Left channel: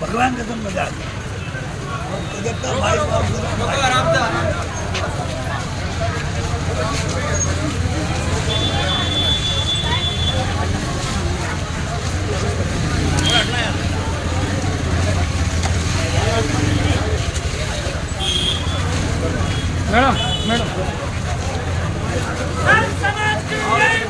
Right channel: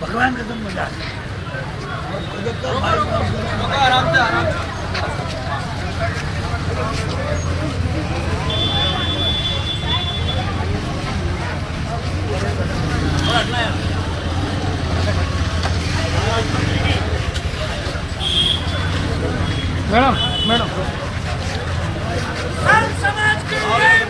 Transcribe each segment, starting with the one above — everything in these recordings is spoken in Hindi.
भगवान का तुम मजा मैडम मैडम समाज की वेरी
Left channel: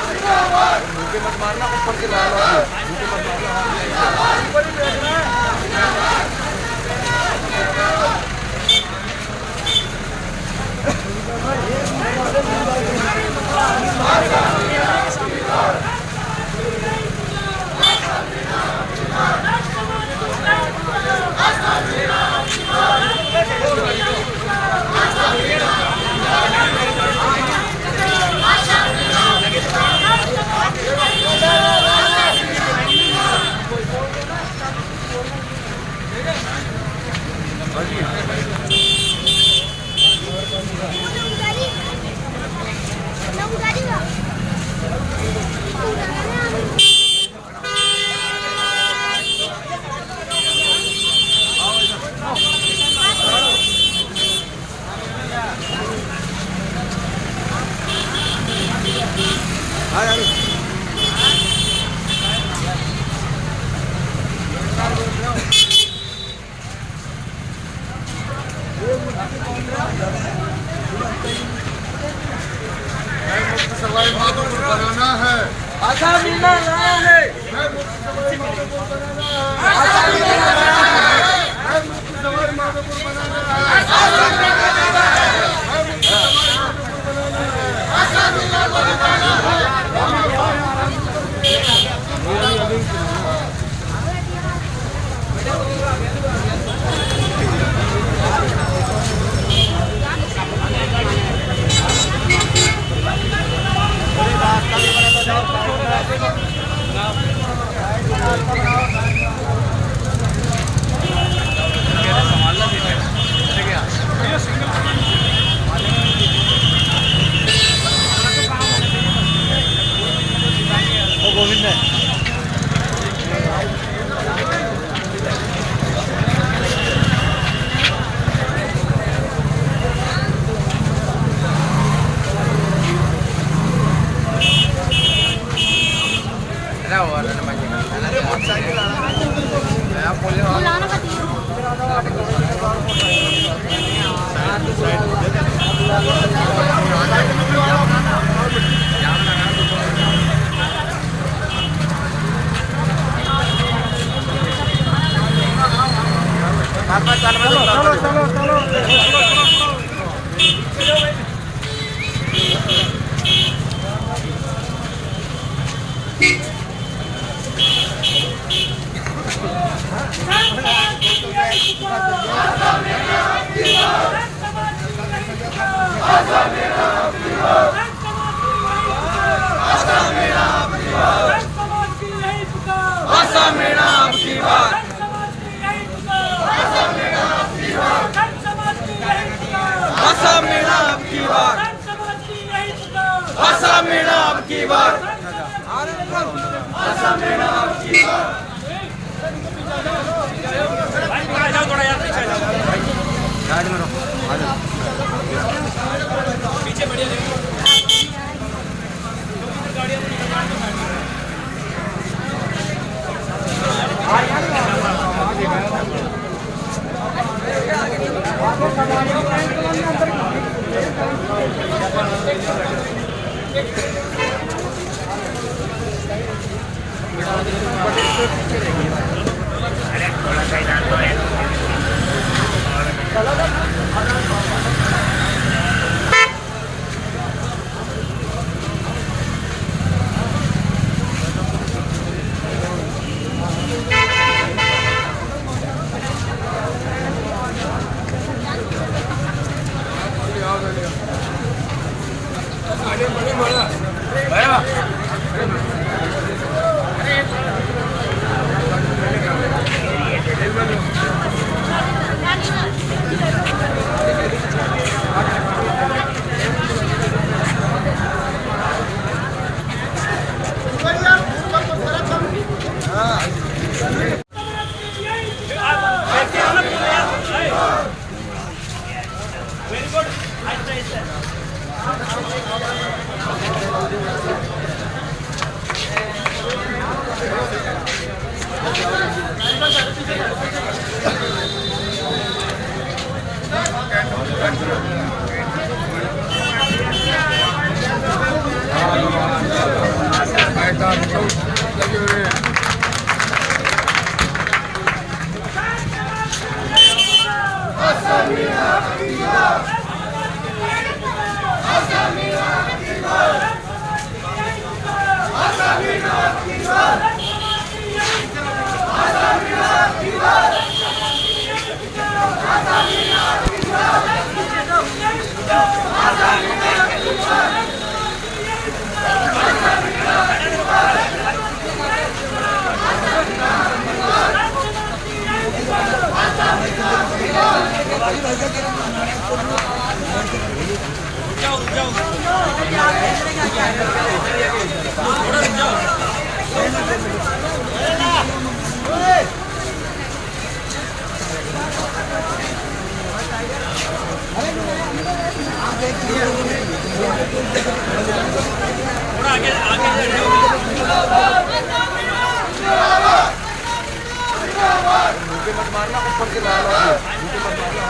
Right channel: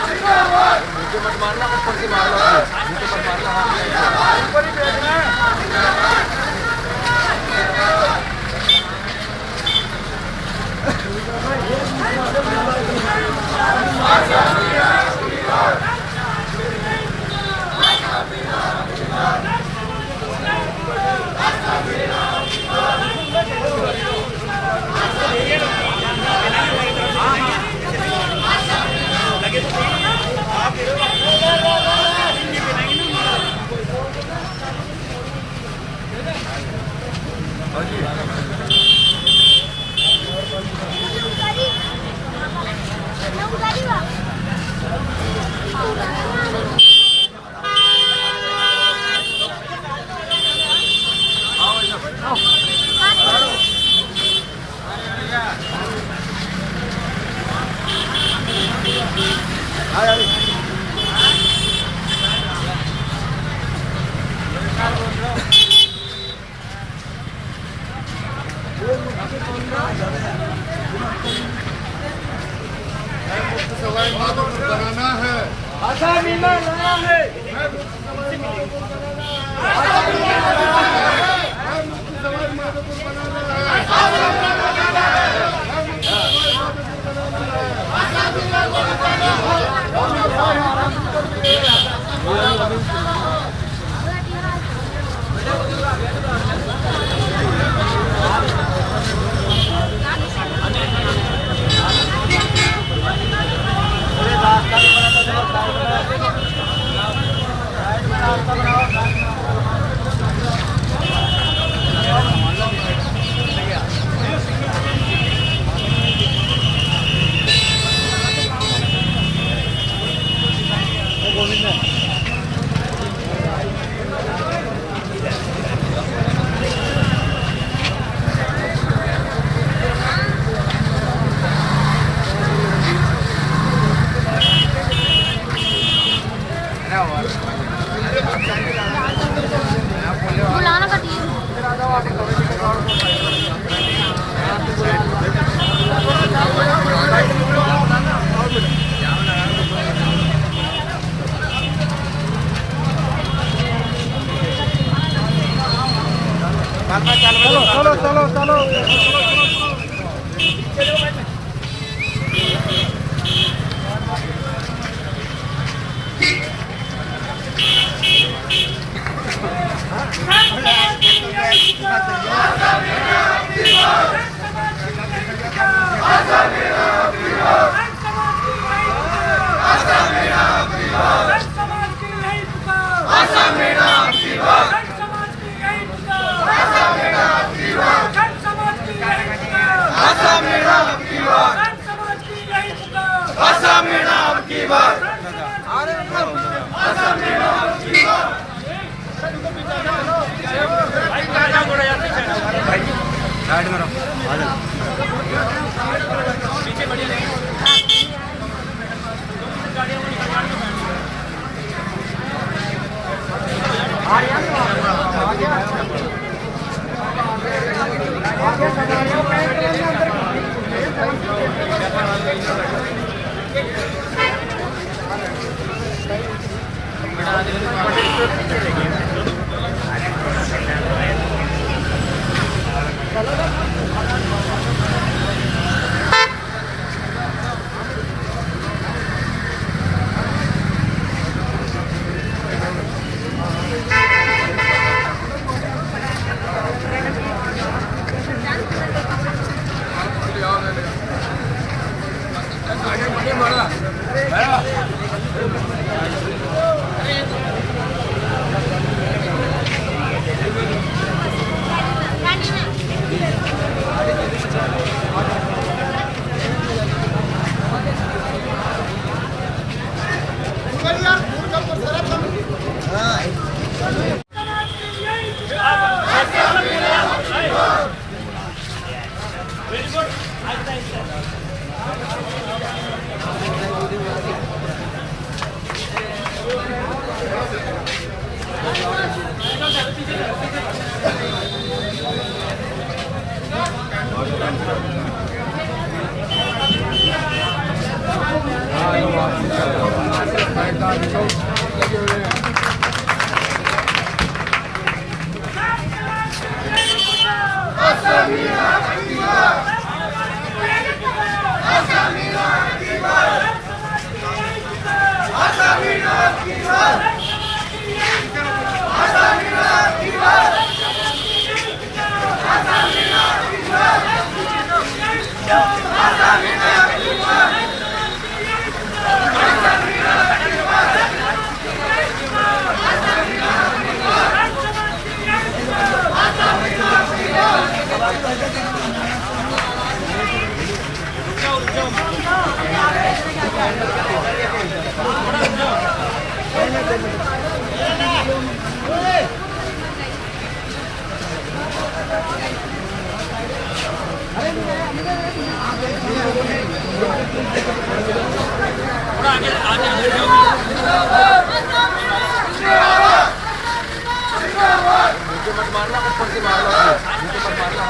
गुड मत मारना ऊपर से मारना मत मारना सवाई माधोपुर बनाना है, आशा मीना लाना है, सवाई माधोपुर बनाना है, सवाई माधोपुर बनाना मुझे मत मारना, ऊपर से मारना, मुझे मत मारना।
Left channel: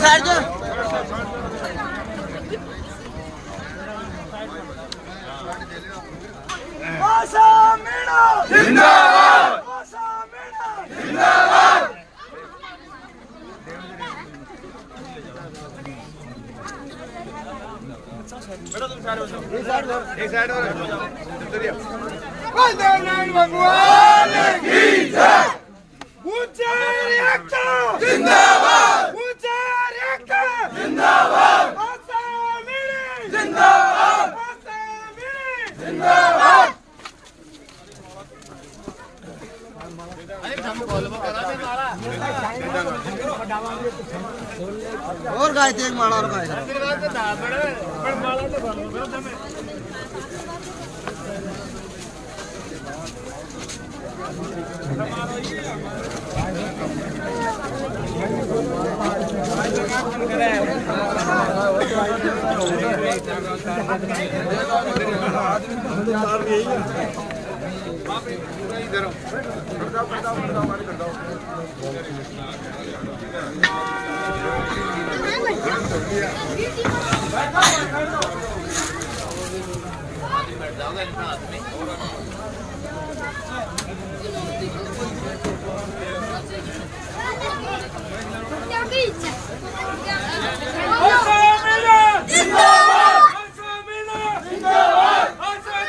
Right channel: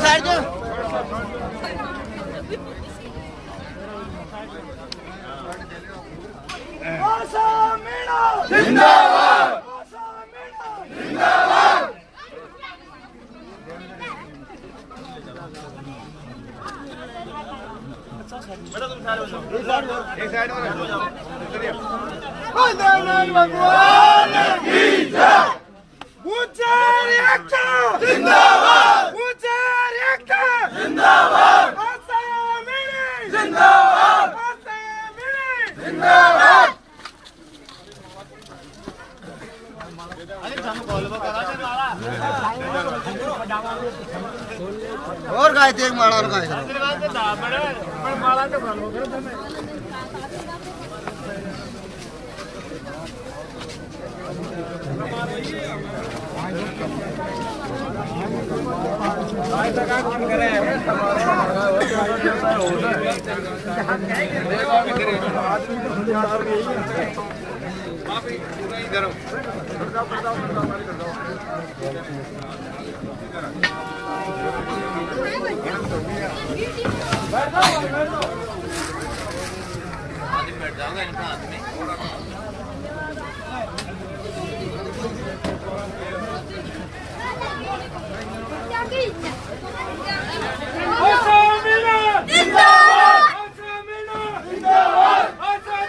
साइड जो जिंदाबाद जिंदाबाद। जिंदाबाद जिंदाबाद जिंदाबाद जिंदाबाद। और गाय थे माला और गाय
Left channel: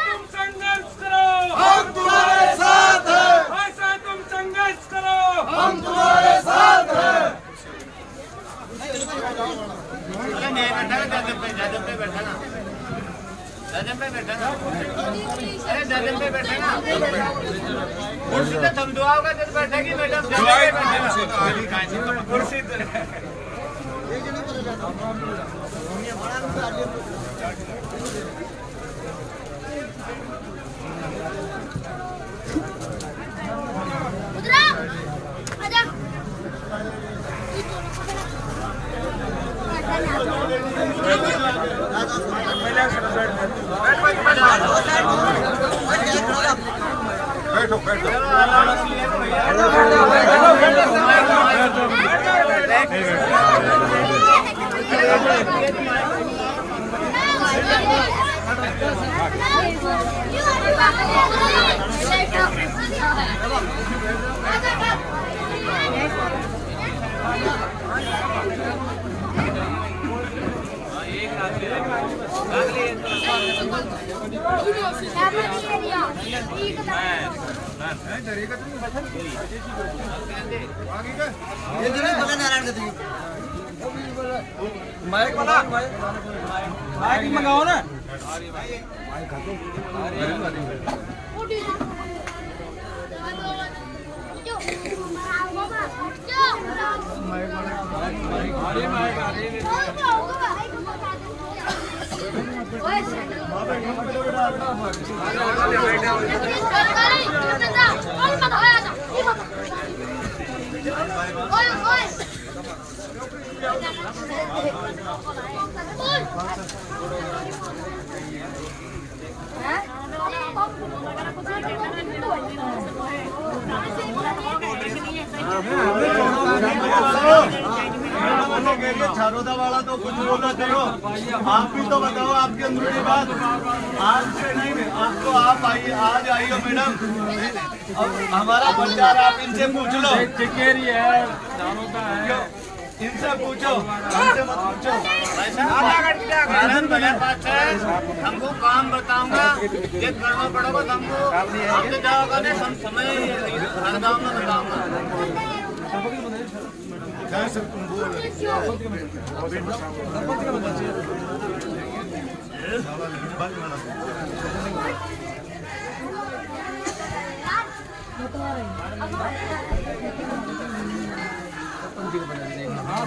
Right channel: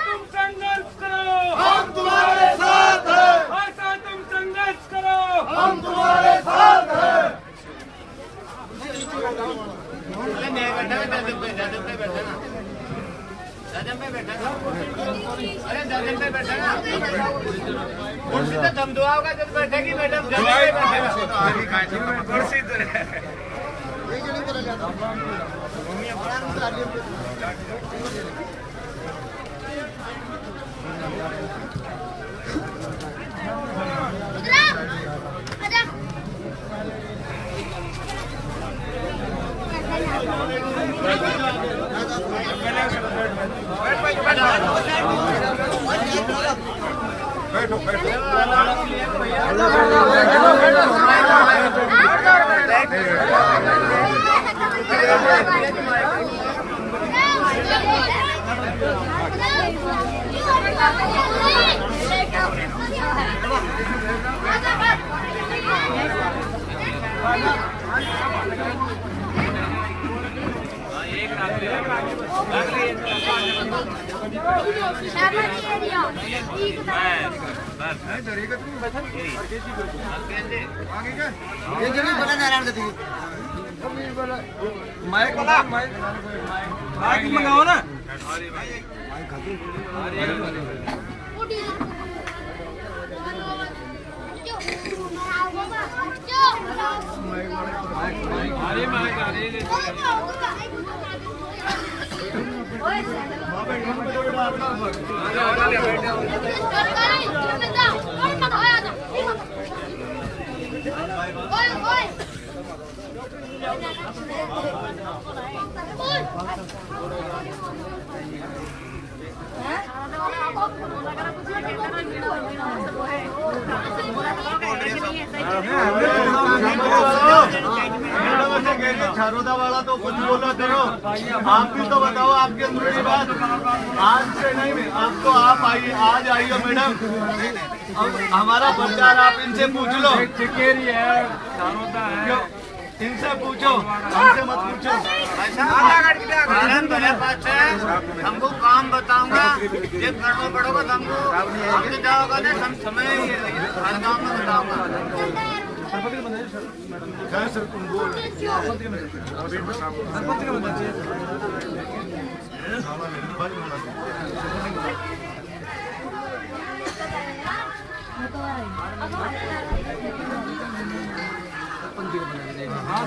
तुम संघर्ष करो, हम तुम्हारे साथ हैं, ऐसा तुम संघर्ष करो, हम तुम्हारे साथ हैं। अरे नहीं बैठा दादम पे बैठा ना, दादम पे बैठा ना, अरे दादम पे बैठा ना, कुर्सी तो थम दुआ होगा जब बैठा की मैडम कुर्सी बैठो बैठो। Siapa dia? ये जो नहीं बोला नारायण के थी माइक वाला माइक मंगाओ ना छारोदा वाला तो कुछ बोलो करो, आप भी तो बताओ आपके अंदर की बात। आज से नहीं, आप तो आप आइए, आज आइए मैडम, अब हमारा प्रचार आप इनसे पूछ लो। चिकेरी है छारोदा है इनसे पूछो, हमसे मत पूछो। हमको काम बताऊंगा, जब करना पड़ेगा हमको, हमसे जाओगा ना समय बताऊंगा। हाँ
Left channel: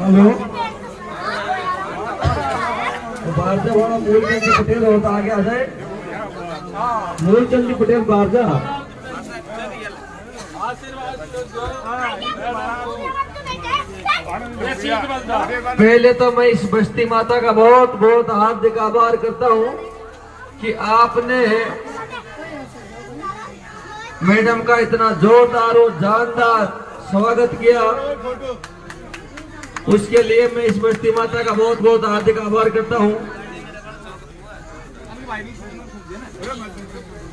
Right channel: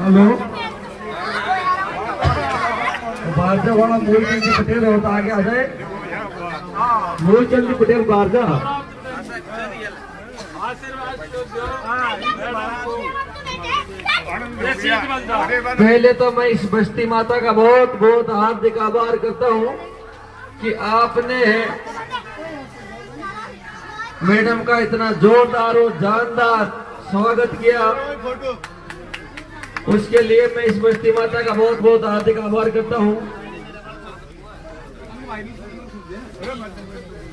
हेलो बारजा वाला मूलचंद पटेल होता आगे आ जाए। मूलचंद पटेल बारजा पहले तो मैं इस बस्ती माता का बहुत बहुत हार्दिक आभार करता हूँ कि आपने मैडम का इतना जोरदार और जानदार स्वागत किया। उसके लिए मैं इस बस्ती माता का बहुत बहुत हार्दिक आभार करता हूँ।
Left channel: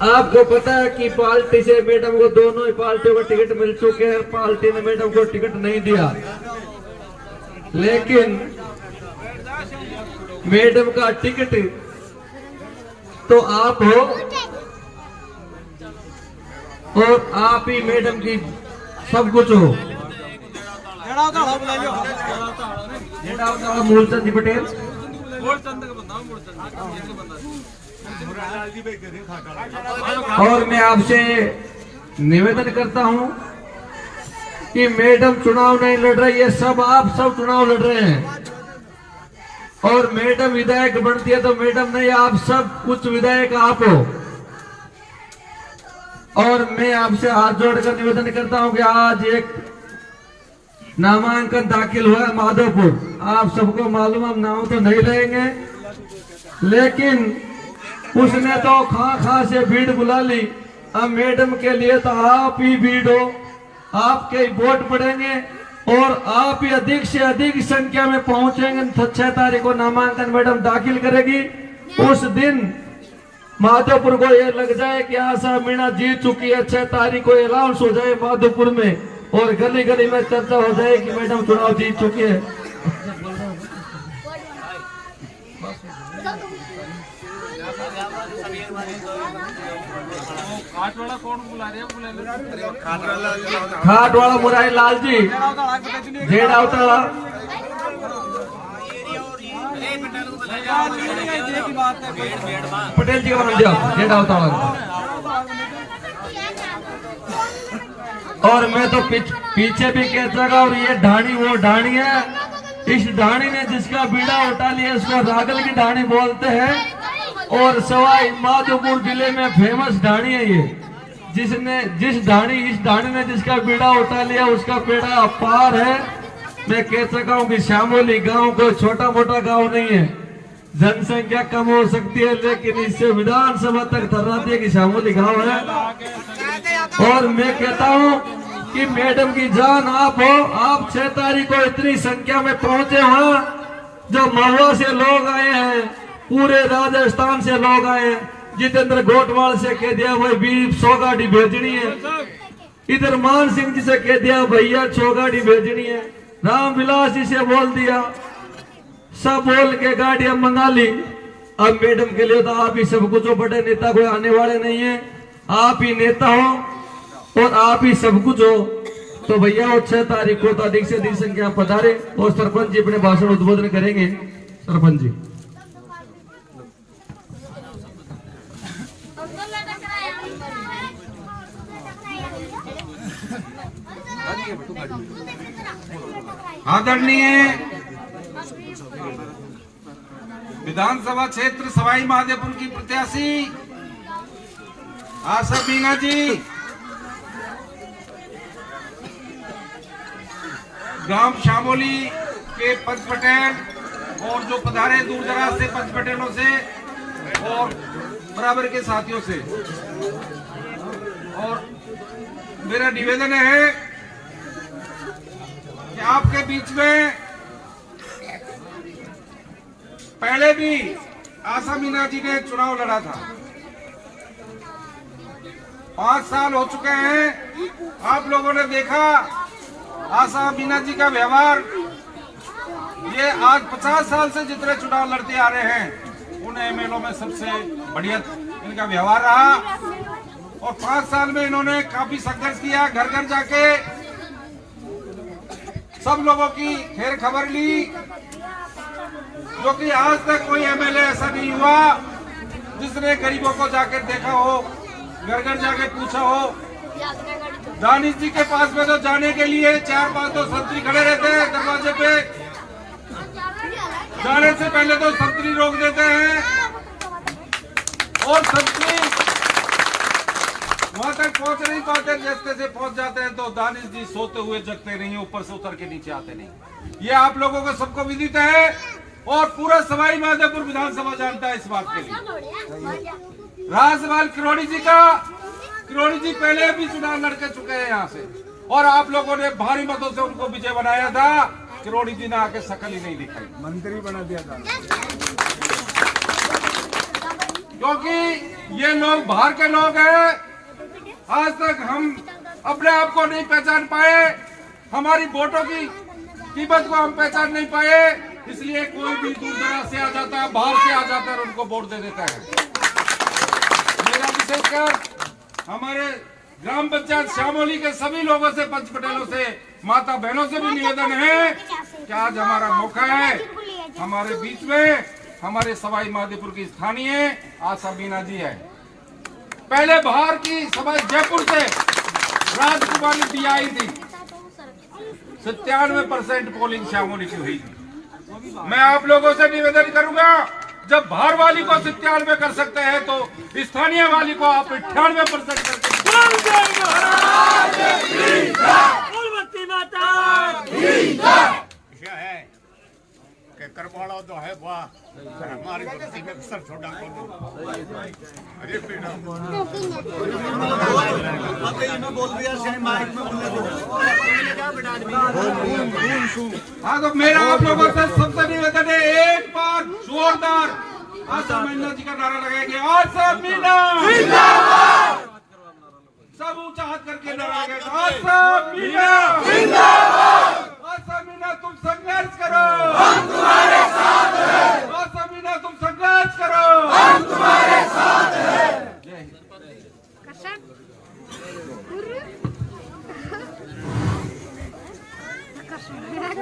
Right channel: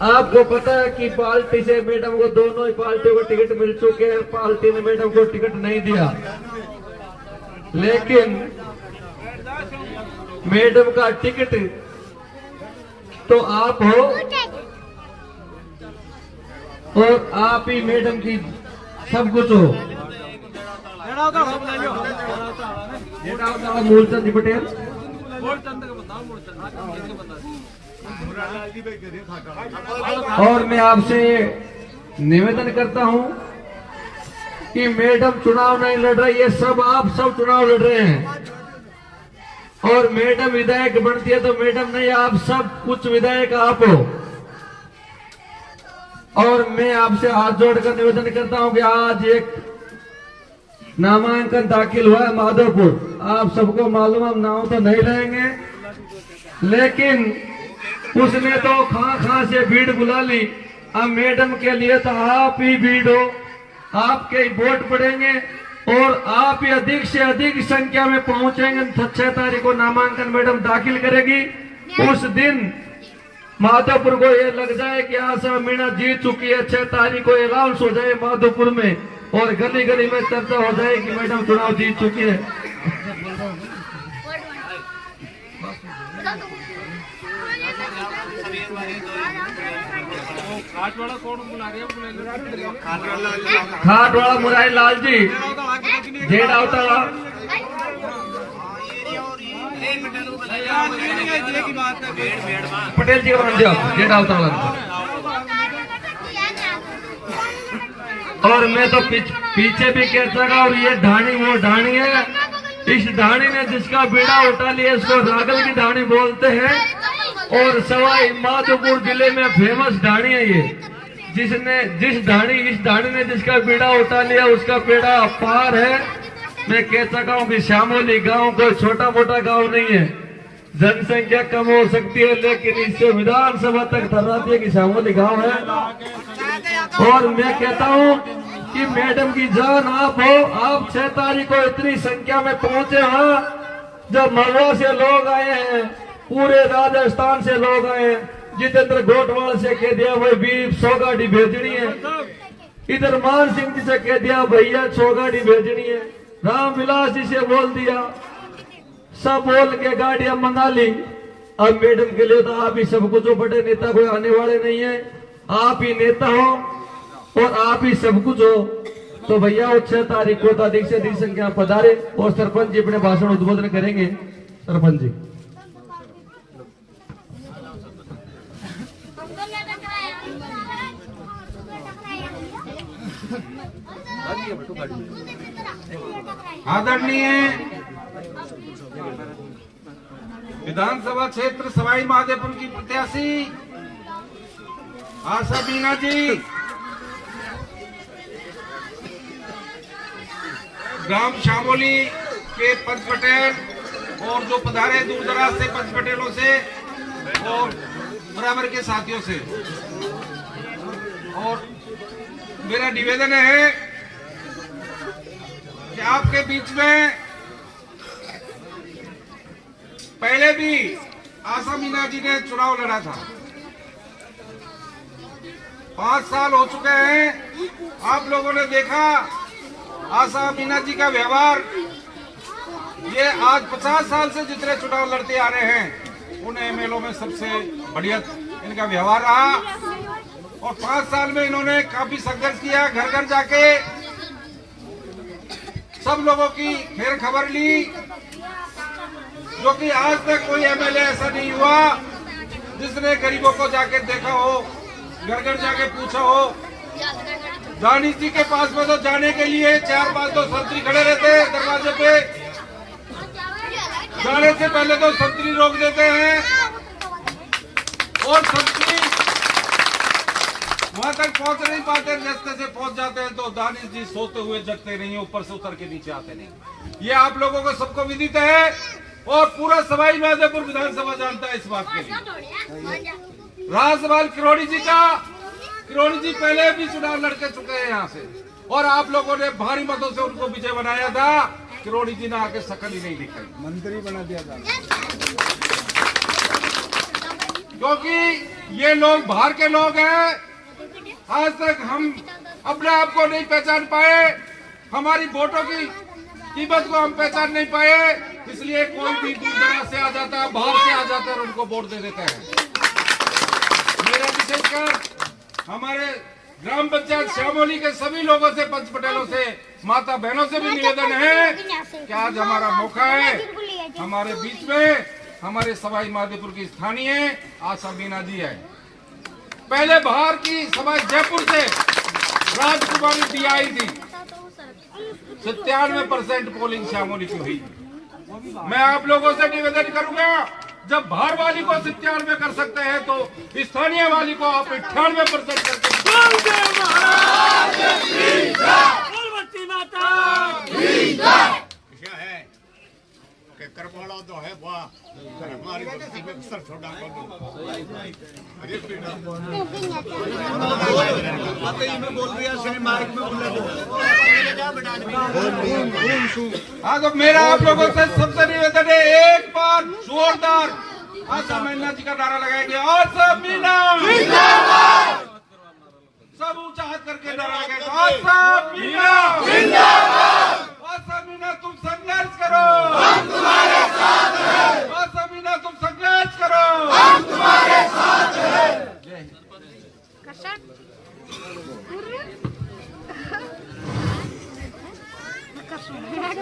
आपको पता है कि पार्टी से मैडम को दोनों ही पार्टियों को टिकट मिल चुके हैं। पार्टी ने मैडम को टिकट नहीं दिया, लेकिन मैडम का टिकट तो आप हो और आप ही मैडम की सब कुछ हो। मूलचंद पटेल और मैं आपसे निवेदन करता हूं कि मैडम चुनाव नहीं लड़ रही है, सब आप सब चुनाव लड़ रहे हैं। और मैडम विधायक बनती है तो मैडम नहीं, आप सब कुछ विधायक आप हो। और मैं आपसे हाथ जोड़कर निवेदन करता हूं कि आज एक नामांकन दाखिल हुआ है माधोपुर। आप सबको मालूम, हम नाम तो नहीं लेंगे, लेकिन उसने तो खा से भीड़ बुला ली। अब मैडम के लिए तो आप ही भीड़ हो, आपके ही वोट पड़ेंगे और आप ही अधिक से अधिक संख्या में पहुंचेंगे। 6 तारीख को नामांकन मैडम दाखिल करेगी। उस दिन माधोपुर को ये लग जाए कि आशा मीणा जीत चुकी है। 6 तारीख को अनाउंस हो जाए माधोपुर में और गली गली में चर्चा हो जाए कि मैडम चुनाव जीत चुकी है। खाट वाला कौन बुला रहे हैं? खाट वाला मुरारी लाल जी जेड अवतार पटेल जी जेड अवतार। और मैं तो पीछे भी कहता रहा, और ये ढाणी वो ढाणी है। इस ढाणी ने जिसका बीड़ा उठा लिया उसको रागल की ढाणी बोलते हैं। और सवाई माधोपुर जिले में फेमस ढाणी है ये। इस ढाणी ने जिसका बीड़ा उठा लिया उसका बेड़ा अपार है। मैं कह सका हूँ कि श्यामोली गांव कोई छोटा मोटा गांव नहीं है। जनसंख्या कम हो सकती है, लेकिन इससे विधानसभा तक धर्राती की शामिल गाँव है। और मैं कहता हूँ कि मैडम की जान आप हो। आप 6 तारीख को इतनी संख्या में पहुंचे वहाँ, जो महुआ से लोग आए हैं, पूरे राजस्थान से लोग आए हैं। जितेंद्र गोटवाल से कह दिया भाई 100 गाड़ी भेजनी है, इधर मान सिंह जी से कह दिया भैया 6 गाड़ी भेजनी है, रामविलास जी से बोल दिया, सब बोल के गाड़ियां मंगा ली। अब मैडम के लिए तो आप ही सब कुछ हो, बड़े नेता कोई आने वाले नहीं है, आप ही नेता हो और आप ही सब कुछ हो। तो भैया वो 6 तारीख को तो अधिक से अधिक संख्या पधारे और सरपंच जी अपने भाषण उद्बोधन करेंगे। सरपंच जी आदरणीय विधानसभा क्षेत्र सवाई माधोपुर की प्रत्याशी आशा मीना जी, ग्राम शामोली के पंच पटेल और जो पधारे दूर दराज से पंच पटेलों से और बराबर के साथियों से, और मेरा निवेदन है कि आपके बीच में पहले भी आशा मीना जी ने चुनाव लड़ा था। 5 साल हो चुके हैं। आप लोगों ने देखा आशा मीना जी का व्यवहार, ये आज 50 साल से जितने चुनाव लड़ते आ रहे हैं उन एमएलओ में सबसे बढ़िया इनका व्यवहार रहा। और 5 साल में इन्होंने काफी संघर्ष किया, घर घर जाके सब लोगों की खैर खबर ली, जो कि आज तक कोई एमएलए ऐसा नहीं हुआ जिसने गरीबों को जाके देखा हो, घर घर जाके पूछा हो। दानिश जी के पास में तो जाने के लिए 4-5 तो संतरी खड़े रहते हैं दरवाजे पे, जाने से पहले तो संतरी रोक देते हैं और संतरी वहां तक पहुंच नहीं पाते, रास्ते से पहुंच जाते हैं तो दानिश जी सोते हुए जगते नहीं, ऊपर से उतर के नीचे आते नहीं। ये आप लोगों को सबको विदित है और पूरा सवाई माधोपुर विधानसभा जानता है इस बात के लिए। रहा सवाल किरोड़ी जी का, किरोड़ी जी पहले भी चुनाव लड़के चुके हैं यहाँ से और आप लोगों ने भारी मतों से उनको विजय बनाया था। किरोड़ी जी ने आके शकल ही नहीं दिखाई, मंत्री बना दिया था। क्योंकि ये लोग बाहर के लोग हैं। आज तक हम अपने आप को नहीं पहचान पाए, हमारी वोटों की कीमत को हम पहचान नहीं पाए, इसलिए कोई भी दूर दराज से आ जाता है, बाहर से आ जाता है और उनको वोट दे देता है। मेरा विशेषकर हमारे ग्राम पंचायत श्यामोली के सभी लोगों से, पंच पटेलों से, माता बहनों से भी निवेदन है कि आज हमारा मौका है, हमारे बीच में हमारे सवाई माधोपुर की स्थानीय आशा मीना जी है। पहले बाहर की सवाई जयपुर से राजकुमारी दी आई थी, 97% पोलिंग श्यामोली की हुई। मैं आप लोगों से निवेदन करूंगा, जब बाहर वाली को 97 कर सकते हैं तो स्थानीय वाली को आप 98% करके करवाड़ा तो है वाह हमारे सर छोटा में बोल दिया, माइक में हाँ, तो मेरा आप लोगों से सबसे निवेदन है, एक बार जोरदार आशा मीना जी का नारा लगाएंगे। आशा मीना जिंदाबाद, सब ऊंचा हाथ करके नारा लगाएंगे। आशा मीना जिंदाबाद, आशा मीना तुम संघर्ष करो, हम तुम्हारे साथ हैं। आशा मीना तुम संघर्ष करो, हम तुम्हारे साथ हैं। जय हिंद।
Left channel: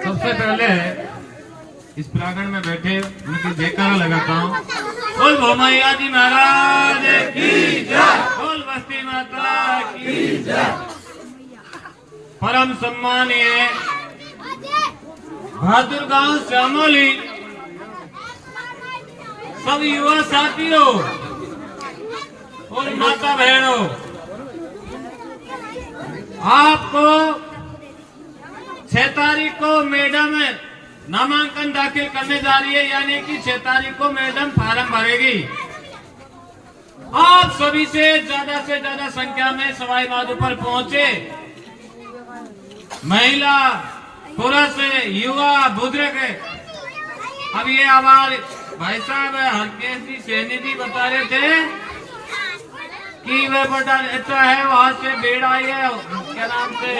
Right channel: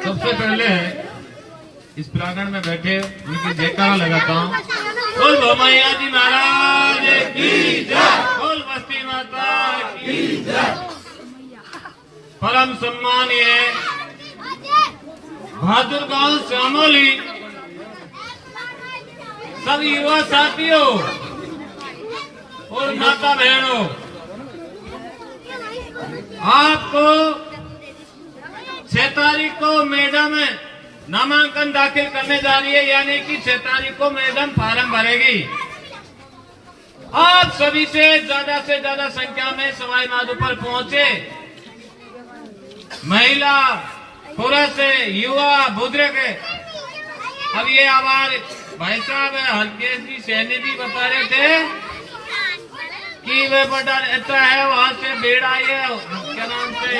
सबसे पहले इस प्रांगण में बैठे उनकी जयकारा लगाता हूँ। बोल भोमैया जी महाराज की जय, बोल बस्ती माता की जय। परम सम्मानीय बहादुर गांव श्यामोली सब युवा साथियों और माता बहनों, आपको 6 तारीख को मैडम नामांकन दाखिल करने जा रही है, यानी कि 6 तारीख को मैडम फार्म भरेगी। आप सभी से ज्यादा संख्या में सवाई माधोपुर पहुंचे, महिला, पुरुष, युवा, बुजुर्ग। अब ये हमारे भाई साहब हल्के जी सैनी जी बता रहे थे कि वे बड़ा अच्छा है, वहां से भीड़ आई है, क्या नाम से,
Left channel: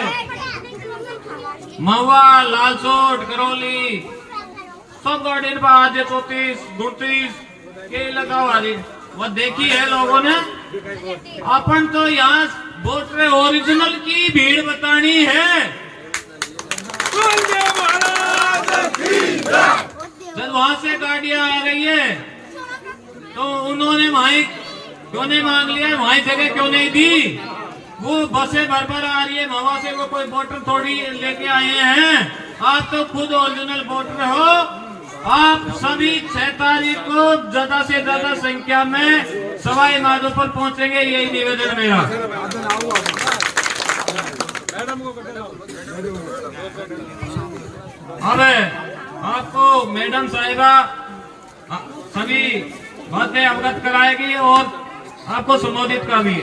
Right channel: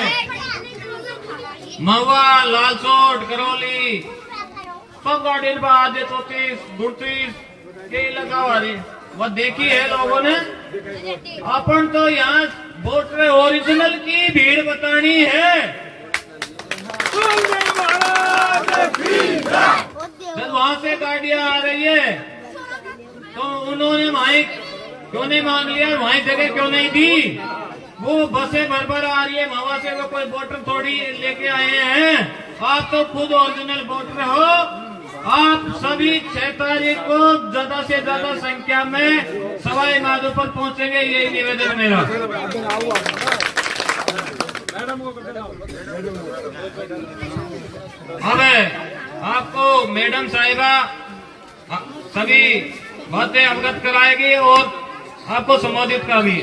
महुआ, लालसोट, करौली, सब गाड़ी पर आज 34, 32 के लगा हुआ जी। वह देखी है लोगों ने। अपन तो यहाँ वोट रे ओरिजिनल की भीड़ बतानी है। जब वहां से गाड़ियां आ रही है तो उन्होंने माइक क्यों नहीं मांग लिया, वहीं जगह क्यों नहीं दी? वो बसें भर आ रही है, मवा से वो कोई वोटर थोड़ी लेके आए हैं। आप तो खुद ओरिजिनल वोटर हो। आप सभी 6 तारीख को ज्यादा से ज्यादा संख्या में सवाई माधोपुर पहुंचेंगे, यही निवेदन मेरा। अब आपको मैडम साहिबा सभी बातें अवगत कराएगी और आपको संबोधित करेगी।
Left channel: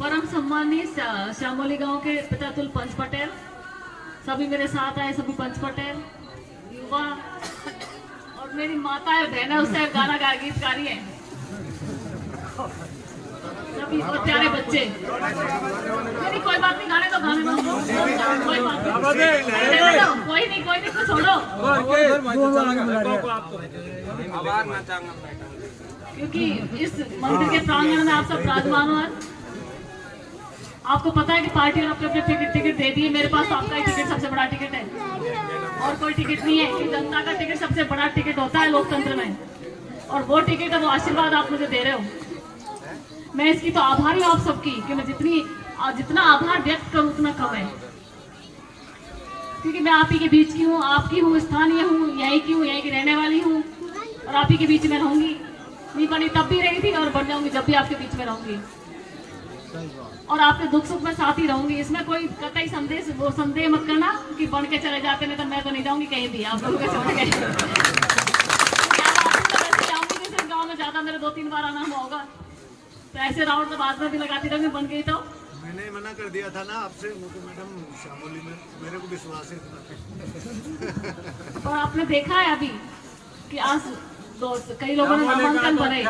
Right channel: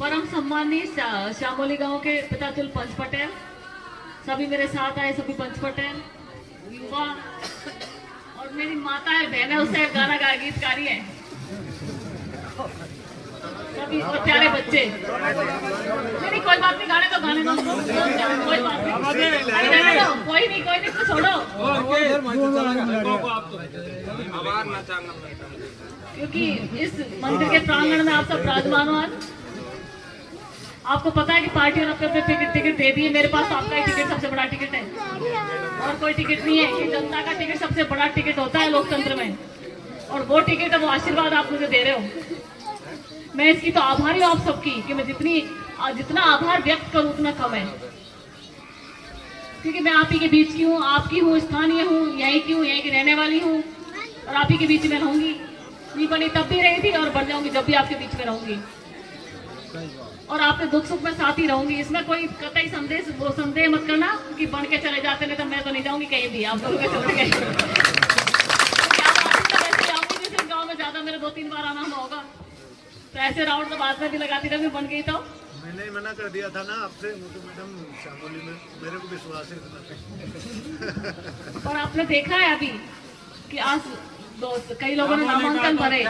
परम सम्मानीय श्यामोली गांव के पितातुल पंच पटेल, सभी मेरे साथ आए, सभी पंच पटेल, युवा और मेरी माता है, बहन है, उससे गाना गा गीतकारी है, सभी और प्यारे बच्चे। नहीं कोई बात नहीं, गाने तो गाने दो, कोई बात नहीं, कोई नहीं कुछ छोड़ो। क्योंकि इस मंदिर के प्रांगण में आप सब विराजमान हो। आपको पता है कि पार्टी और अपने टिकट दे दी। मेरे पास तो आपका ही टिकट सबसे बड़ा टिकट है और कोई टिकट नहीं है। कि जनता का टिकट सबसे बड़ा टिकट होता है लोकतंत्र में, और वो टिकट है, वो आशीर्वाद आप मुझे दे रहे हो। मैं इसकी तो आभारी हूँ आप सबकी कि मैं जितना आभार व्यक्त करूँ उतना कम है। क्योंकि मैं आप ही के बीच की हूँ, आपकी हूँ, स्थानीय हूँ, यहीं की हूँ, यहीं की रहने वाली हूँ और आप ही के बीच में रहूंगी। नहीं बनी तब भी रही थी और बन जाऊंगी जब भी आपके बीच में रहूंगी और आपके दुख सुख में साथ ही रहूंगी। इसमें कोई कतई संदेह मत करना कि बन के चले जाते नहीं तो मैं तो नहीं जाऊंगी कहीं भी, आप लोगों के छोड़ गए। जाऊंगी फिर गाँव में ज्यादा मेरे 2-3 बार आना होगा, तो ऐसे राउंड तो बाद में भी लगाती रहूंगी। बन गई तो मैंने मना कर दिया था ना आपसे, मैडम शामोली में मेरे को विश्वास है। और आपने देखा है अभी कि आज कई लोगों ने नामांकन भरे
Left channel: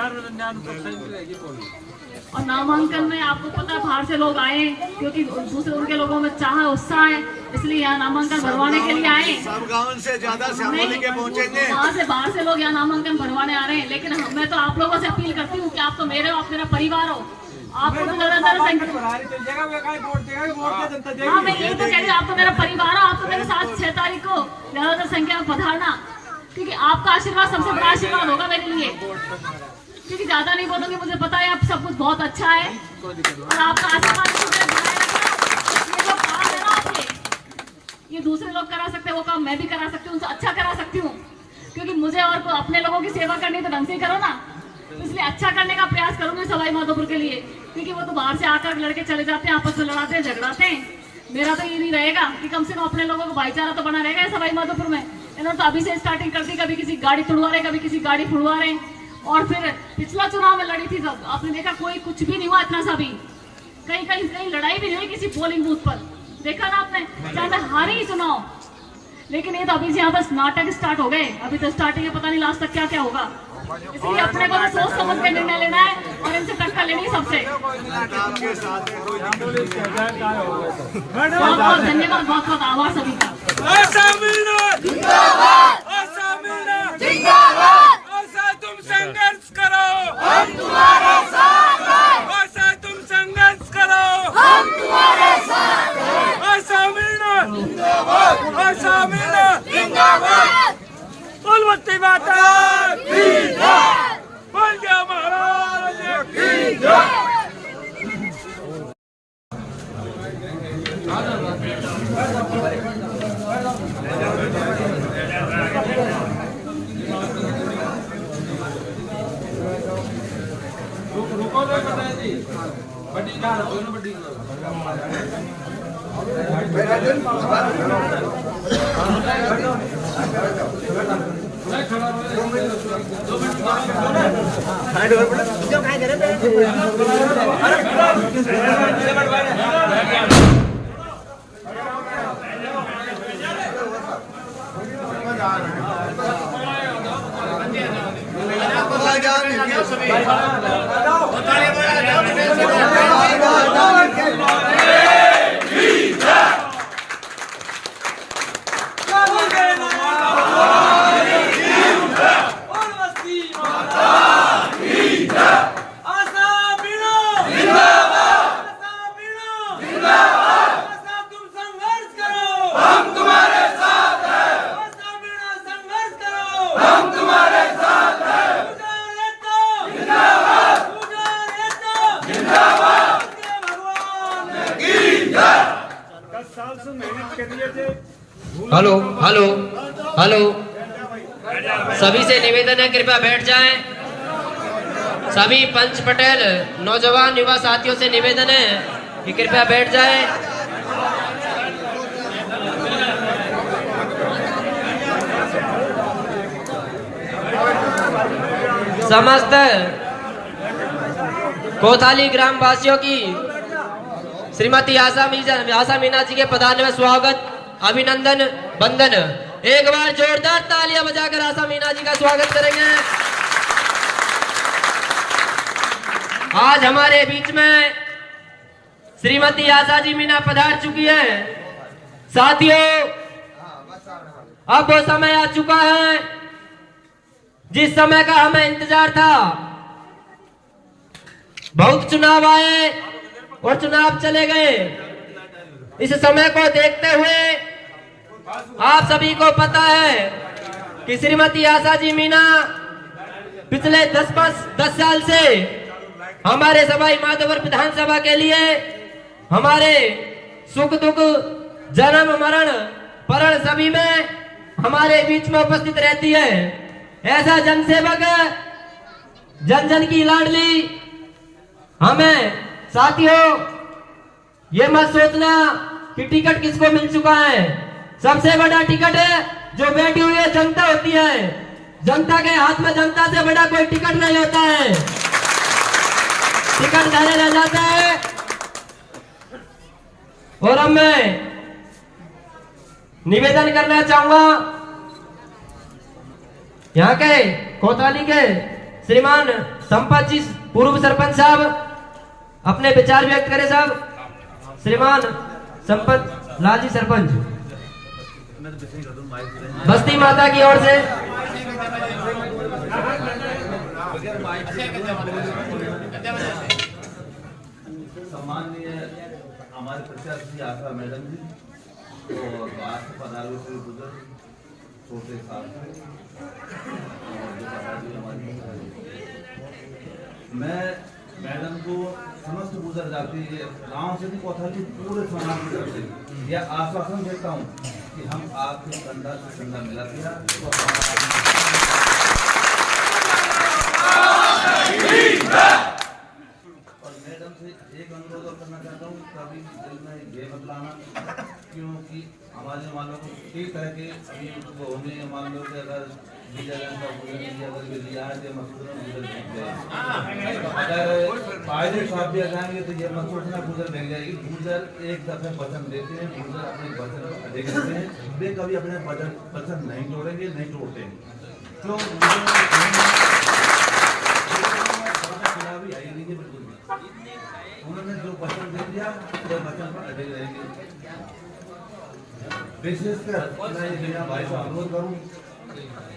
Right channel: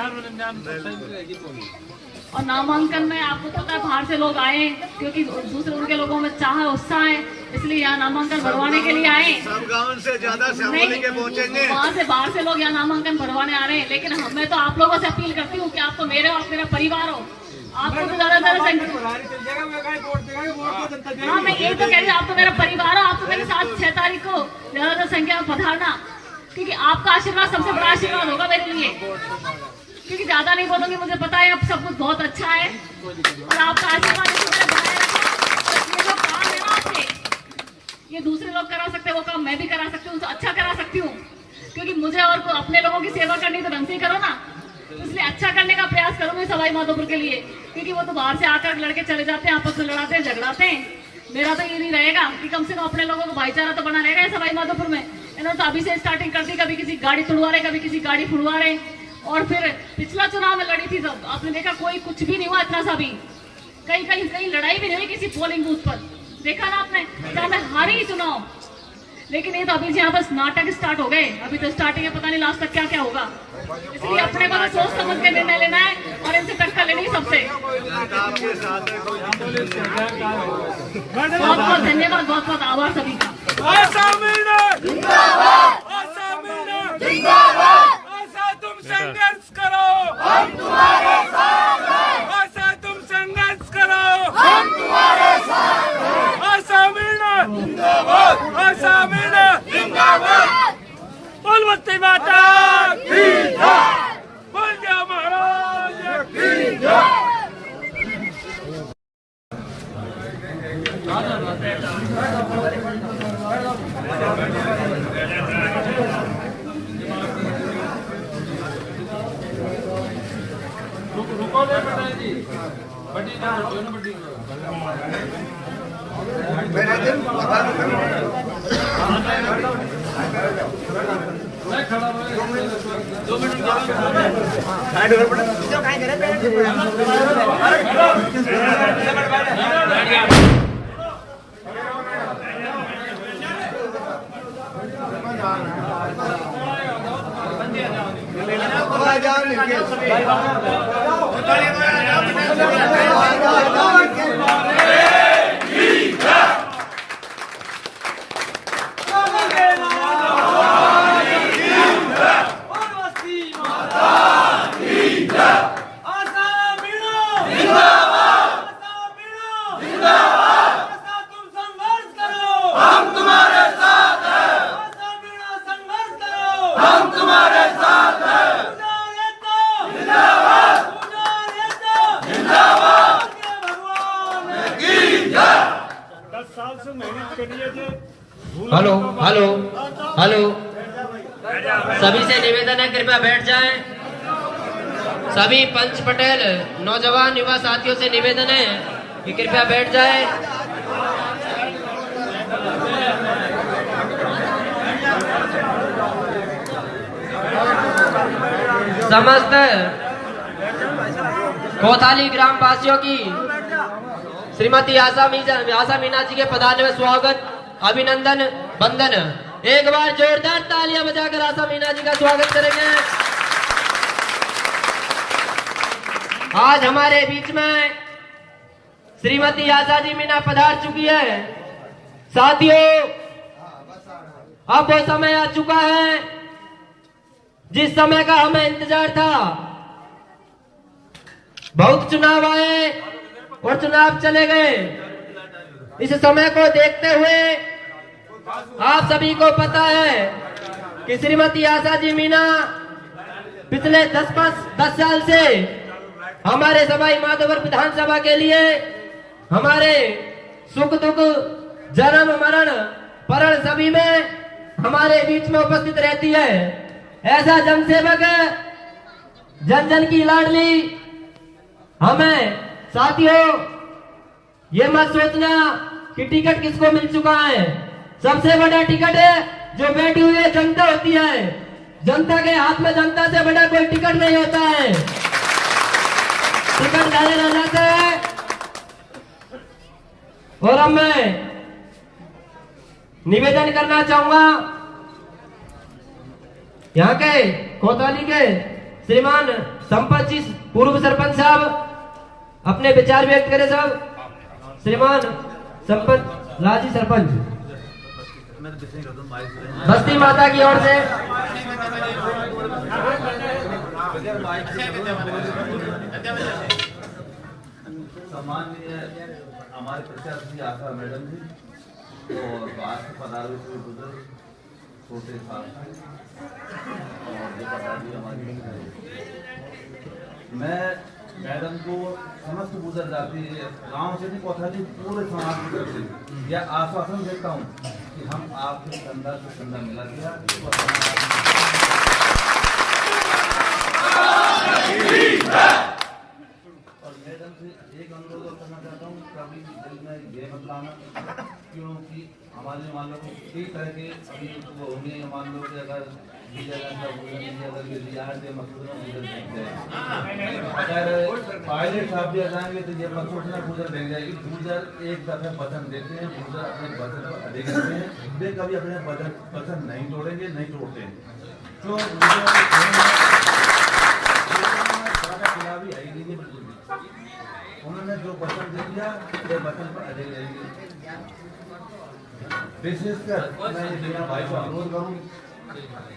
और नामांकन में आपको पता है बाहर से लोग आए क्योंकि दूसरे उनके लोगों में चाह उत्साह है, इसलिए यहाँ नामांकन भरवाने के लिए आए। सब गाँव से ज्यादा शामोली के पहुँचेंगे, वहाँ से बाहर से लोग यहाँ नामांकन भरवाने आ रहे हैं। लेकिन मैं तो आप लोगों से अपील करती हूँ कि आप तो मेरे हो, आप मेरा परिवार हो। आपको तो हाँ, मैं यही तो कह रही हूँ, आप तो मेरा परिवार हो। आप तो मेरे साथ 6 तारीख को ज्यादा संख्या में पधारना, क्योंकि आपका आशीर्वाद सबसे बड़ा आशीर्वाद होगा मेरे लिए। क्योंकि ज्यादा नहीं बोलूंगी, मुझे पता है आप सब कुछ बहुत अच्छा है और आपका आशीर्वाद ये जो काम है ना आपके, ये दूसरे लोग करा सकते हैं, वो काम मैं भी करा सकती हूँ, उनसे अच्छा करा सकती हूँ। क्योंकि मुझे और अपने लोगों की सेवा करनी तो ढंग से ही करो ना, इसलिए अच्छा करने का प्रयास करूंगी सवाई माधोपुर के लिए। क्योंकि वो तो बाहर से आकर लड़के चले जाते हैं, आपस में लड़ाते हैं, झगड़ाते हैं। मेरा तो ये नहीं रहेगा कि कम से कम अपने लोगों को भाईचारा तो बना रहेगा सवाई माधोपुर में। इन्होंने तो अभी से स्टार्टिंग कर दी, कभी किसी गाड़ी तुड़वा रहे, कभी किसी गाड़ी फुड़वा रहे। और फिर पिछला चुनाव में लड़ी थी सब, आपने देखा कोई कुछ भी नहीं हुआ इतना सा भी, कहीं लड़ाई भी नहीं हुई किसी पोलिंग बूथ पर, देखा ना आपने, चाहे मैं हारी नहीं चुनाव। लेकिन ये तो अभी से यहाँ पर नाटक स्टार्ट हो गए, अभी तो स्टार्टिंग है, पता नहीं लास्ट तक क्या क्या होगा। इसलिए अपने को सोच समझ के निर्णय लेना है और इनसे टक्कर लेनी है सबसे। बहुत बहुत धन्यवाद, बहुत बहुत आभार सभी का। तुम संघर्ष करो, हम तुम्हारे साथ हैं। ऐसा तुम संघर्ष करो, हम तुम्हारे साथ हैं। ऐसा मिलना जिंदाबाद, ऐसा मिलना जिंदाबाद। बोल बस्ती माता की जय, बोल जा महाराज की जय। हेलो हेलो हेलो, सभी से निवेदन है कृपया बैठ जाएं। सभी पंच पटेल नौजवान युवा साथियों से निवेदन है कि कृपया बैठ जाएं। समस्त कोताली ग्राम वासियों की श्रीमती आशा मीना जी के पधारने में स्वागत, अभिनंदन, वंदन। एक बार जोरदार तालियां बजाकर आशा मीना जी का स्वागत करेंगे। आज हमारे बीच में श्रीमती आशा जी मीना पधार चुकी है। साथियों, अब वो समय आ चुका है जिस समय का हमें इंतजार था। बहुत चुनाव आए और चुनाव चले गए। इस समय को देखते हुए आप सभी को पता है कि श्रीमती आशा जी मीना पिछले 10 साल से हमारे सवाई माधोपुर विधानसभा के लिए हमारे सुख दुख, जन्म मरण परण सभी में हमारे बीच में उपस्थित रहती है। ऐसा जनसेवक, जन जन की लाडली। हमें साथियों ये मत सोचना कि टिकट किसको मिल चुका है। सबसे बड़ा टिकट है जो बैठी हुई है जनता होती है। जनता के हाथ में जनता से बड़ा कोई टिकट नहीं होता है। टिकट मेरे नजर से है। और अब मैं निवेदन करना चाहूंगा यहाँ के कोतवाली के श्रीमान संपत जी पूर्व सरपंच साहब अपने विचार व्यक्त करें। साहब श्रीमान संपत लाजी सरपंच बस्ती माता की ओर से। सम्माननीय हमारे प्रत्याशी आशा मैडम जी और बाहर से पधारे हुए बुजुर्ग छोटे साथी और जो प्रसादी हमारी, मैं मैडम को समस्त गुजर जाती गांव से भी कोतवाली पूरे समाज की तरफ से यह आश्वासन देता हूं कि हम आपके कंधा से कंधा मिला दिया और मैडम से एक अनुरोध और करना चाहता हूँ, कभी दिल में ये मत लाना, क्योंकि हमारे मान लो कई तरह के अभी वो होंगे। मान लो कि अगर अगर पायलट साहब दिया जाएंगे तो ये मत सोचना गुजर देख जाएगी। गुजर एक दफे वचन देते हैं, गुजर अपने वचन पर अड़े रहते हैं। वे कभी अपने वचन नहीं तोड़ेंगे, नहीं तोड़ते हैं। तो खिलाफ ही आई नहीं है बिल्कुल भी। उन्होंने जो वचन दे दिया वो वचन पर अड़े रहेंगे। विशेषकर मैं मीना भाई को अनुरोध करूँ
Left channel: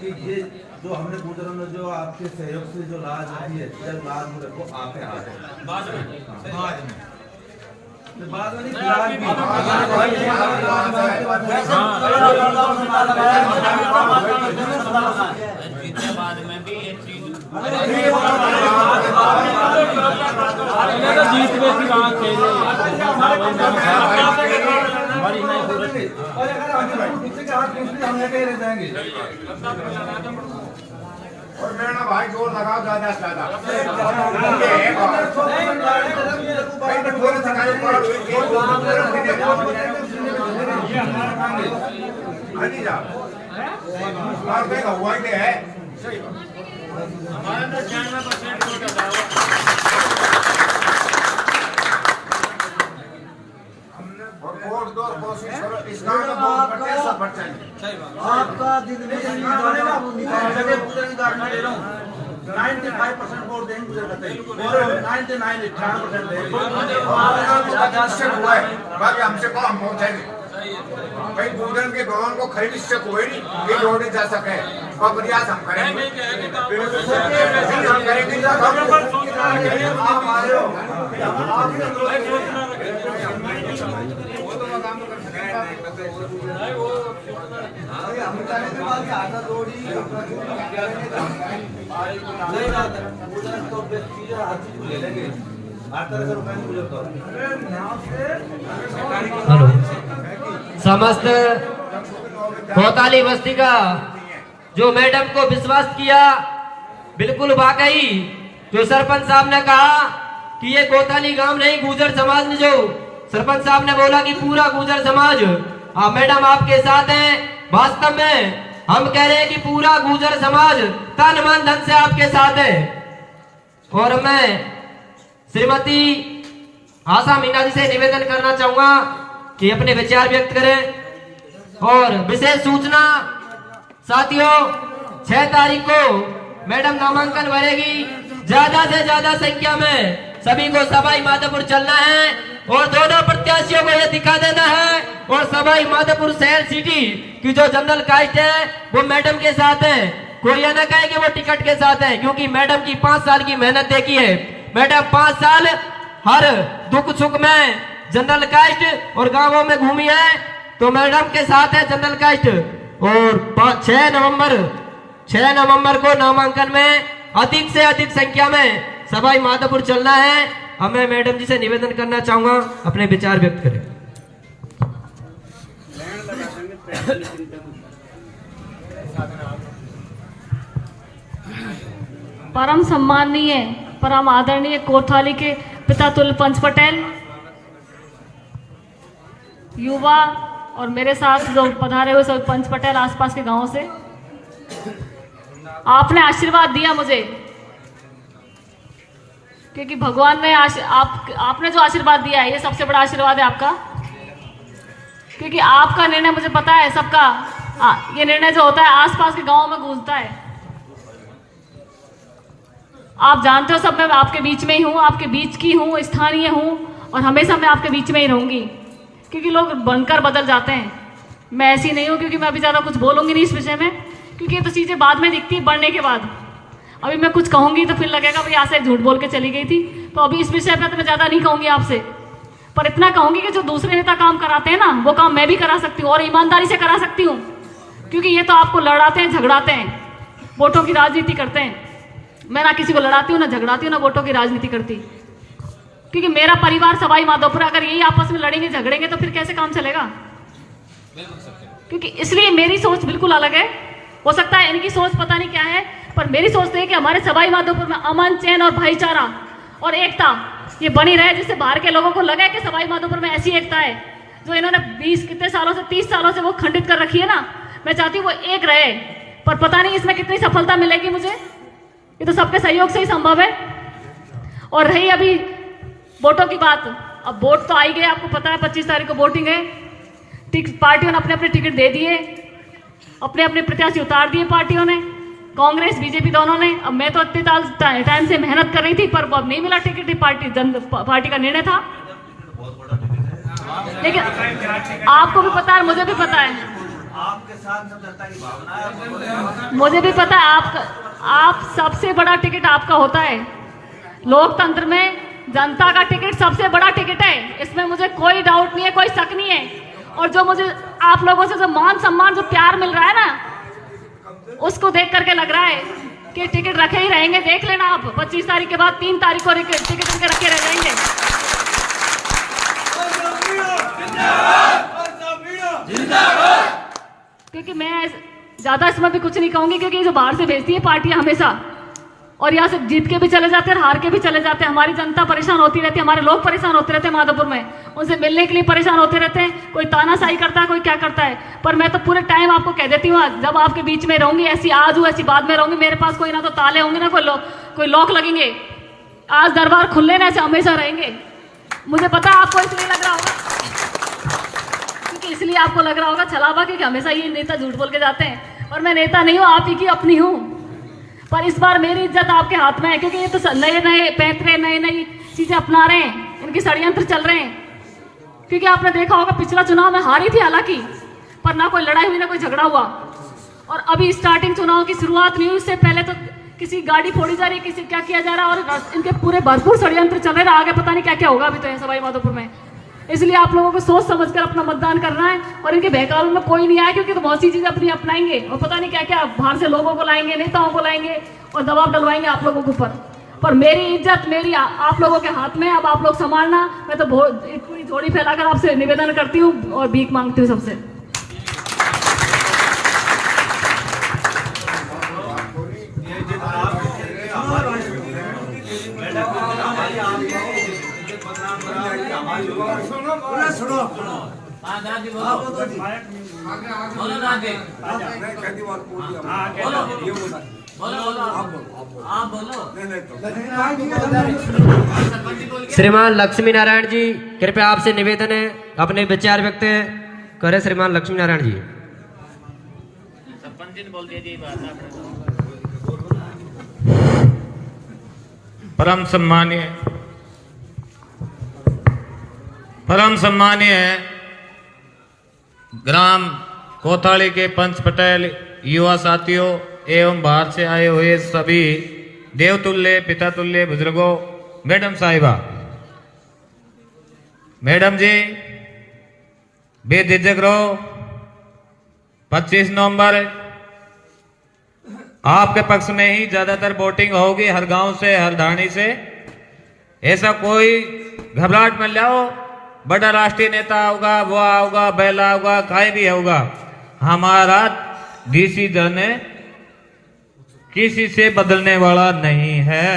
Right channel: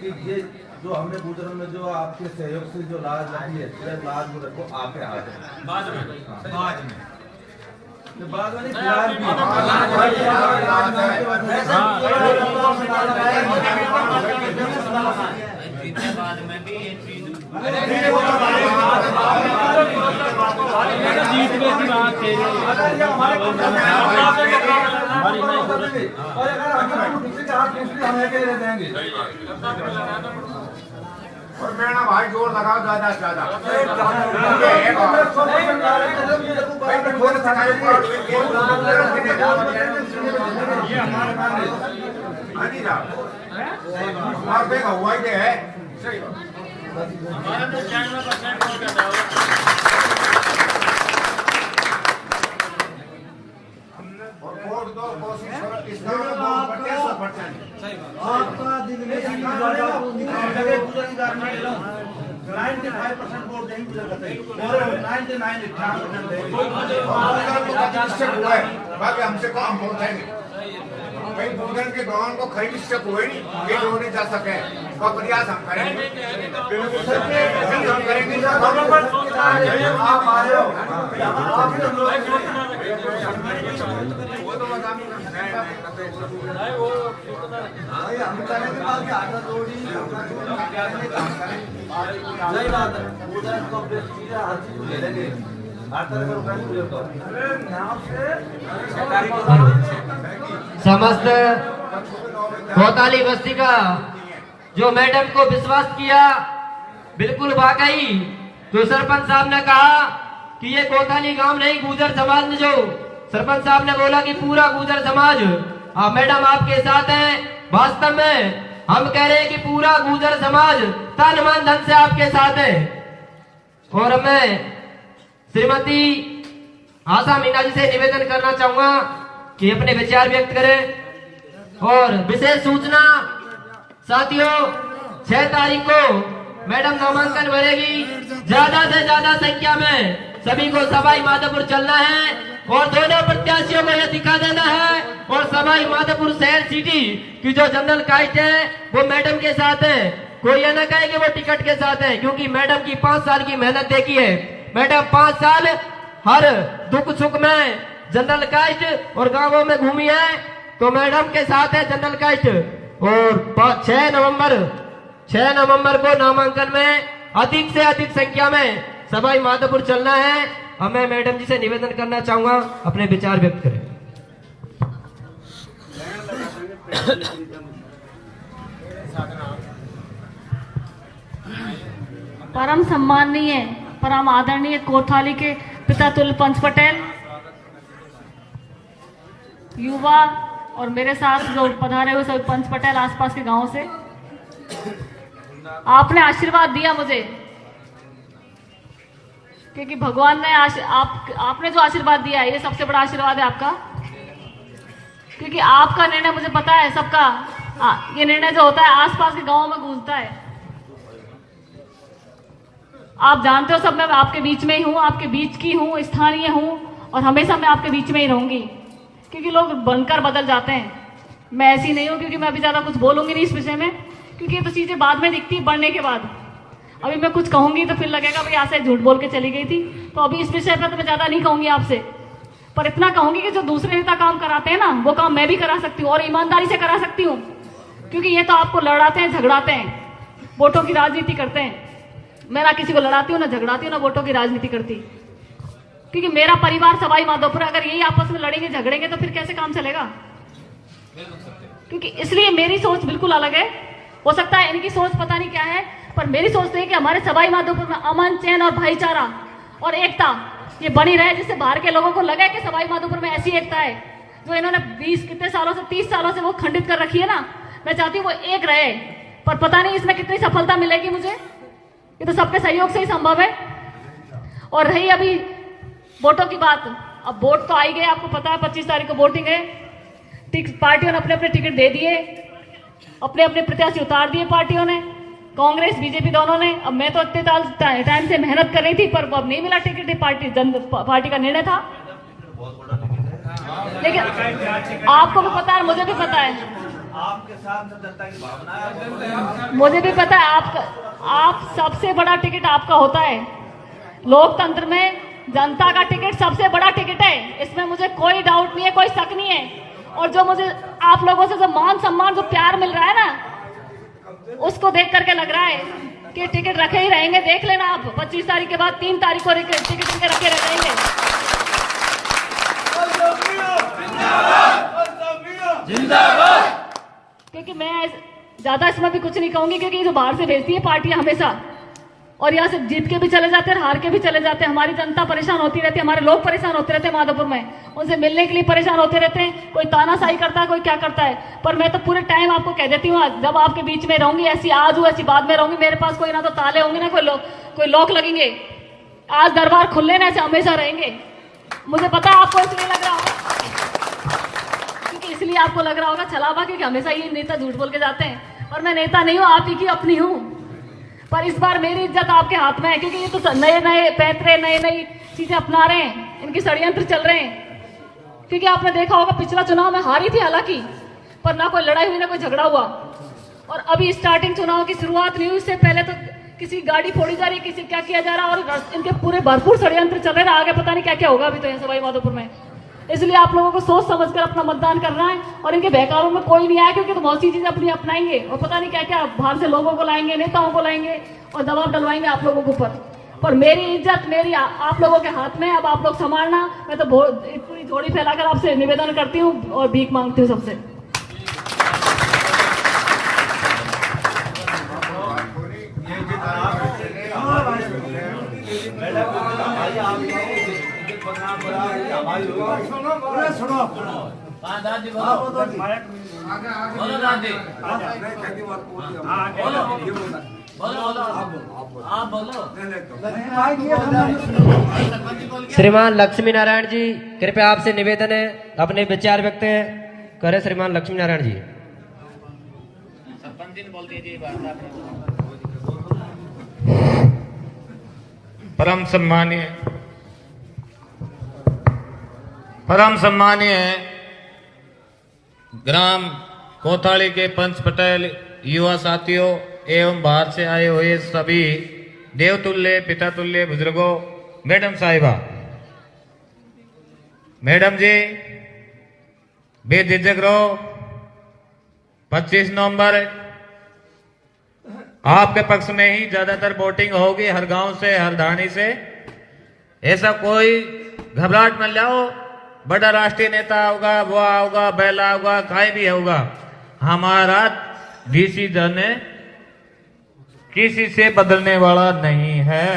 कि ये जो हमने गुजरों में जो आपके सहयोग से जो लाज रही है, लाज वो रखो आपके हाथ है। बाद में नहीं, फिलहाल और अगर हम किसी के हाथ हम कहीं रह जाएंगे। और मेरा भाई जोर लगाओ ज्यादा से ज्यादा। हुआ ही है सही बात। हमारे तो 96% वोट आता है। वोट दो, कोशिश करो इस गांव में बहुत बढ़ते सब बढ़ चाहिए। आपका दिन में 95% वोट देंगे गुजर करते और 98% शक हुआ है, बाकी हमसे काम पहुंचाएंगे भाई। पूरन के भवन को खरीद शक हुए नहीं, ये जोड़ने जा सके और प्रयास हम करेंगे। हम करेंगे आप आ रहे हो समस्त कोताली बस्ती का जो मैडम को विश्वास किया, बिल्कुल वाकई जो सरपंच साहब ने कहा कि ये कोताली गांव नहीं, गुर्जर समाज ने जो सरपंच साहब ने बोला कि पूरा गुर्जर समाज मैडम आपके साथ है। वास्तव में हम कह रहे हैं कि पूरा गुर्जर समाज तन मन धन से आपके साथ है। और मैं श्रीमती आशा मीना जी से निवेदन करना चाहूंगा कि अपने विचार व्यक्त करें। और विशेष सूचना साथियों, 6 तारीख को मैडम नामांकन भरेगी। ज्यादा से ज्यादा संख्या में सभी को सवाई माधोपुर चलना है और दोनों प्रत्याशियों को यह दिखा देना है। और सवाई माधोपुर शहर सिटी की जो जनरल कास्ट है वो मैडम के साथ है। कोई यह न कहे कि वो टिकट के साथ है, क्योंकि मैडम की 5 साल की मेहनत देखी है। मैडम 5 साल हर दुख सुख में जनरल कास्ट और गांवों में घूमी है, तो मैडम के साथ है जनरल कास्ट। और 6 नवंबर को नामांकन में अधिक से अधिक संख्या में सवाई माधोपुर चलना है। हमें मैडम जी से निवेदन करना चाहूंगा अपने विचार व्यक्त करें। परम सम्माननीय, परम आदरणीय कोतवाली के पिता तुल्य पंच पटेल, युवा और मेरे साथ जो पधारे हुए सब पंच पटेल आसपास के गांवों से, आपने आशीर्वाद दिया मुझे, क्योंकि भगवान ने आपने जो आशीर्वाद दिया है ये सबसे बड़ा आशीर्वाद है आपका। क्योंकि आपका निर्णय मुझे पता है सबका, ये निर्णय जो होता है आसपास के गांवों में गूंजता है। आप जानते हो सब, मैं आपके बीच में ही हूँ, आपके बीच की हूँ, स्थानीय हूँ और हमेशा मैं आपके बीच में ही रहूंगी। क्योंकि लोग बनकर बदल जाते हैं, मैं ऐसी नहीं हूँ। क्योंकि मैं अभी ज्यादा कुछ बोलूंगी नहीं इस विषय में, क्योंकि ये तो चीजें बाद में दिखती है बढ़ने के बाद। अभी मैं कुछ कहूंगी तो फिर लगेगा भाई आशा झूठ बोल के चली गई थी। तो अभी इस विषय पर तो मैं ज्यादा नहीं कहूंगी आपसे, पर इतना कहूंगी कि जो दूसरे नेता काम कराते हैं ना, वो काम मैं भी करा सकती हूँ और ईमानदारी से करा सकती हूँ। क्योंकि ये तो आपको लड़ाते हैं, झगड़ाते हैं, वोटों की राजनीति करते हैं। मैं ना किसी को लड़ाती हूँ, ना झगड़ाती हूँ, ना वोटों की राजनीति करती। क्योंकि मेरा परिवार सवाई माधोपुर, अगर यही आपस में लड़ेंगे झगड़ेंगे तो फिर कैसे काम चलेगा। क्योंकि इसलिए मेरी सोच बिल्कुल अलग है। हो सकता है इनकी सोच पता नहीं क्या है, पर मेरी सोच तो है कि हमारे सवाई माधोपुर में अमन, चैन और भाईचारा और एकता ये बनी रहे, जिससे बाहर के लोगों को लगे कि सवाई माधोपुर में ऐसी एकता है जो इन्होंने 20 कितने सालों से 30 सालों से वो खंडित कर रखी है ना। मैं चाहती हूँ वो एक रहे, पर पता नहीं इसमें कितनी सफलता मिलेगी मुझे। ये तो सबके सहयोग से ही संभव है। और रही अभी वोटों की बात, अब वोट तो आई गए, आपको पता है 25 तारीख को वोटिंग है। पार्टियों ने अपने अपने टिकट दे दिए, अपने अपने प्रत्याशी उतार दिए पार्टियों ने, कांग्रेस बीजेपी दोनों ने। अब मैं तो इतने टाइम से मेहनत कर रही थी, पर अब नहीं मिला टिकट। पार्टी का निर्णय था, लेकिन आपको भी पता है, मुझे भी पता है, आपके साथ सब जनता की भावना है। मुझे भी पता है आप सबसे बड़ा टिकट आपका होता है। लोकतंत्र में जनता का टिकट सबसे बड़ा टिकट है, इसमें मुझे कोई डाउट नहीं है, कोई शक नहीं है। और जो मुझे आप लोगों से जो मान सम्मान, जो प्यार मिल रहा है ना, उसको देख करके लग रहा है कि टिकट रखे ही रहेंगे। देख लेना आप 25 तारीख के बाद 3 तारीख को टिकट रखे रहेंगे। क्योंकि मैं ज्यादा इसमें भी कुछ नहीं कहूंगी, क्योंकि जो बाहर से भेजती है पार्टियां हमेशा, और यहाँ से जीत के भी चले जाते हैं, हार के भी चले जाते हैं। हमारी जनता परेशान होती रहती है, हमारे लोग परेशान होते रहते हैं माधोपुर में, उनसे मिलने के लिए परेशान होते रहते हैं। कोई तानाशाही करता है, कोई क्या करता है, पर मैं तो पूरे टाइम आपको कह देती हूँ, जब आपके बीच में रहूंगी, ऐसी आज हूँ ऐसी बाद में रहूंगी, मेरे पास कोई ना तो ताले होंगे ना कोई लॉक लगेंगे। आज दरबार खुले ना ऐसे हमेशा रहेंगे। मुझे पता है आपको इसलिए लग रहा होगा, क्योंकि इसलिए आपको लग रहा होगा छलावा कि हमेशा ये नेता झूठ बोल के जाते हैं, और मैं नेता नहीं हूँ, आप ही की अपनी हूँ। पर इस बार मेरी इज्जत आपके हाथ में है, क्योंकि ये तो नए नए पैतरे नई नई चीजें अपना रहे हैं, इनके षड्यंत्र चल रहे हैं। क्योंकि आपने देखा होगा पिछला चुनाव में हारी थी हालांकि, पर ना कोई लड़ाई हुई ना कोई झगड़ा हुआ, और अभी स्टार्टिंग चुनाव की शुरुआत नहीं हुई, इससे पहले तो किसी गाड़ी फोड़ी जा रही है, किसी क्या किया जा रहा है, और इनके पूरे भरपूर षड्यंत्र चल रहे हैं। आगे पता नहीं क्या क्या होगा अभी तो सवाई माधोपुर में। इसलिए आप लोगों को सोच समझकर अपना मतदान करना है, और इनके बहकावे में कोई नहीं आया, क्योंकि तो बहुत सी चीजें अपनी अपनाएंगे और पता नहीं क्या क्या बाहर से लोगों को लाएंगे, नेताओं को लाएंगे और दबाव डलवाएंगे आप लोगों के ऊपर। पर मेरी इज्जत मेरी आप लोगों के हाथ में, अब आप लोग संभालना। मैं तो पूरी झोली फैलाकर आपसे निवेदन करती हूँ और भीख मांगती हूँ सबसे। श्रीमान लक्ष्मी नारायण जी, कृपया आपसे निवेदन है अपने विचार व्यक्त करें। श्रीमान लक्ष्मी नारायण जी। परम सम्मानीय ग्राम कोथाड़ी के पंच पटेल, युवा साथियों एवं बाहर से आए हुए सभी देवतुल्य पितातुल्य बुजुर्गों, मैडम साहिबा, मैडम जी बेझिझक रहो। 25 नवंबर आपके पक्ष में ही ज्यादातर वोटिंग होगी, हर गांव से हर धारणी से। ऐसा कोई घबराहट न लाओ, बड़ा राष्ट्रीय नेता होगा, वो होगा, बैला होगा, काय भी होगा, हमारा डिसीजन किसी से बदलने वाला नहीं है।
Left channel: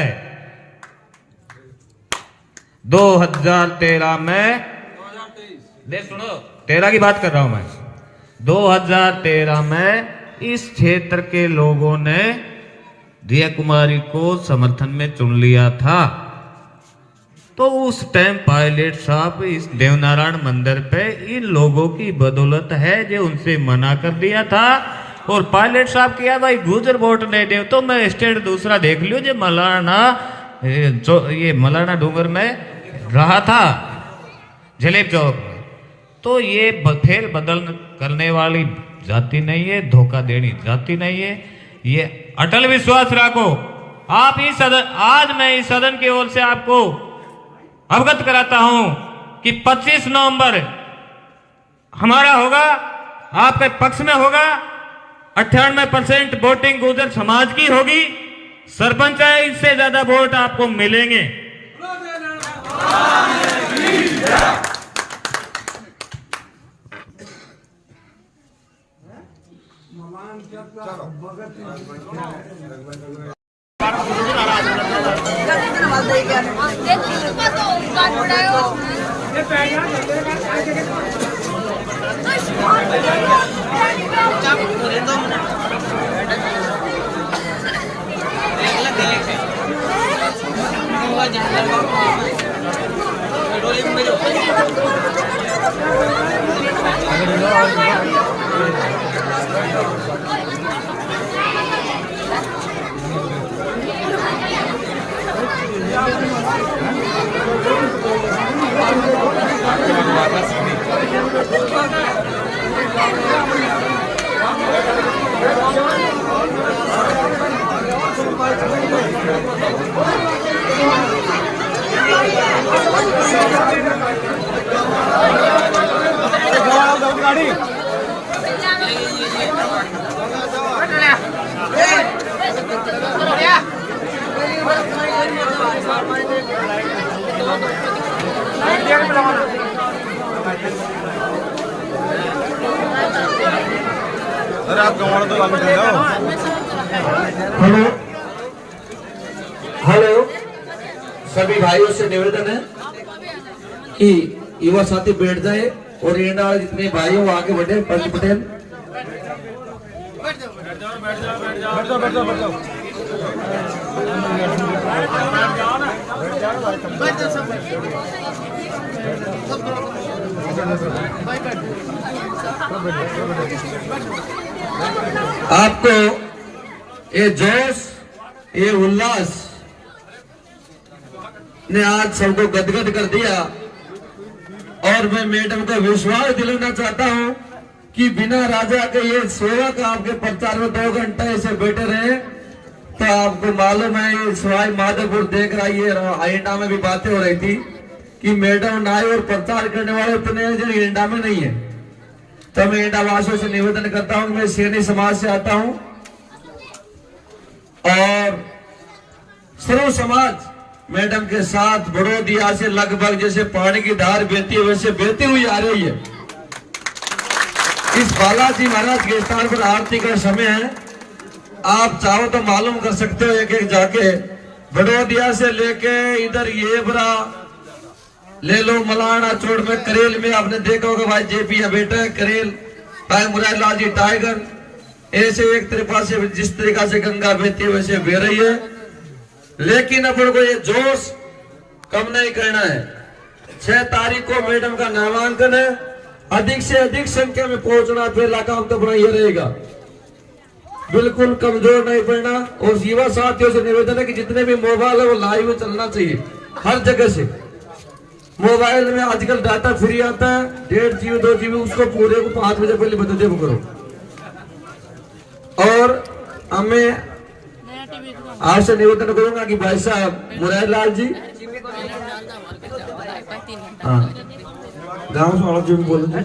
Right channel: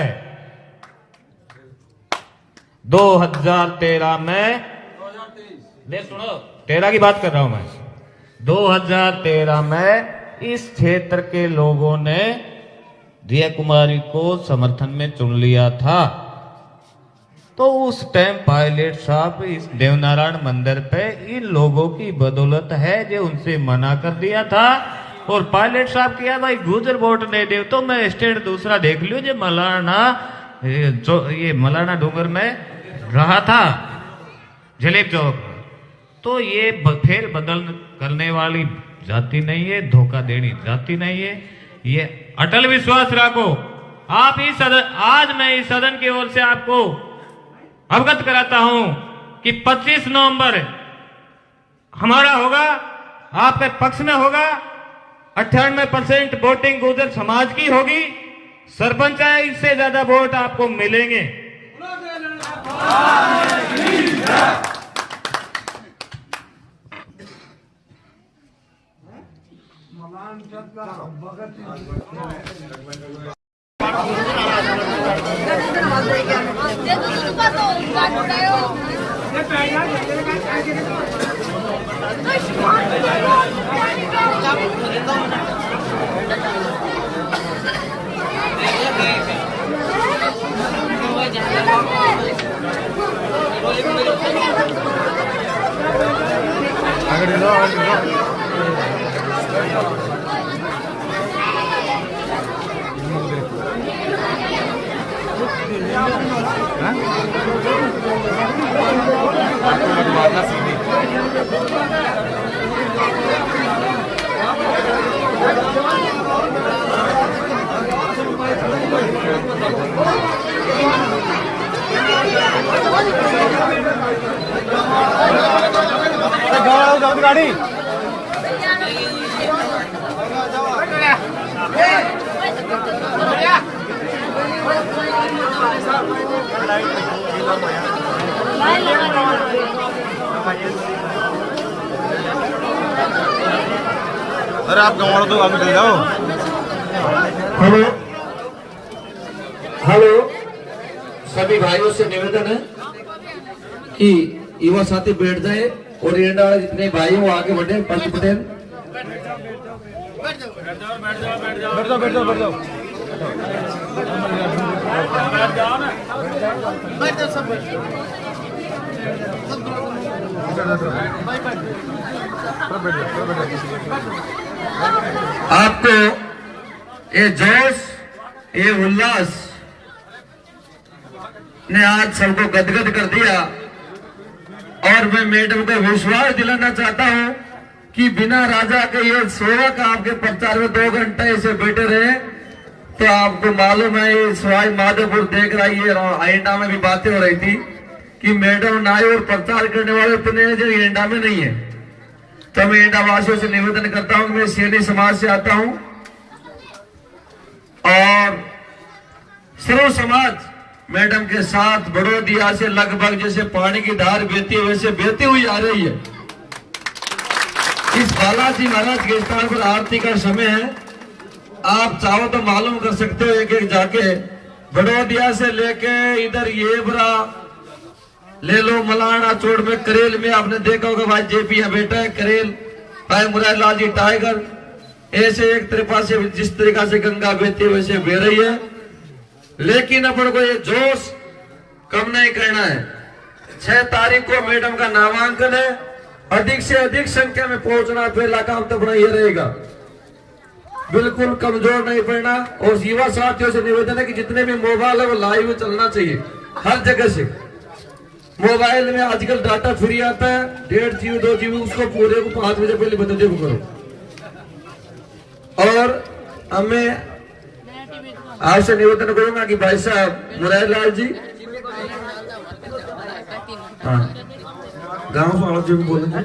2013 में सुनो, 13 की बात कर रहा हूं मैं। 2013 में इस क्षेत्र के लोगों ने रिया कुमारी को समर्थन में चुन लिया था। तो उस टाइम पायलट साहब इस देवनारायण मंदिर पे इन लोगों की बदौलत है जो उनसे मना कर दिया था। और पायलट साहब किया भाई गुजर वोट नहीं दे तो मैं स्टेट दूसरा देख लियो जो मलाना, ये मलाना डूंगर में रहा था जलेब चौक में। तो ये फेर बदल करने वाली जाति नहीं है, धोखा देनी जाति नहीं है। ये अटल विश्वास रखो। आप इस सदन, आज मैं इस सदन की ओर से आपको अवगत कराता हूं कि 25 नवंबर हमारा होगा, आपके पक्ष में होगा। 98% वोटिंग गुर्जर समाज की होगी। सरपंच है, इससे ज्यादा वोट आपको मिलेंगे। भाइयों से निवेदन है कि युवा साथी बैठ जाए और ये वाले जितने भाई हो आगे बढ़े। पंच पटेल आपको ये जोश ये उल्लास ने आज सबको गदगद कर दिया और मैं मैडम को विश्वास दिलाना चाहता हूं कि बिना राजा के ये सेवक आपके प्रचार में 2 घंटे ऐसे बैठे रहे तो आपको मालूम है ये सवाई माधोपुर देख रहा है। एंडा में भी बातें हो रही थी कि मैडम नाई और प्रचार करने वाले उतने जो एंडा में नहीं है। तो मैं एंडा वासियों से निवेदन करता हूं, मैं शेरनी समाज से आता हूं और सर्व समाज मैडम के साथ बड़ोदिया से लगभग जैसे पानी की धार बहती है वैसे बहती हुई आ रही है। इस बालाजी महाराज के स्थान पर आरती का समय है। आप चाहो तो मालूम कर सकते हो एक एक जाके बड़ोदिया से लेके इधर ये बरा ले लो मलाना चोड़ में करेल में आपने देखा होगा भाई जेपी बेटा है करेल टाइम मुरारलाल जी टाइगर ऐसे एक तरफा से जिस तरीका से गंगा बहती है वैसे बह रही है। लेकिन अपन को ये जोश कम नहीं करना है। 6 तारीख को मैडम का नामांकन है। अधिक से अधिक संख्या में पहुंचना पहला काम तो अपना ये रहेगा। बिल्कुल कमजोर नहीं पड़ना। और युवा साथियों से निवेदन है कि जितने भी मोबाइल है वो लाइव में चलना चाहिए हर जगह से। मोबाइल में आजकल डाटा फ्री आता है 1.5 GB 2 GB उसको पूरे को 5 बजे पहले बदले करो। और हमें आपसे निवेदन करूंगा कि भाई साहब मुरारलाल जी हाँ गाँव से जी बोलेंगे।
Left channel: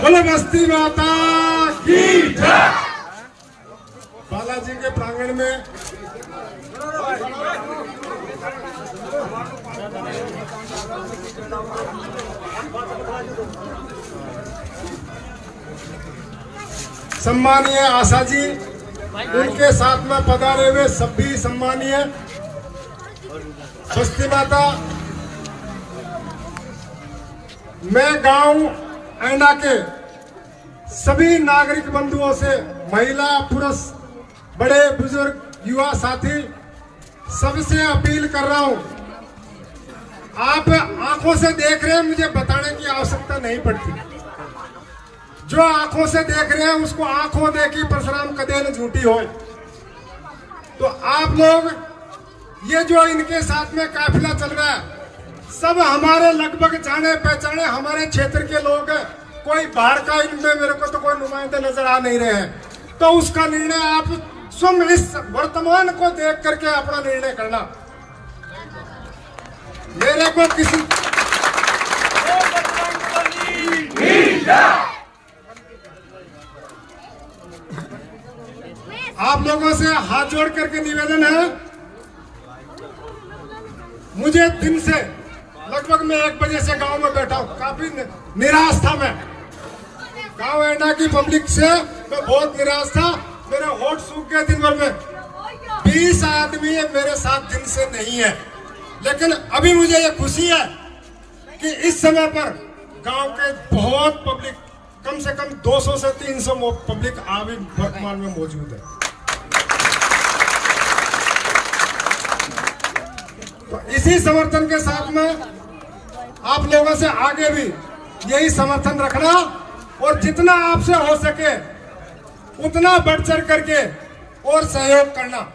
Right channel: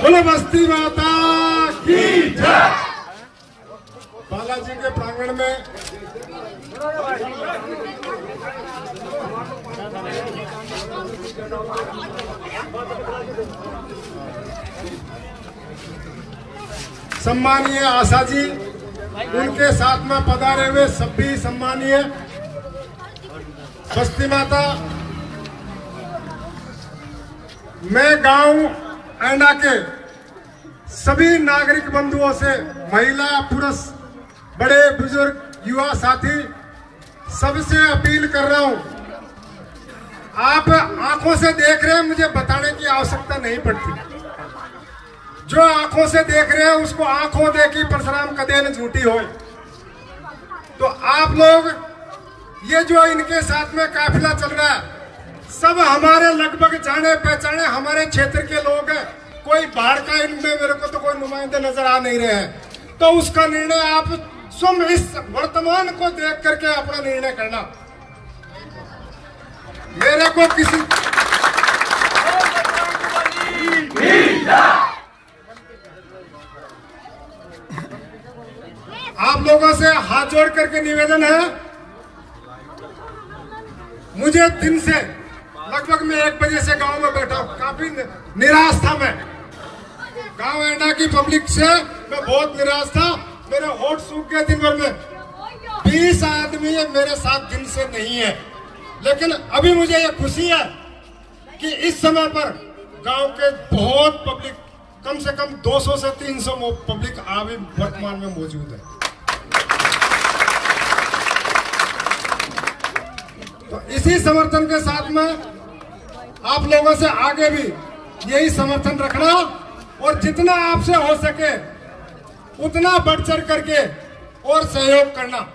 बोले बस्ती माता की जय। बालाजी के प्रांगण में सम्मानीय आशा जी उनके साथ में पधारे हुए सभी सम्मानीय बस्ती माता, मैं गांव एंडा के सभी नागरिक बंधुओं से महिला पुरुष बड़े बुजुर्ग युवा साथी सबसे अपील कर रहा हूं। आप आंखों से देख रहे हैं, मुझे बताने की आवश्यकता नहीं पड़ती। जो आंखों से देख रहे हैं उसको आंखों देखी परशुराम कदे न झूठी हो। तो आप लोग ये जो इनके साथ में काफिला चल रहा है सब हमारे लगभग जाने पहचाने हमारे क्षेत्र के लोग हैं। कोई बाहर का इनमें मेरे को तो कोई नुमाइंदे नजर आ नहीं रहे हैं। तो उसका निर्णय आप स्वयं इस वर्तमान को देख करके अपना निर्णय करना। मेरे को किसी आप लोगों से हाथ जोड़ करके निवेदन है, मुझे दिन से लगभग मैं 1 बजे से गांव में बैठा हूं, काफी निराश था। मैं गांव एंडा की पब्लिक से मैं बहुत निराश था। मेरे होठ सूख गए दिन भर में। 20 आदमी मेरे साथ दिन से नहीं है। लेकिन अभी मुझे ये खुशी है कि इस समय पर गांव के बहुत पब्लिक कम से कम 200 से 300 पब्लिक अभी वर्तमान में मौजूद है। तो इसी समर्थन के साथ में आप लोगों से आगे भी यही समर्थन रखना और जितना आपसे हो सके उतना बढ़ चढ़ करके और सहयोग करना।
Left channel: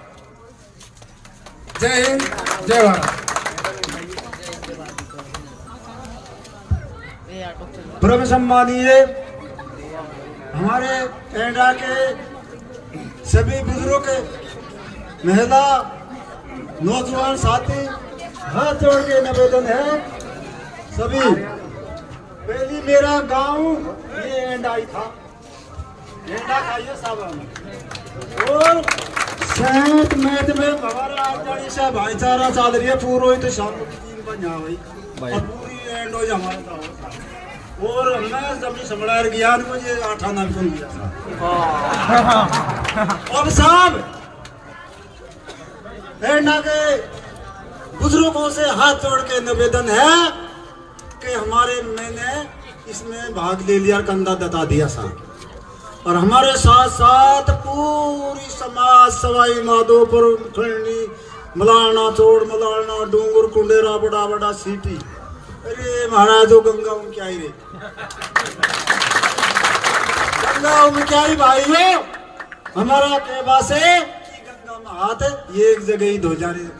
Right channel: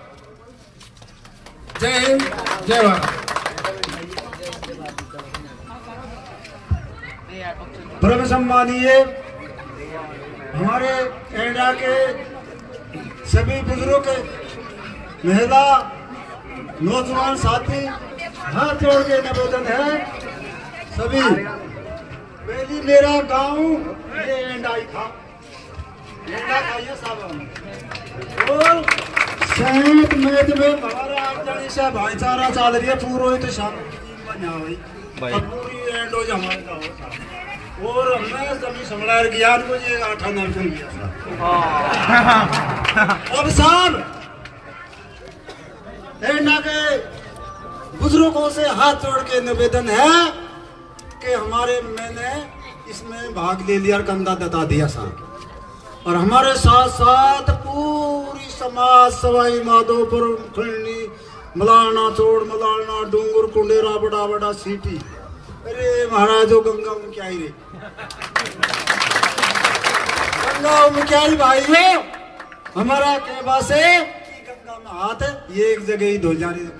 जय हिंद, जय भारत। परम सम्मानीय हमारे एंडा के सभी बुजुर्ग, महिला, नौजवान साथी, हाथ जोड़ के निवेदन है सभी। पहली मेरा गांव ये एंडा ही था, एंडा था ये साहब। और सेंट मैथ में हमारा आचार्य से भाईचारा चाल रही है पूरा, तो शांति बना हुई पूरी एंड हो हमारे गाँव। और हमने जमीन संभला गया मुझे 8 आना चल गया अब साहब एंडा के बुजुर्गों से हाथ जोड़ के निवेदन है कि हमारे मैंने इसमें भाग ले लिया, कंधा दता दिया साहब। और हमारे साथ साथ पूरी समाज, सवाई माधोपुर, खंडनी, मलाना चोड़, मलाना डूंगर, कुंडेरा, बड़ा बड़ा सीटी, अरे महाराज गंगा उनकी आई रे, गंगा उनकी आई भाई है हमारा कहवा से गंगा में हाथ है, ये एक जगह ही धो जा रही है,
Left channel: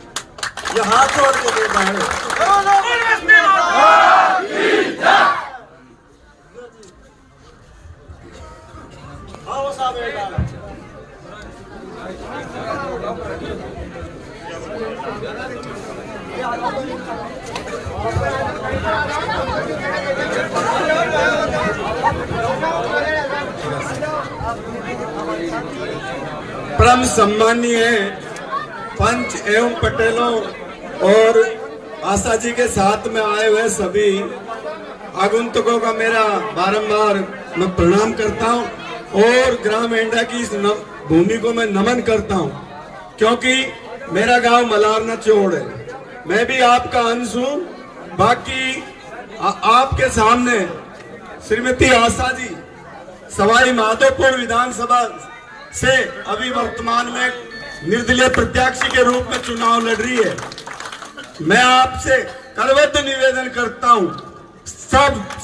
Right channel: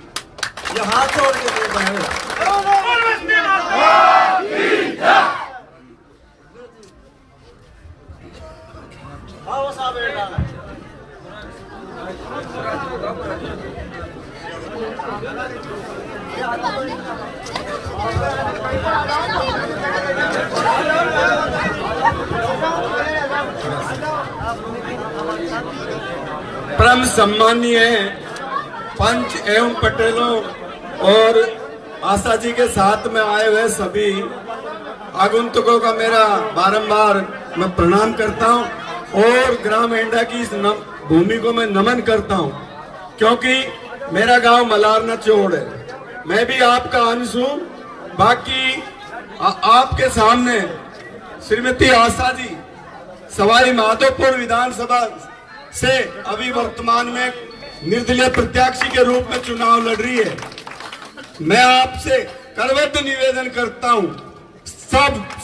ये हाथ जोड़ के दे रहा आओ साहब बेटा। परम सम्मानीय पंच एवं पटेलों और आशा जी के साथ में आए हुए सभी आगंतुकों का मेरा बारंबार मैं प्रणाम करता हूं और ग्राम एंडा की इस भूमि को मैं नमन करता हूं, क्योंकि मेरा गांव मलारना चोड़ है। मैं भी आपका अंश हूं। बाकी आपके सामने श्रीमती आशा जी सवाई माधोपुर विधानसभा से अभी वर्तमान में निर्दलीय प्रत्याशी के रूप में चुनाव लड़ रही है। मैं आपसे करवट निवेदन करता हूं,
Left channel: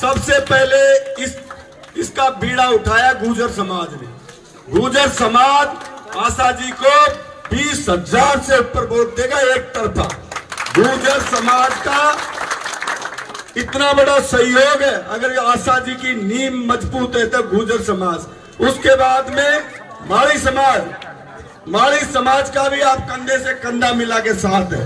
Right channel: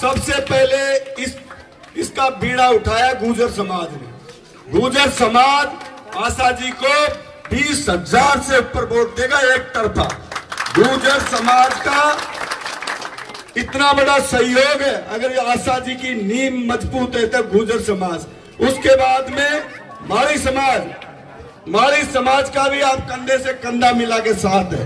सबसे पहले इसका बीड़ा उठाया गुर्जर समाज ने। गुर्जर समाज आशा जी को 20,000 से ऊपर वोट देगा एक तरफा। गुर्जर समाज का इतना बड़ा सहयोग है, अगर आशा जी की नींव मजबूत है तो गुर्जर समाज। उसके बाद में माड़ी समाज का भी आप कंधे से कंधा मिला के साथ है।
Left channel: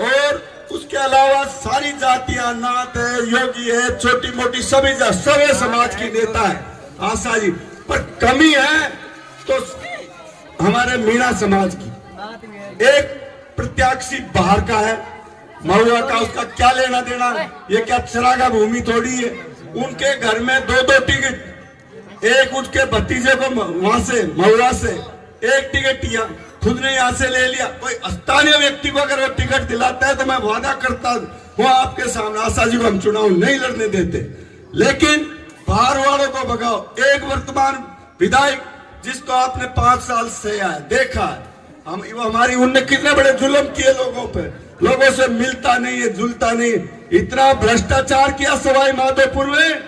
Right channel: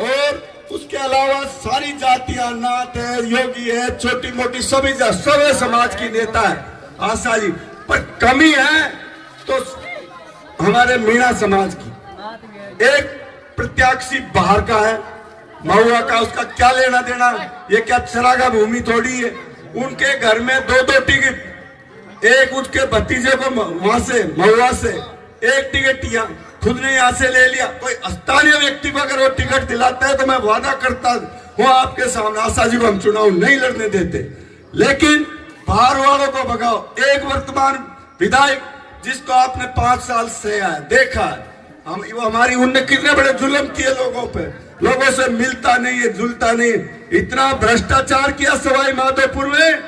और उसके अलावा सारी जातियां, नाथ है, योगी है, छोटी मोटी सभी समाज की नेता है आशा जी। पर कमी है तो हमारे मीणा समाज की। एक प्रत्याशी बाहर का है, महुआ का, उसका क्या लेना देना, ये क्या चरागा भूमि थोड़ी है। उनके घर में 2-2 टिकट, एक उसके भतीजे को वहां से महुआ से एक टिकट खुद ने यहाँ से ले लिया। कोई स्थानीय व्यक्ति को अगर वो टिकट दिलाता है तो मैं वादा करता हूँ आपके सामने आशा जी को हम चुनाव नहीं लड़ने देते, लेकिन बाहर वालों को भगाओ। एक वर्तमान विधायक जिसको आपने 5 साल से देखा है, वो हमारी उनने कितने बड़े जुल्म किए लोगों पे, लोगों से मिलता नहीं है, जुलता नहीं। इतना भ्रष्टाचार किया सवाई माधोपुर में,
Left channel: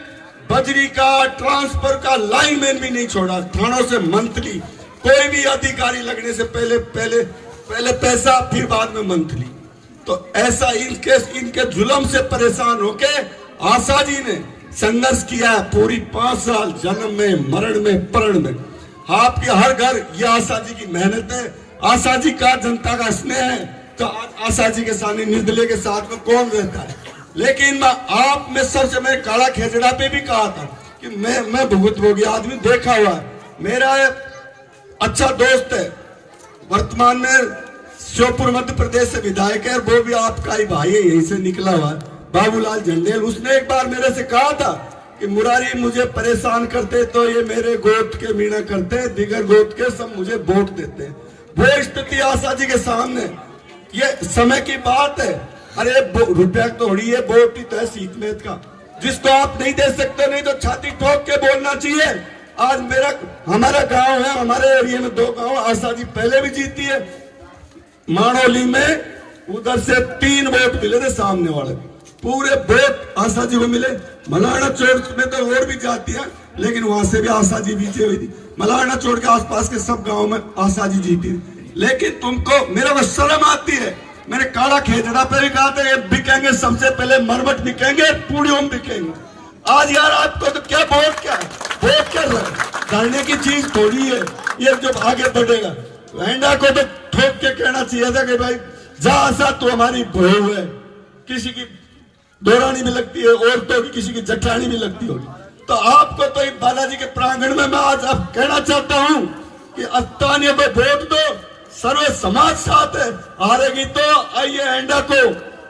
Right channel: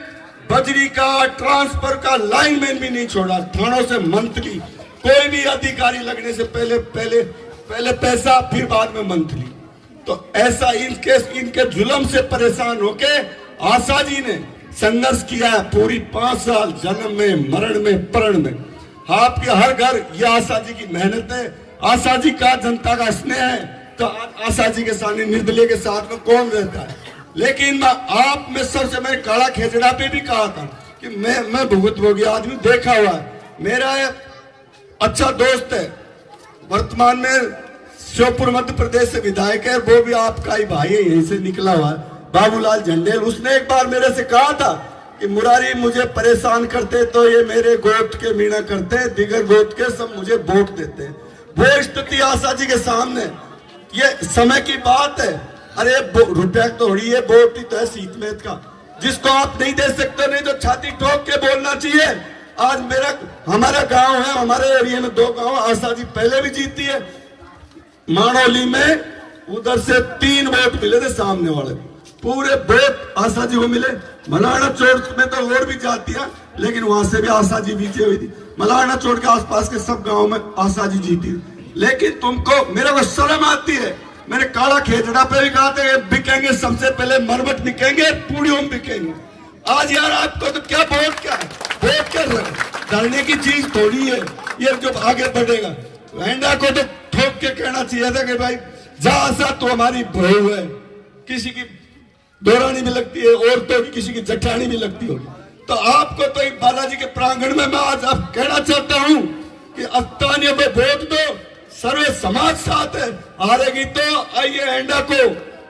बजरी का, ट्रांसफर का लाइनमैन भी नहीं छोड़ा। थानों से मंथली, कोई भी अधिकारी लगने से पहले पैसा, फिर बाद में मंथली। तो ऐसा इनके जुल्म से परेशान होके आशा जी ने संघर्ष किया है पूरी 5 साल, जन्म में, मरण में, प्रण में। आपके हर घर ये आशा जी की मेहनत है, आशा जी का जनता का स्नेह है। तो आशा जी के सामने निर्दलीय के साथ में कौन रहता है। लेकिन आप में सबसे, मैंने काला खेजड़ा पे भी कहा था कि मैं भुगत भोगी आदमी देखा हुआ। मेरा अच्छा दोस्त है, वर्तमान में श्योपुर मध्य प्रदेश से विधायक है, वो भी आपका ही भाई है, यहीं से निकला हुआ है, बाबूलाल झंडेल। उसने एक बार मेरे से कहा था कि मुरारी मुझे परेशान करते तो ये मेरे गोत्र के मीणा करते हैं, दिगर गोत्र के सब मुझे वोट देते हैं। वो स्थिति आशा जी के सामने, ये समय की बात है। अरे रुपया तो हो रही है, वोट ही तो है सीतमेत का, जिसको आप नहीं दे सकते, नहीं तो छाती ठोक के बोलना चाहिए। आज हमारा गांव है, हमारे एरिया में 2 गांव आशा जी पहले भी जीती है। मानोली में उधर से 3 वोट मिले थे, सामने वाले पूरे वोट आशा जी को मिले। मलारना चोड़ में तो और भी जातियां, लेकिन वहां से भी आशा जी जीती हुई थी। मलारना चोड़ के आसपास के सब गाँव में आशा जी जीती। लेकिन तुमको मेरे को शर्म आती है मैंने काला खेजड़ा पे भी कहा था ये बिकेंगे, सबसे पहले मरमट बिकेंगे, पूड़ियों बिकेंगे। आज यार आपको तो क्या वोट क्या है, वोट क्या धरने की चीज थोड़ी है ये जो आगे बढ़ेगा। वेंडा को तो ठोक के कहना चाहिए था कि भाई जहां सा तो हमारी बहू है, किसी की दौरानी भी लगती है, औरतों की किसी की जठानी भी लगती होगी। तो आपको तो बालाजी के प्रांगण में मैं आज अब कहना चाहता हूं कि अस्तानिया में वोट दो, सर्वे समाज साथ है। हारेगी तो आइए एंडा को,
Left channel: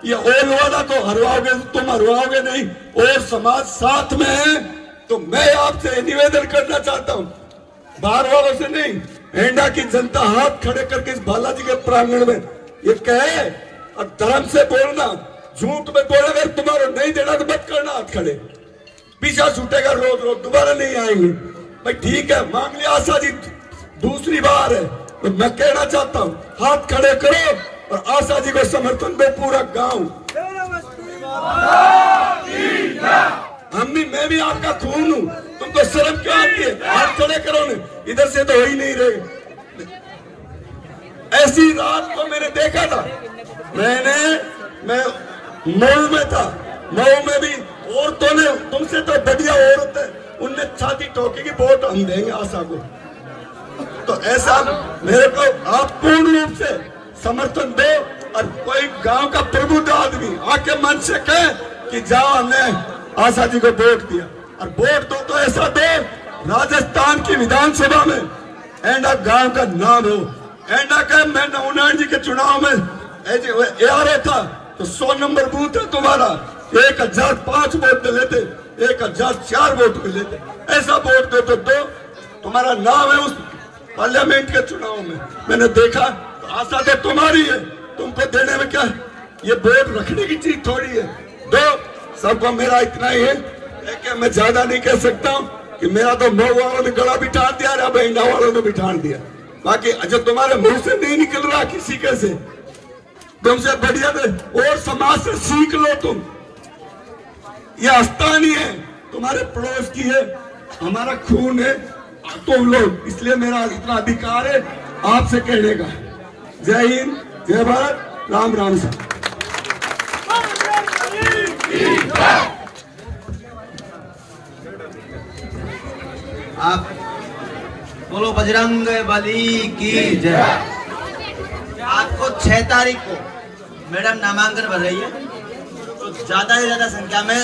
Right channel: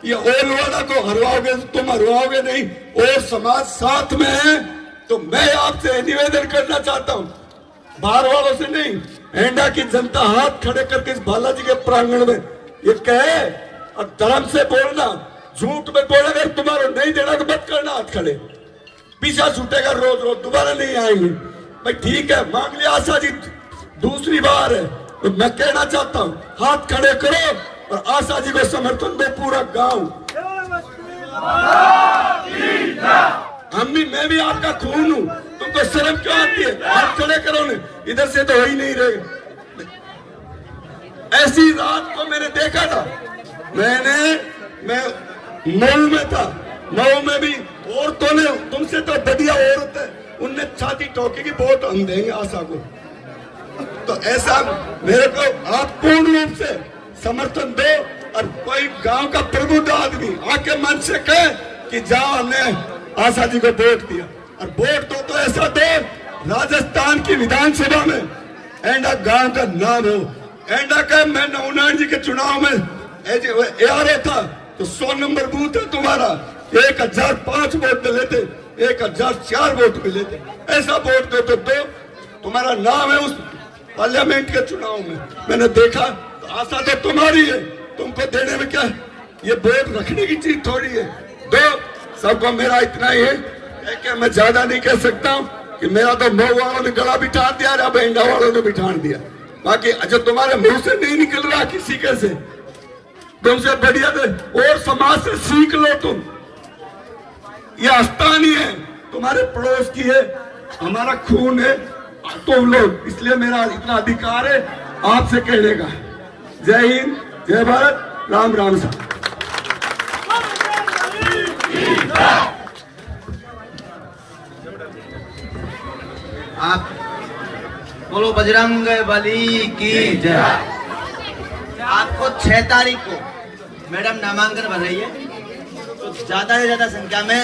ये ओलवाड़ा को हरवाओगे, तुम हरवाओगे नहीं, और समाज साथ में है। तो मैं आपसे निवेदन करना चाहता हूं, बाहर वालों से नहीं, एंडा की जनता हाथ खड़े करके इस बालाजी के प्रांगण में ये कहे और धर्म से बोलना, झूठ में बोले अगर तुम्हारा नहीं देना तो मत करना हाथ खड़े, पीछा छूटेगा रोज रोज, दोबारा नहीं आएंगे। भाई ठीक है, मांग लिया आशा जी दूसरी बार है, तो मैं कहना चाहता हूं हाथ खड़े करो और आशा जी को समर्थन दो पूरा गांव। मैं भी आपका खून हूं, तुमको शर्म क्यों आती है? हाथ खड़े करो ने, इधर से तो हो ही नहीं रहे। ऐसी रात को मैंने देखा था, मैं मऊ में था, मऊ में भी औरतों ने, तुमसे तो बढ़िया औरत है, उनने छाती ठोकी की वोट हम देंगे आशा को। तो ऐसा मेरे को आप पूर्ण रूप से समर्थन दो और कोई गांव का प्रबुद्ध आदमी आके मन से कहे कि जहां हमने आशा जी को वोट दिया, और वोट दो तो ऐसा दो राजस्थान की विधानसभा में एंडा गांव का नाम हो। एंडा का मैं नवनारायण जी के चुनाव में ARO था तो 100 नंबर बूथ है तुम्हारा, 1005 वोट मिले थे, 1004 वोट मिले थे। ऐसा वोट दे तो दो, तुम्हारा नाम है उस पार्लियामेंट के चुनाव में, मैंने देखा। तो आशा तो तुम्हारी है, तुमको देने में क्या, ये वोट रखने की चीज थोड़ी है। दो, सबको मेरा इतना ही है कि मैं ज्यादा नहीं कह सकता हूँ कि मेरा तो मऊ वालों ने गला बिठा दिया, अब एंडा वालों ने बिठा दिया। बाकी जो तुम्हारे मुंह से नहीं निकल रहा किसी के से, तुमसे बढ़िया और समाज से सीख लो। तुम ये आस्थान ही है, तुम्हारे पड़ोस की है, हमारा खून है तुम लोग, इसलिए मेरा इतना अधिकार है आपसे कहने का। जय हिंद, जय भारत, राम राम साहब। आप बोलो बजरंग बली की जय। आपको 6 तारीख को मैडम नामांकन भर रही है, तो ज्यादा से ज्यादा संख्या में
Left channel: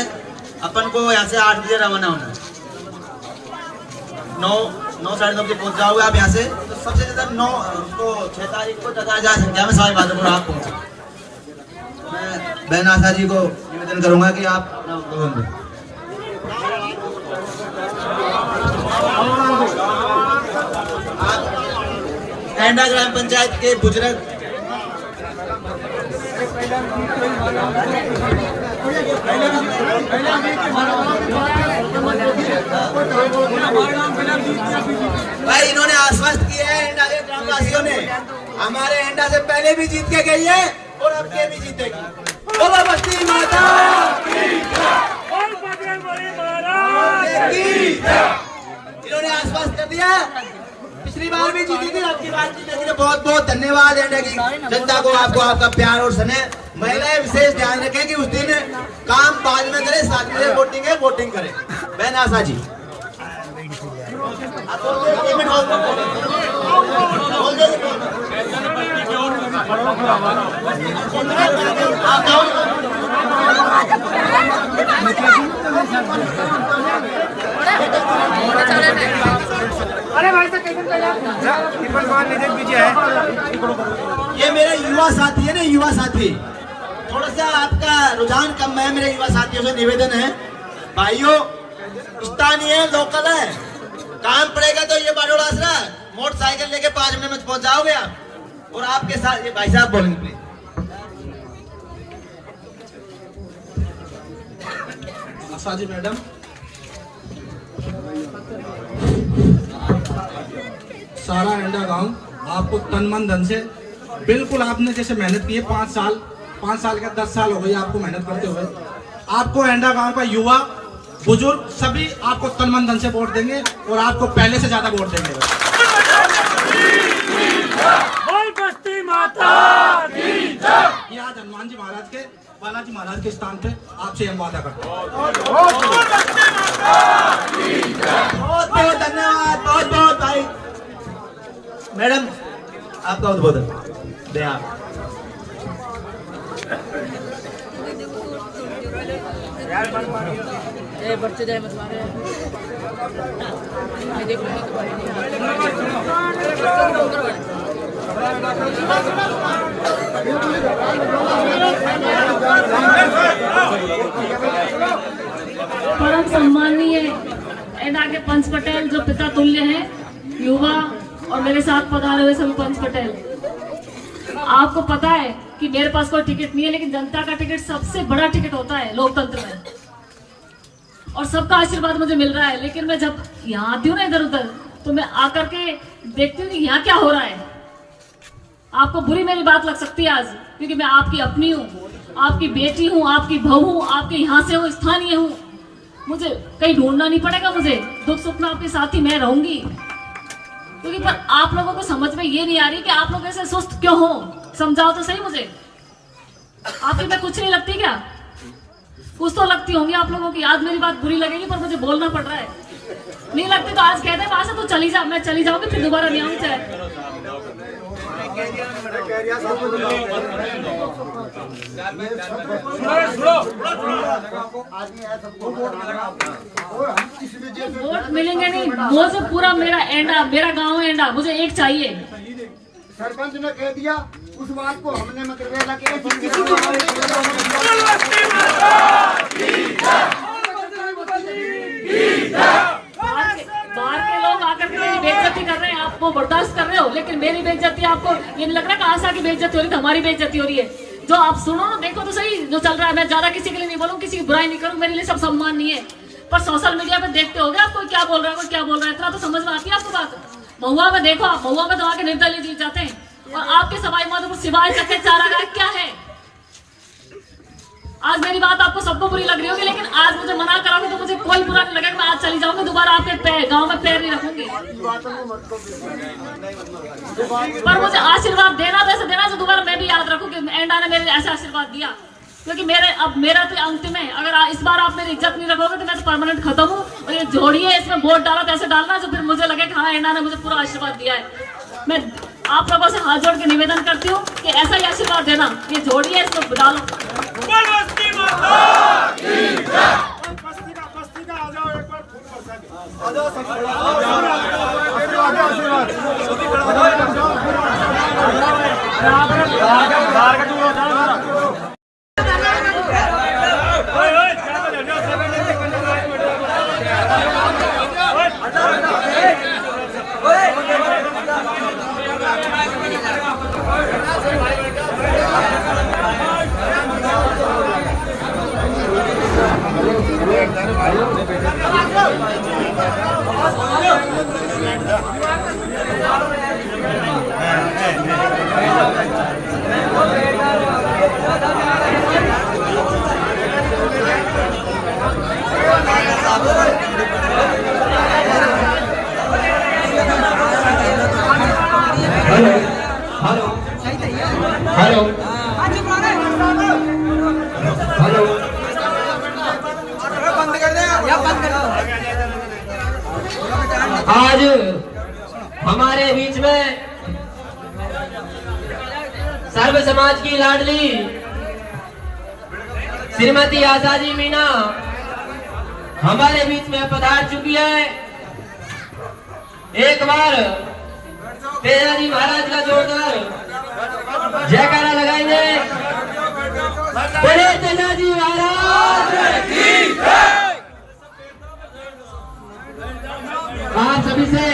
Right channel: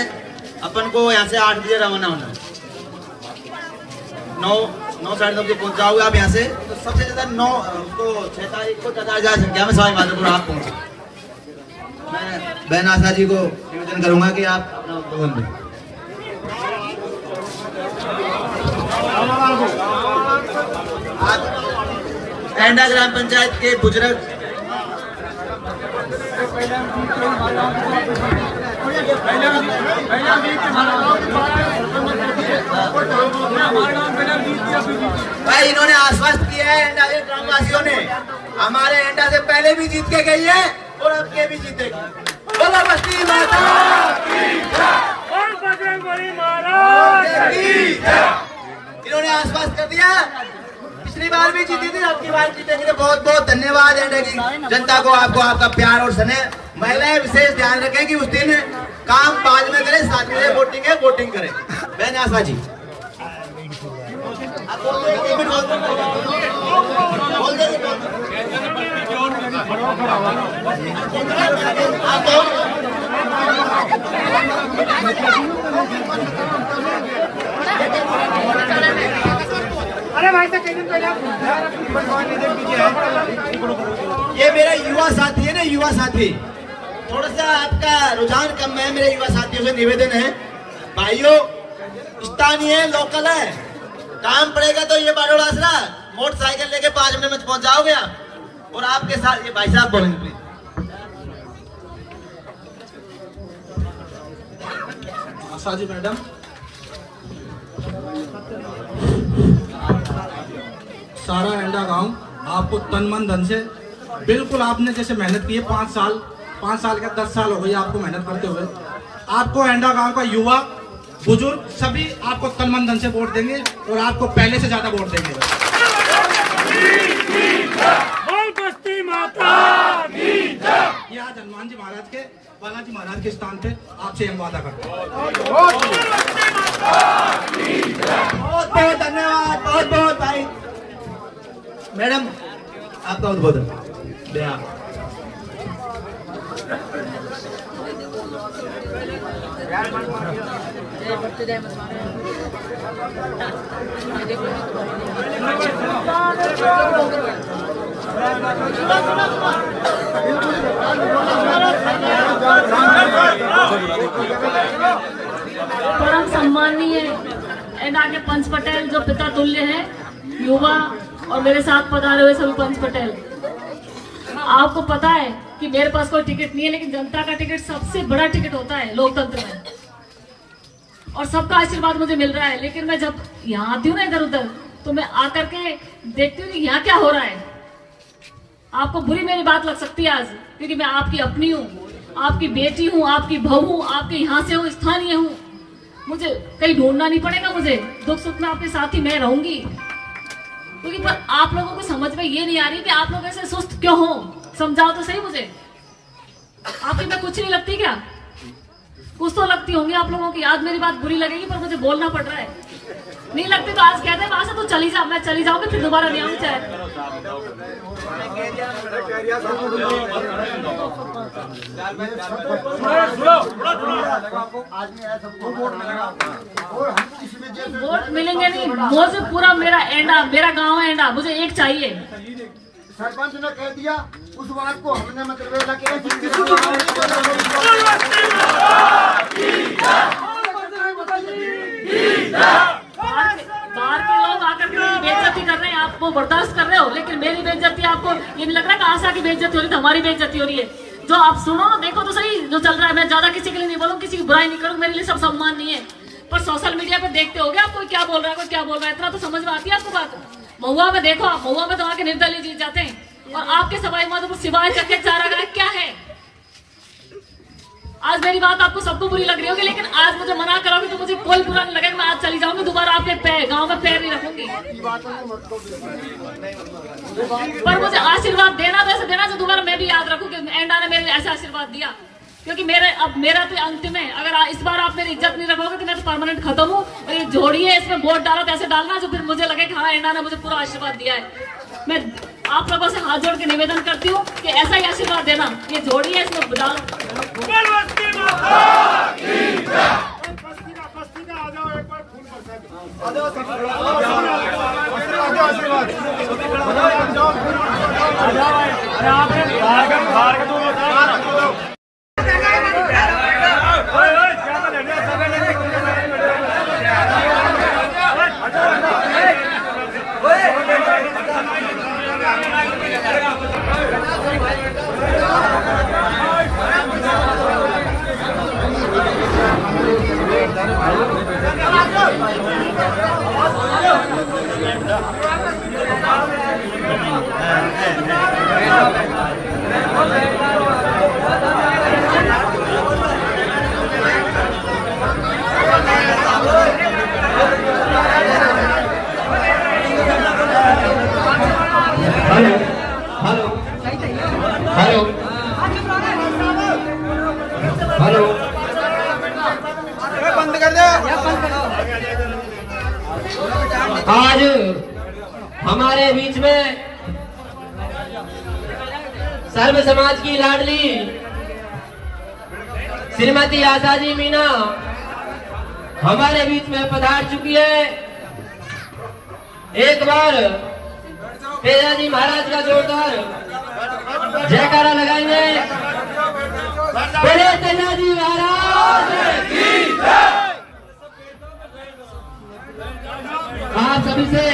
अपन को यहाँ से 8 बजे रवाना होना है। 9 साढ़े 9 बजे पहुंच जाओगे आप यहाँ से, तो सबसे ज्यादा 9 तो 6 तारीख को 10,000 संख्या में 12:30 आप पहुंचे। मैं बहन आशा जी को निवेदन करूंगा कि आप अपना उद्बोधन दें। एंडा ग्राम पंचायत के बुजुर्ग भाई, इन्होंने आश्वस्त किया है एंडा के ग्रामवासियों ने, हमारे एंडा से पहले भी जीत के गई है और अब के भी जीतेगी। बोलो बस्ती माता की जय। इन्होंने आश्वस्त कर दिया, पिछली बार भी जीती थी, अब की बार जीतेगी। तो बहुत बहुत धन्यवाद एंडा की जनता को, आपको आपका प्यार और स्नेह। महिलाएं विशेष ध्यान रखें कि उस दिन काम बाद में करें, साथ में वोटिंग है, वोटिंग करें। बहन आशा जी आप बोल दो, 1 मिनट बोल दो। अरे भाई साहब, ये मेरा युवा साथी है ना, युवा साथी, थोड़ा सा आपका रुझान कम है। मेरे युवा साथियों से निवेदन है, भाइयों स्थानीय है, लोकल है, काम पड़ेगा तो ये बारोड़ आसरा मोटरसाइकिल लेके 5 मिनट में पहुंच जाओगे आप। और आपके साथ ये भाई साहब बोलेंगे प्लीज। आशा जी मैडम, सारा एंडा गांव आपको तन मन धन से, बिल्कुल आपने जैसे मेहनत की है 5 साल क्या 10 साल हो गई आपको मेहनत करते हुए। आपको एंडा गांव का युवा बुजुर्ग सभी आपको तन मन धन से वोट देंगे और आपको पहले से ज्यादा वोट देंगे। माता की जय। ये आज हनुमान जी महाराज के, बालाजी महाराज के स्थान पे आपसे हम वादा करते हैं। बहुत बहुत धन्यवाद, बहुत बहुत भाई। मैडम आपका उद्बोधन दे आप। परम सम्मानीय एनडा के पंच पटेल जो पिता तुल्य हैं, युवा और मेरे साथ पधारे हुए सभी पंच पटेल, आपको पता है कि मेरे पास कोई टिकट नहीं है, लेकिन जनता का टिकट सबसे बड़ा टिकट होता है लोकतंत्र में, और सबका आशीर्वाद मुझे मिल रहा है। लेकिन मैं जब यहाँ आती हूँ ना इधर उधर, तो मैं आकर के देखती हूँ यहाँ क्या हो रहा है। आपको बुरी मेरी बात लग सकती है आज, क्योंकि मैं आपकी अपनी हूँ, आपकी बेटी हूँ, आपकी बहू हूँ, आपके यहाँ से हूँ, स्थानीय हूँ। मुझे कहीं ढूंढना नहीं पड़ेगा, मुझे दुख सुख में आपके साथ ही मैं रहूंगी। क्योंकि पर आप लोगों को समझ में ये नहीं आ रही कि आप लोग ऐसे सुस्त क्यों हो। समझाओ तो सही मुझे, आपकी मैं कुछ नहीं लगती क्या? कुछ तो लगती होंगी आप लोगों की। आज मेरी बात बुरी लगेगी पर मुझे बोलना पड़ रहा है। नहीं लगती तो आज कहते हैं वहां से तो चली जा, मैं चली जाऊंगी, फिर दोबारा नहीं आऊंगी। चाहे वोट मिलेंगे नहीं, मुझे पूरा मेरा एंडा, मेरा गांव है एंडा, मुझे एक चाहिए। सरपंच ने कह दिया उस बात को हमने मतलब बाहर के लोग आकर के मेरी बेइज्जती कर रहे हैं, आप वो बर्दाश्त कर रहे हो, लेकिन मेरी बेइज्जती आपको ये नहीं लग रहा कि आशा की बेइज्जती हो रही है, हमारी बेइज्जती हो रही है। जो आप सुनो ना, देखो तो सही जो चल रहा है। मैं ज्यादा किसी के लिए नहीं बोलूँ, किसी की बुराई नहीं करूँ, मेरे लिए सब सम्मान नहीं है। पर सोशल मीडिया पे देखते हो आप कोई क्या बोल रहा है, कोई क्या बोल रहा है, इतना तो समझ में आती है आपको बात। महुआ में देखो, आप महुआ में तो आके निर्दलीय जीत जाते हैं, और आपके सवाई माधोपुर सिवाय चके चारा गाय क्या है। आज मेरी बात आपको सबको बुरी लग रही होगी, लेकिन आज मुझे मना करोगे तो मुझे कोई बुरा नहीं लगेगा। मैं आज चली जाऊंगी, दोबारा आपके गांव में पैर नहीं रखूंगी। पर मुझे आशीर्वाद देना वैसे देना से दोबारा मैं भी याद रखूंगी एंडा ने मेरे ऐसा आशीर्वाद दिया, क्योंकि मेरा तो अंतिम है। अगर इस बार आप मेरी इज्जत नहीं रखोगे तो मैं तो परमानेंट खत्म हूँ। और ये जोड़ी है, इसमें वोट डाला तो ऐसे डालना जो फिर मुझे लगे कि हाँ एंडा ने मुझे पूरा आशीर्वाद दिया है। मैं आप लोगों से हाथ जोड़ के निवेदन करती हूँ कि ऐसा ही आशीर्वाद देना। ये जोड़ी है, इसमें डालो। आज हमारे बीच में सर्व समाज की लाडली श्रीमती आशा जी मीना हमारे बीच में पधार चुकी है। एक बार तेजाजी महाराज का जोरदार जयकारा लगाएंगे। बोले तेजाजी महाराज की जय। आप सभी से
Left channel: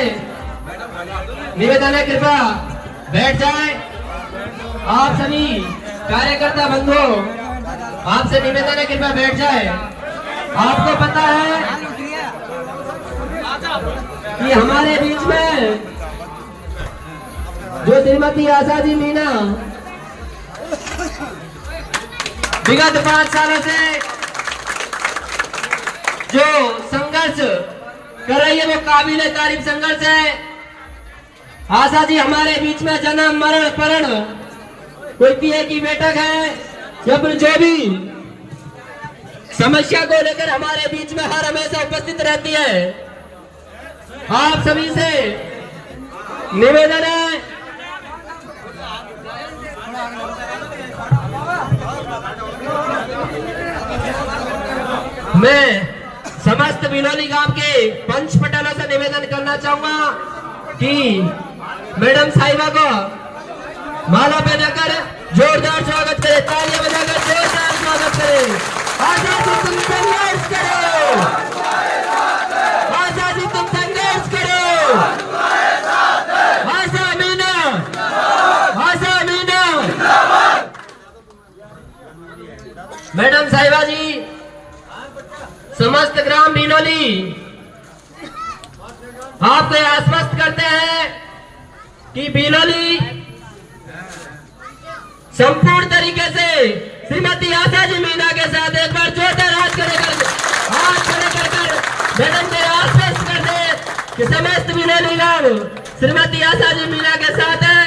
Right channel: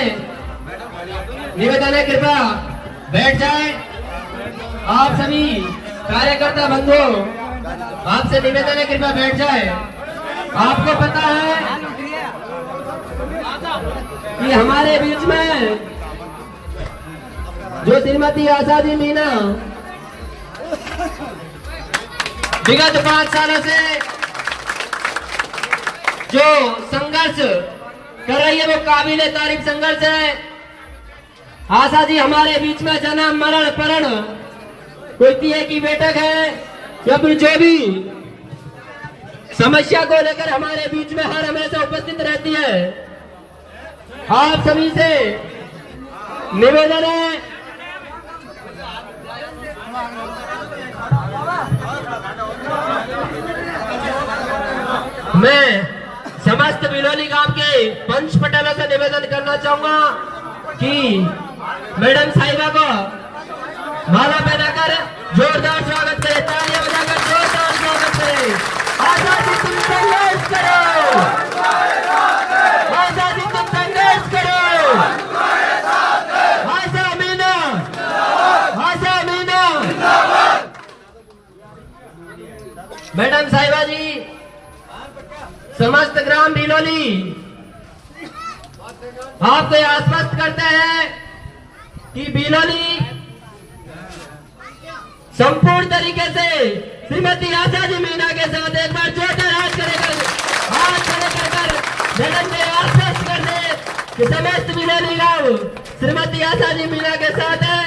निवेदन है, कृपया बैठ जाएं। आप सभी कार्यकर्ता बंधु, आपसे निवेदन है, कृपया बैठ जाएं। आपको पता है कि हमारे बीच में जो श्रीमती आशा जी मीना विगत 5 सालों से जो संघर्ष कर रही है वो काबिले तारीफ संघर्ष है। आशा जी हमारे बीच में जन्म मरण परण कोई पीए की बैठक है या फिर जो भी समस्या को लेकर हमारे बीच में हर हमेशा उपस्थित रहती है, आप सभी से निवेदन है मैं समस्त बिलोली गांव के पंच पटेलों से निवेदन करना चाहूंगा कि मैडम साहिबा को माला पहनाकर जोरदार स्वागत करें, तालियां बजाकर जोरदार स्वागत करें। आजादी तुम संघर्ष करो, आजादी तुम संघर्ष करो। आशा मीना, आशा मीना। मैडम साहिबा जी समस्त ग्राम बिलोली आपको आश्वस्त करते हैं कि बिलोली संपूर्ण तरीके से श्रीमती आशा जी मीना के साथ एक बार जोरदार हाथ खड़े कर मैडम को आश्वस्त कर दे कि समस्त बिलोली गांव श्रीमती आशा जी मीना के साथ है।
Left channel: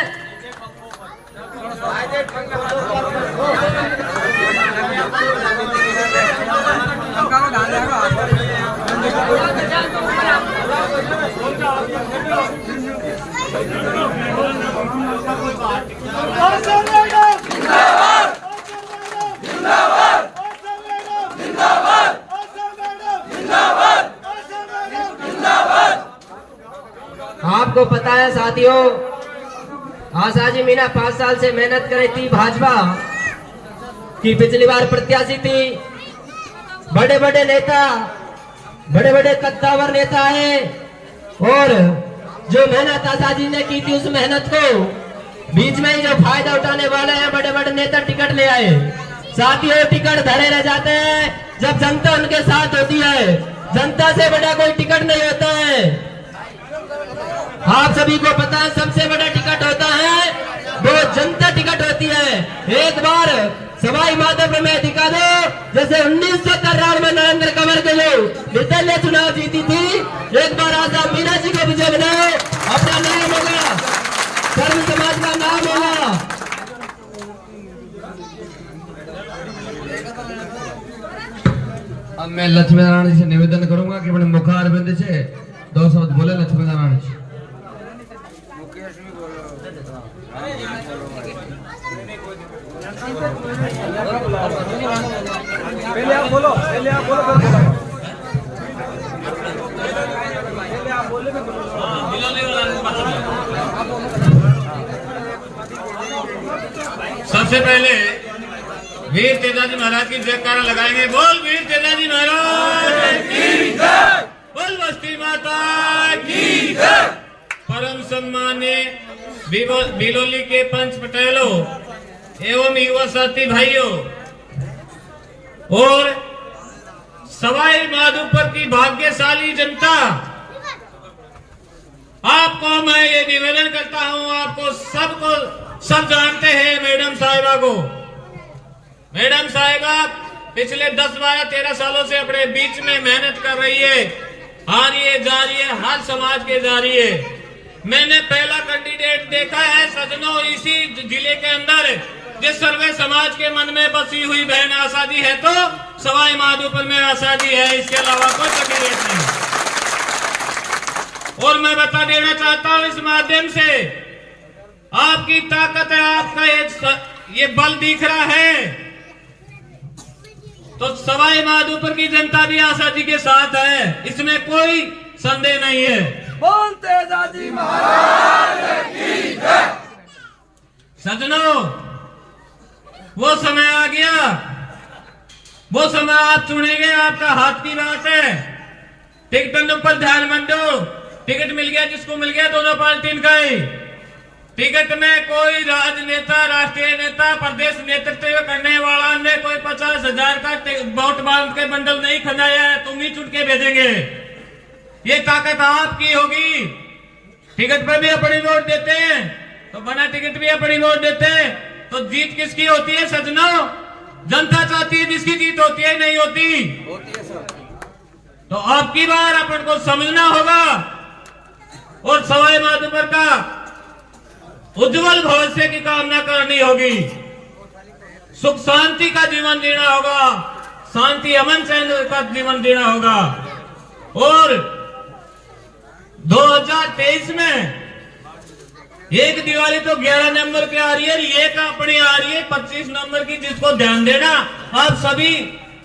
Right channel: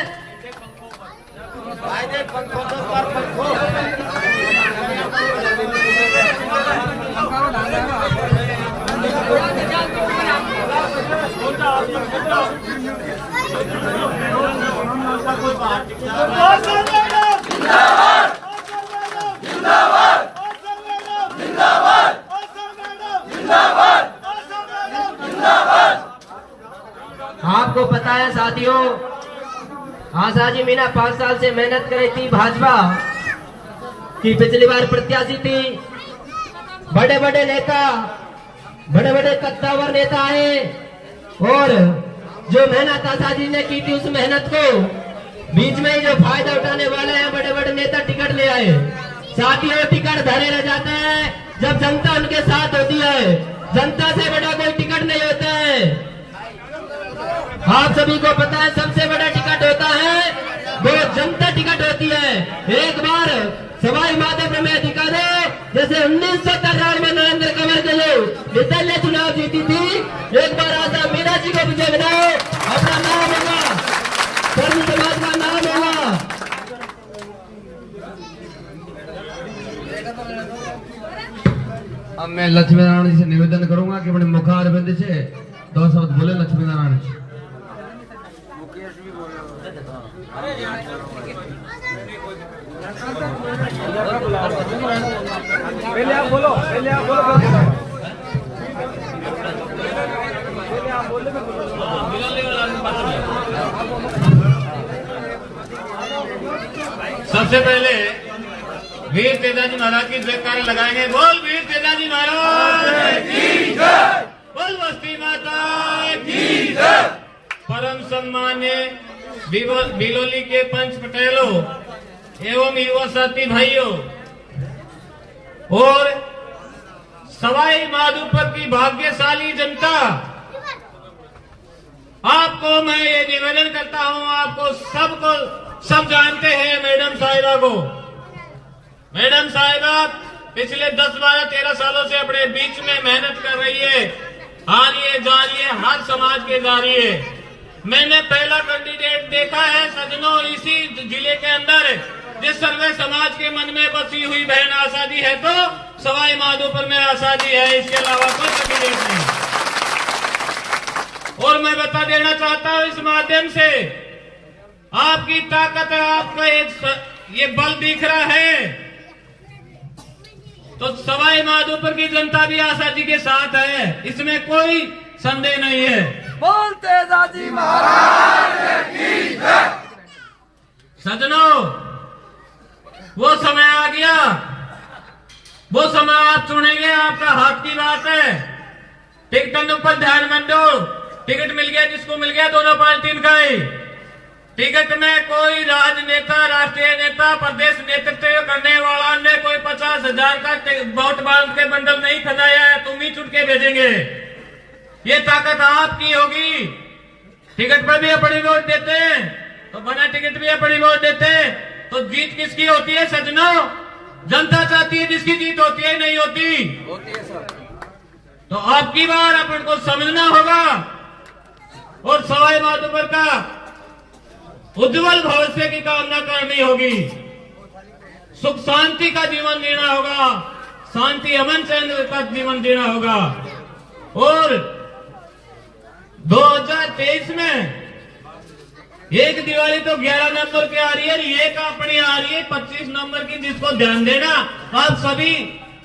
आपको पता है साथियों, आशा जी मीना 5 साल से मेहनत कर रही थी, भाजपा की पिछली बार प्रत्याशी थी। बड़े बड़े नेता, बड़े बड़े कद्दावर नेता है और जो मेहनत आशा जी ने की थी उस मेहनत को बीच में ही जो फायदा उठाने वाले हैं बड़े बड़े नेता टिकट ले आए। साथियों टिकट धरे रह जाते हैं जब जनता उनके साथ होती है, जनता से बड़ा कोई टिकट नहीं होता है। आप सभी को पता है सबसे बड़ा टिकट होता है वो जनता टिकट होती है। एक बार सवाई माधोपुर में दिखा दो जैसे 1993 में नरेंद्र कंवर के लोग निर्दलीय चुनाव जीती थी, एक बार आशा मीना जी को विजय बनाओ, अपना नाम होगा, सर्व समाज का नाम होगा। अब मैं लक्ष्मी नारायण जी से निवेदन करूंगा कि अपने मुखारबिंद से 2 शब्द बोले लक्ष्मी नारायण जी। पहले आप बोलो, पहले आप बोलो, फिर बोलो। पहले आप बोले, फिर बोलो। सबसे पहले वीर तेजाजी महाराज की जयकारा लगाएंगे। बोल वीर तेजाजी महाराज की जय, बोल बस्ती माता की जय। परम सम्मान्य बिलोली के पंच पटेलों एवं युवा साथी भाइयों और सवाई माधोपुर की भाग्यशाली जनता, आपको मैं ये निवेदन करता हूं, आपको सब जानते हैं मैडम साहिबा को। मैडम साहिबा पिछले 10, 12, 13 सालों से अपने बीच में मेहनत कर रही है, आ रही है, जा रही है, हर समाज के जा रही है। मैंने पहला कैंडिडेट देखा है सजनों इसी जिले के अंदर जिस सर्वे समाज के मन में बसी हुई बहन आशा जी है तो सवाई माधोपुर में आशा जी है, इसके अलावा कोई कैंडिडेट नहीं। और मैं बता देना चाहता हूं इस माध्यम से, आपकी ताकत है, आपका ये बल दिख रहा है तो सवाई माधोपुर की जनता भी आशा जी के साथ है, इसमें कोई संदेह नहीं है। बोल तेजाजी महाराज की जय। सजनों वो समय आ गया, वो समय आप चुनेंगे, आपका हाथ की बात है। टिकटों पर ध्यान मत दो, टिकट मिल गया जिसको मिल गया, दोनों पार्टी का ही। टिकट में कोई राजनेता, राष्ट्रीय नेता, प्रदेश नेतृत्व करने वाला ने कोई 50,000 का वोट बांध के बंडल नहीं खनाया है, तुम ही चुन के भेजेंगे। ये ताकत आपकी होगी। टिकट पर भी अपनी वोट देते हैं तो बिना टिकट भी अपनी वोट देते हैं तो जीत किसकी होती है सजनों? जनता चाहती है जिसकी जीत होती है, नहीं होती। तो आपकी बार अपन को समझना होगा। और सवाई माधोपुर का उज्जवल भविष्य की कामना करनी होगी, सुख शांति का जीवन जीना होगा, शांति अमन चैन का जीवन जीना होगा। और 2023 में एक दिवाली तो 11 नंबर की आ रही है, एक अपनी आ रही है 25 नंबर की, जिसको ध्यान देना आप सभी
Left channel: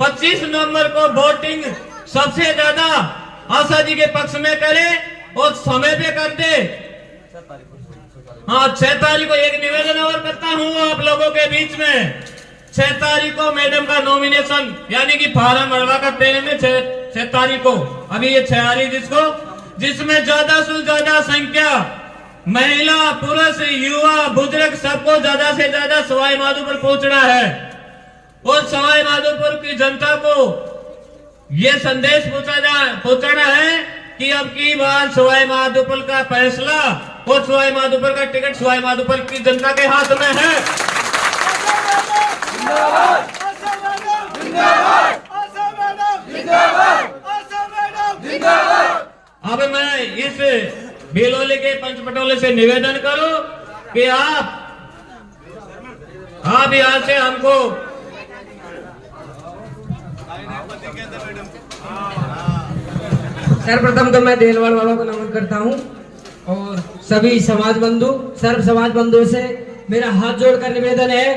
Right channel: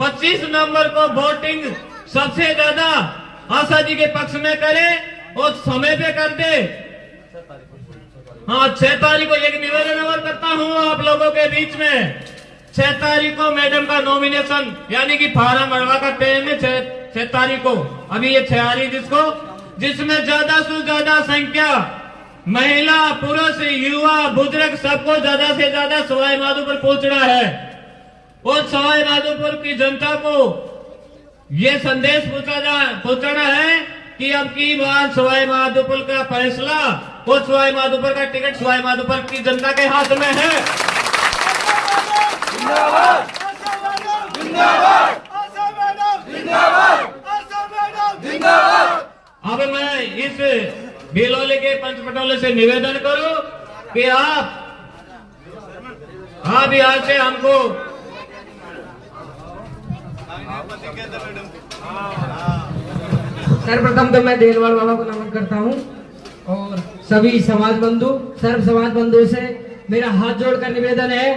25 नंबर को वोटिंग सबसे ज्यादा आशा जी के पक्ष में करें और समय पे कर दे। हाँ, 6 तारीख को एक निवेदन और करता हूँ आप लोगों के बीच में। 6 तारीख को मैडम का नॉमिनेशन यानी कि फार्म भरवा कर देंगे 6 तारीख को। अभी ये 6 आ रही जिसमें ज्यादा से ज्यादा संख्या महिला, पुरुष, युवा, बुजुर्ग सबको ज्यादा से ज्यादा सवाई माधोपुर पहुंचना है और सवाई माधोपुर की जनता को ये संदेश पहुंचाना है कि अब की बार सवाई माधोपुर का फैसला और सवाई माधोपुर का टिकट सवाई माधोपुर की जनता के हाथ में है। अब मैं इस बेलोले के पंचपटोले से निवेदन करूं कि आप यहाँ से हमको सर्वप्रथम तो मैं देलवाड़ वालों को नमन करता हूं और सभी समाज बंधु, सर्व समाज बंधु से मेरा हाथ जोड़कर निवेदन है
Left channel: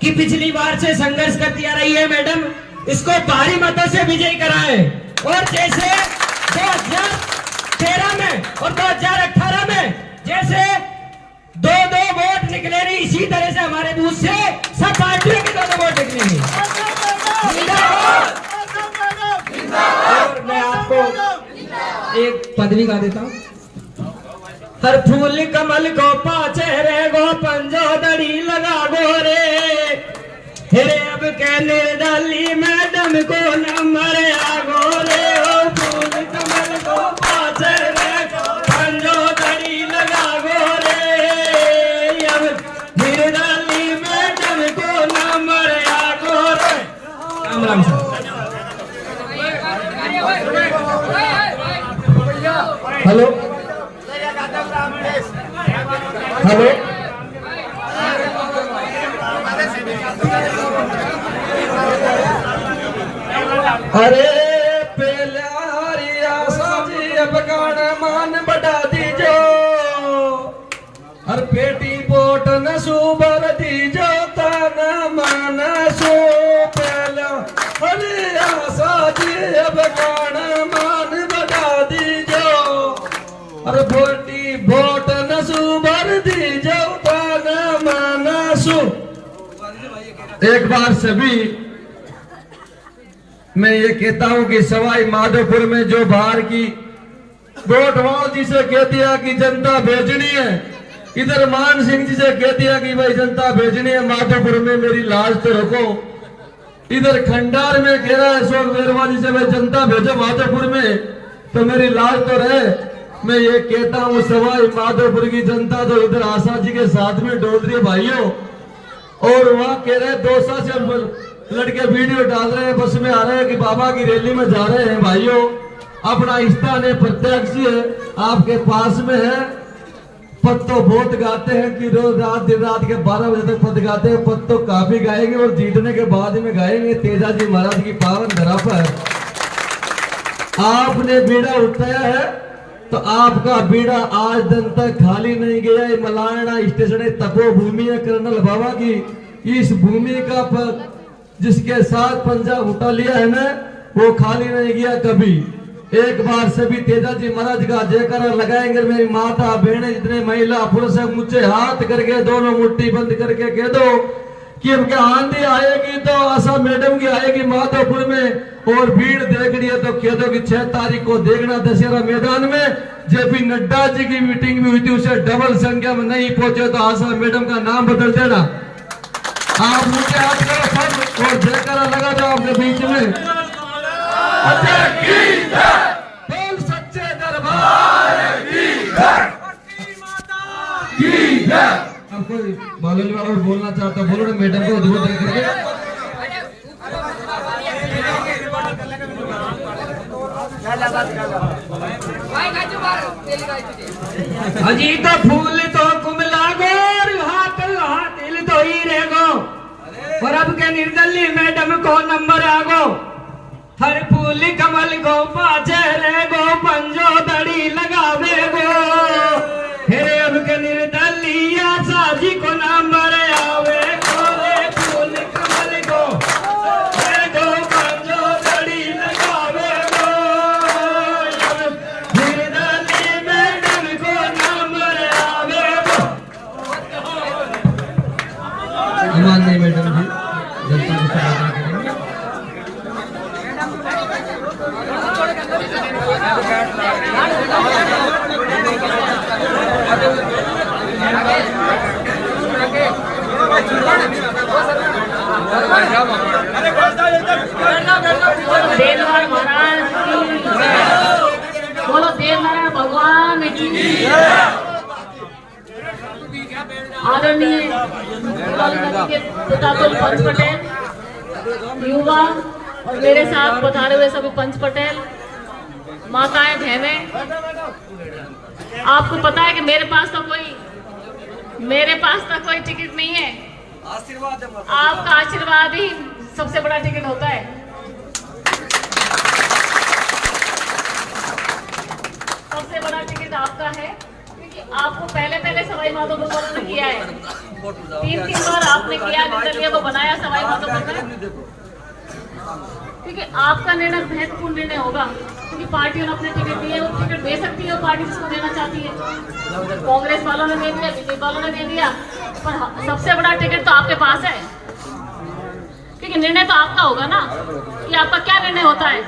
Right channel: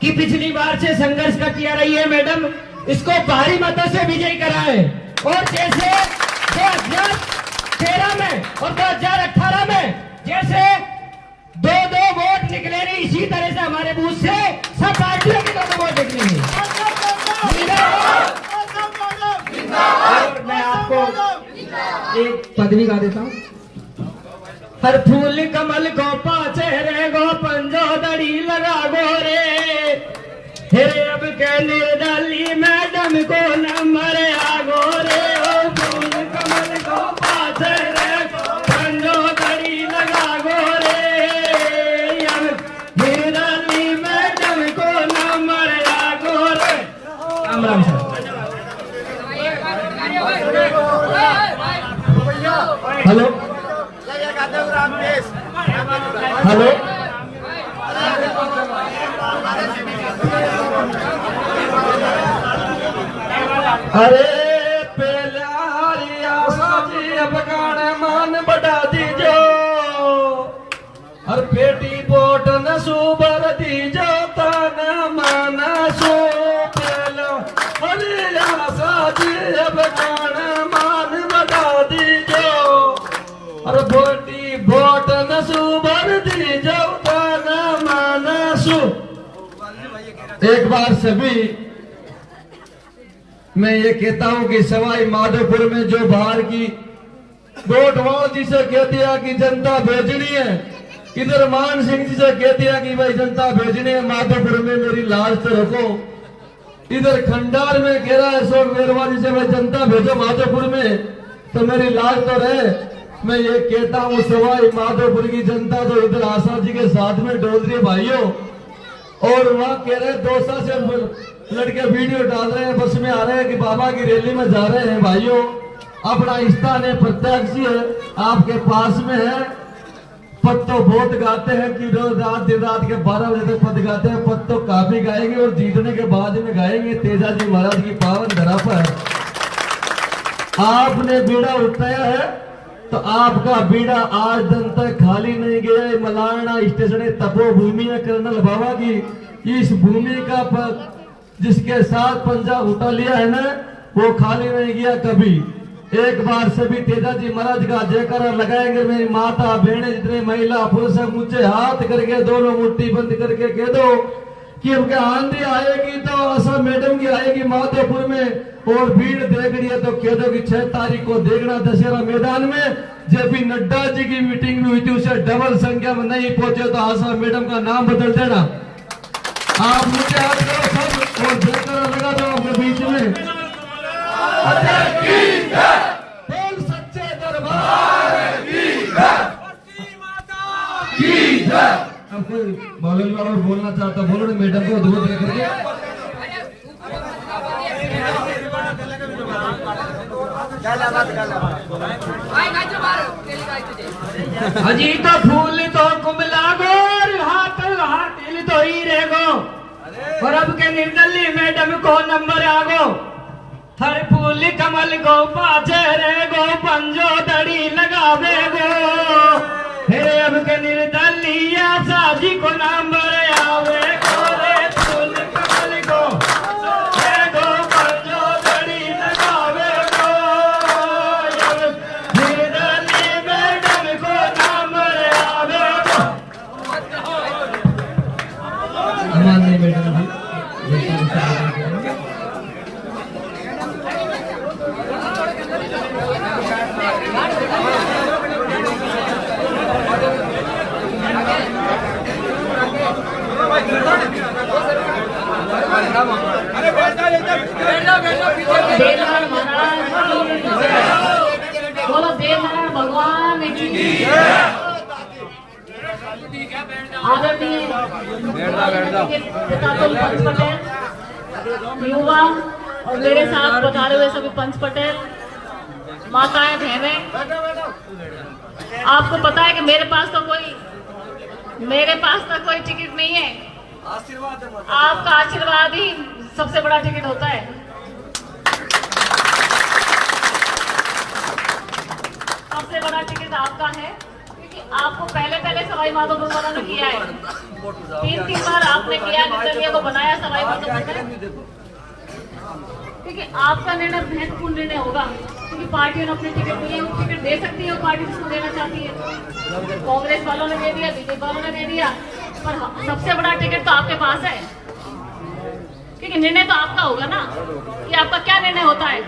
कि पिछली बार से संघर्ष करती आ रही है मैडम, इसको भारी मतों से विजयी कराए। और जैसे 2013 में और 2018 में जैसे 2-2 वोट निकले नहीं, इसी तरह से हमारे बूथ से सब पार्टियों के 2-2 वोट निकलेंगे। और मैं आपको एक पदवी गा देता हूँ। हर फूल कमल को पाचे रे गो पंजोदड़ी लगा गो रे, हेरे अब के निर्दली मैडम को नंबर आगो रे। ओ फूल कमल को पाचे रे गो पंजोदड़ी लगा गो रे, अब निर्दली मैडम को नंबर आगो रे। Ram Ram sir. Hello hello, अरे पहले हरिया साजी अब गाना मान बढ़ा दीजो और पेटी बोट न सुबर दीजो तन मन सो। पहला हरिया साजी अब गाना मान बढ़ा दीजो और बोटी बोट न सुबर दीजो तन मन सो। एक बार सभी मैं ये कहता हूं कि सवाई माधोपुर में जो बाहर की गोटवाल जी से कह दिया कि जनता भेजनी है, इधर मान सिंह जी से कह दिया कि भाई जनता भेजनी है माधोपुर में, मेरी लाज तो रखो। इधर खंडार में कह रहा है अशोक वेरवा जी से भाई जनता भेजो माधोपुर में, तो मेरी लाज तो रहे। मैं ये कहता हूँ सवाई माधोपुर की जनता तो इधर आशा जी के साथ में डोल रही है भाइयों, और वहाँ कह रहे दोसा से लड़के वीडियो डाल रहे हैं, बस में आ रहे हैं कि बाबा की रैली में जा रहे हैं। भाइयों, अपना स्थान है प्रत्यक्ष है, आपके पास में है। पद तो बहुत गाते हैं कि रोज रात दिन रात के 12 बजे तक पद गाते हैं, पद तो काफी गाएंगे और जीतने के बाद में गाएंगे। तेजाजी महाराज की पावन धरा पर आपने बीड़ा उठाया है तो आपका बीड़ा आज दिन तक खाली नहीं गया। मलारना स्टेशन तपोभूमि है कर्नल बाबा की, इस भूमि का जिसके साथ पंजाब उठा लिया है ना, वो खाली नहीं गया कभी। एक बार सभी तेजाजी महाराज का जयकारा लगाएंगे। मेरी माता बहने जितने महिला पुरुष ऊंचे हाथ करके दोनों मुट्ठी बंद करके कह दो कि अब क्या आंधी आएगी तो आशा मैडम की आएगी माधोपुर में, और भीड़ देख रही है तो कह दो कि 6 तारीख को देखना दशहरा मैदान में जब भी नड्डा जी की मीटिंग में हुई थी उसे डबल संख्या में नहीं पहुंचे तो आशा मैडम का नाम बदल देना। आप मुझे हाथ करो सब और जयकारा लगा दो आपके बीच में। बोल सच्चे दरबार की जय। अब कोई बालोली वाला बोलना चाहता है बोलो ना, मैडम को दूर करके। अजी तो फूल तो कुमला गो निर्दलीय मैडम को नंबर आगो हर फूल कमल गो पाछे रे गो पंजो दड़ी लगावे गो हे हमके निर्दलीय साजी को नंबर आवे गो रे फूल कमल गो रे गो पंजो दड़ी लगावे गो निर्दलीय मैडम को नंबर आवे गो। माननीय मैडम जी जनता को संबोधित करेंगे। देवनारायण महाराज की बोलो, देवनारायण भगवान की आदरणीय पिता पंच पटेल, युवा और मेरे साथ पधारे हुए सभी पंच पटेल, माताएं, बहनें, आपको पता है कि मेरे पास तो कोई टिकट नहीं है। आपका आशीर्वाद ही सबसे बड़ा टिकट होता है। सबसे बड़ा टिकट आपका है, क्योंकि आपको पहले सवाई माधोपुर वालों ने किया है। 3 बार आपने किया, निर्दलीय को बनाया सवाई माधोपुर में, क्योंकि आपका निर्णय महत्वपूर्ण निर्णय होगा। क्योंकि पार्टियों ने अपने टिकट दिए, वो टिकट दे सकती है वो पार्टी जिसको देना चाहती है। कांग्रेस वालों ने दे दिया, बीजेपी वालों ने दे दिया, पर सबसे बड़ा टिकट तो आपके पास है, क्योंकि निर्णय तो आपका होगा ना कि आपका क्या निर्णय होता है।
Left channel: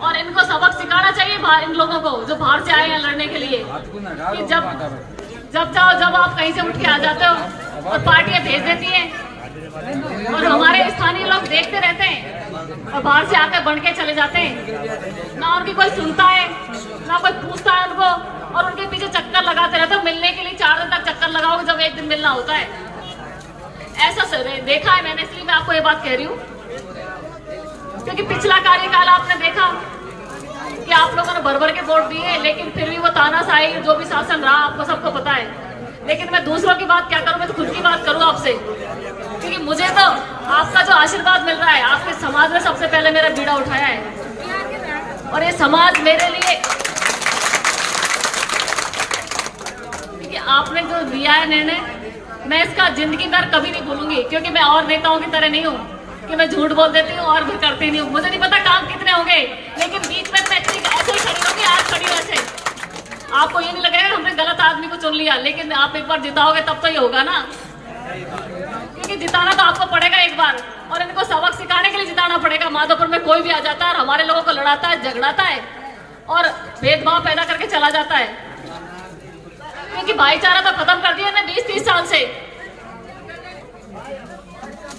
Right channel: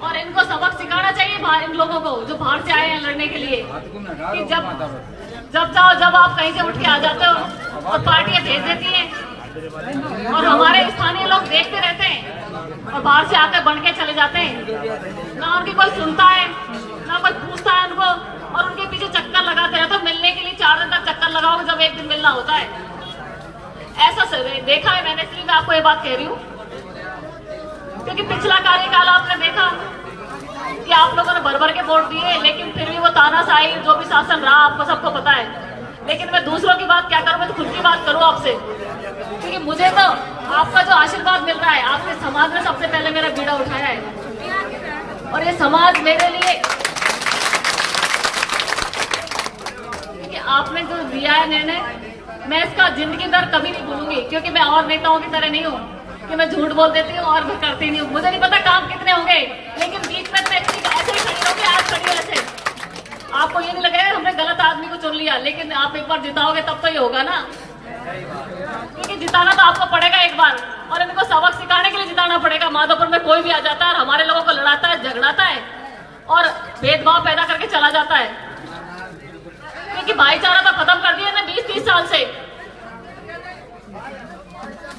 और इनको सबक सिखाना चाहिए इन लोगों को जो बाहर से आए हैं लड़ने के लिए, कि जब आप कहीं से उठ के आ जाते हो तो पार्टियां भेज देती हैं और हमारे स्थानीय लोग देखते रहते हैं और बाहर से आकर बन के चले जाते हैं। ना उनकी कोई सुनता है, ना कोई पूछता है उनको, और उनके पीछे चक्कर लगाते रहते हैं। मिलने के लिए 4 दिन तक चक्कर लगाओगे जब एक दिन मिलना होता है। ऐसा देखा है मैंने, इसलिए मैं आपको ये बात कह रही हूँ, क्योंकि पिछला कार्यकाल आपने देखा कि आप लोगों ने भर के वोट दिए, लेकिन फिर भी वो तानाशाही जो भी शासन रहा आपको सबको पता है। लेकिन मैं दूसरों की बात क्या करूं, मैं तो खुद की बात करूं आपसे, क्योंकि मुझे तो आपका जो आशीर्वाद मिल रहा है, आपके समाज में सबसे पहले मेरा बीड़ा उठाया है। और ये समाज मेरे लिए, क्योंकि आपने जो लिया है निर्णय, मैं इसका जिंदगी भर कभी नहीं भूलूंगी। क्योंकि मैं और नेताओं की तरह नहीं हूँ कि मैं झूठ बोल देती हूँ और भी करती नहीं हूँ। मुझे नहीं पता काम कितने होंगे, लेकिन बीच में मैं ऐसे ही खड़ी होगी, आज खड़ी ऐसे। आपको ये नहीं लगेगा हमने गलत आदमी को चुन लिया, लेकिन आप एक बार जिताओगे तब तो ये होगा ना, क्योंकि जिताना तो आपको पड़ेगा एक बार, और इनको सबक सिखाने के लिए जिताना पड़ेगा। माधोपुर में कोई भी आ जाता है और हमारे लोगों को लड़ाता है, झगड़ाता है और भेदभाव पैदा करके चला जाता है, क्योंकि भाईचारा तो खत्म कर दिया ना 20-30 साल से।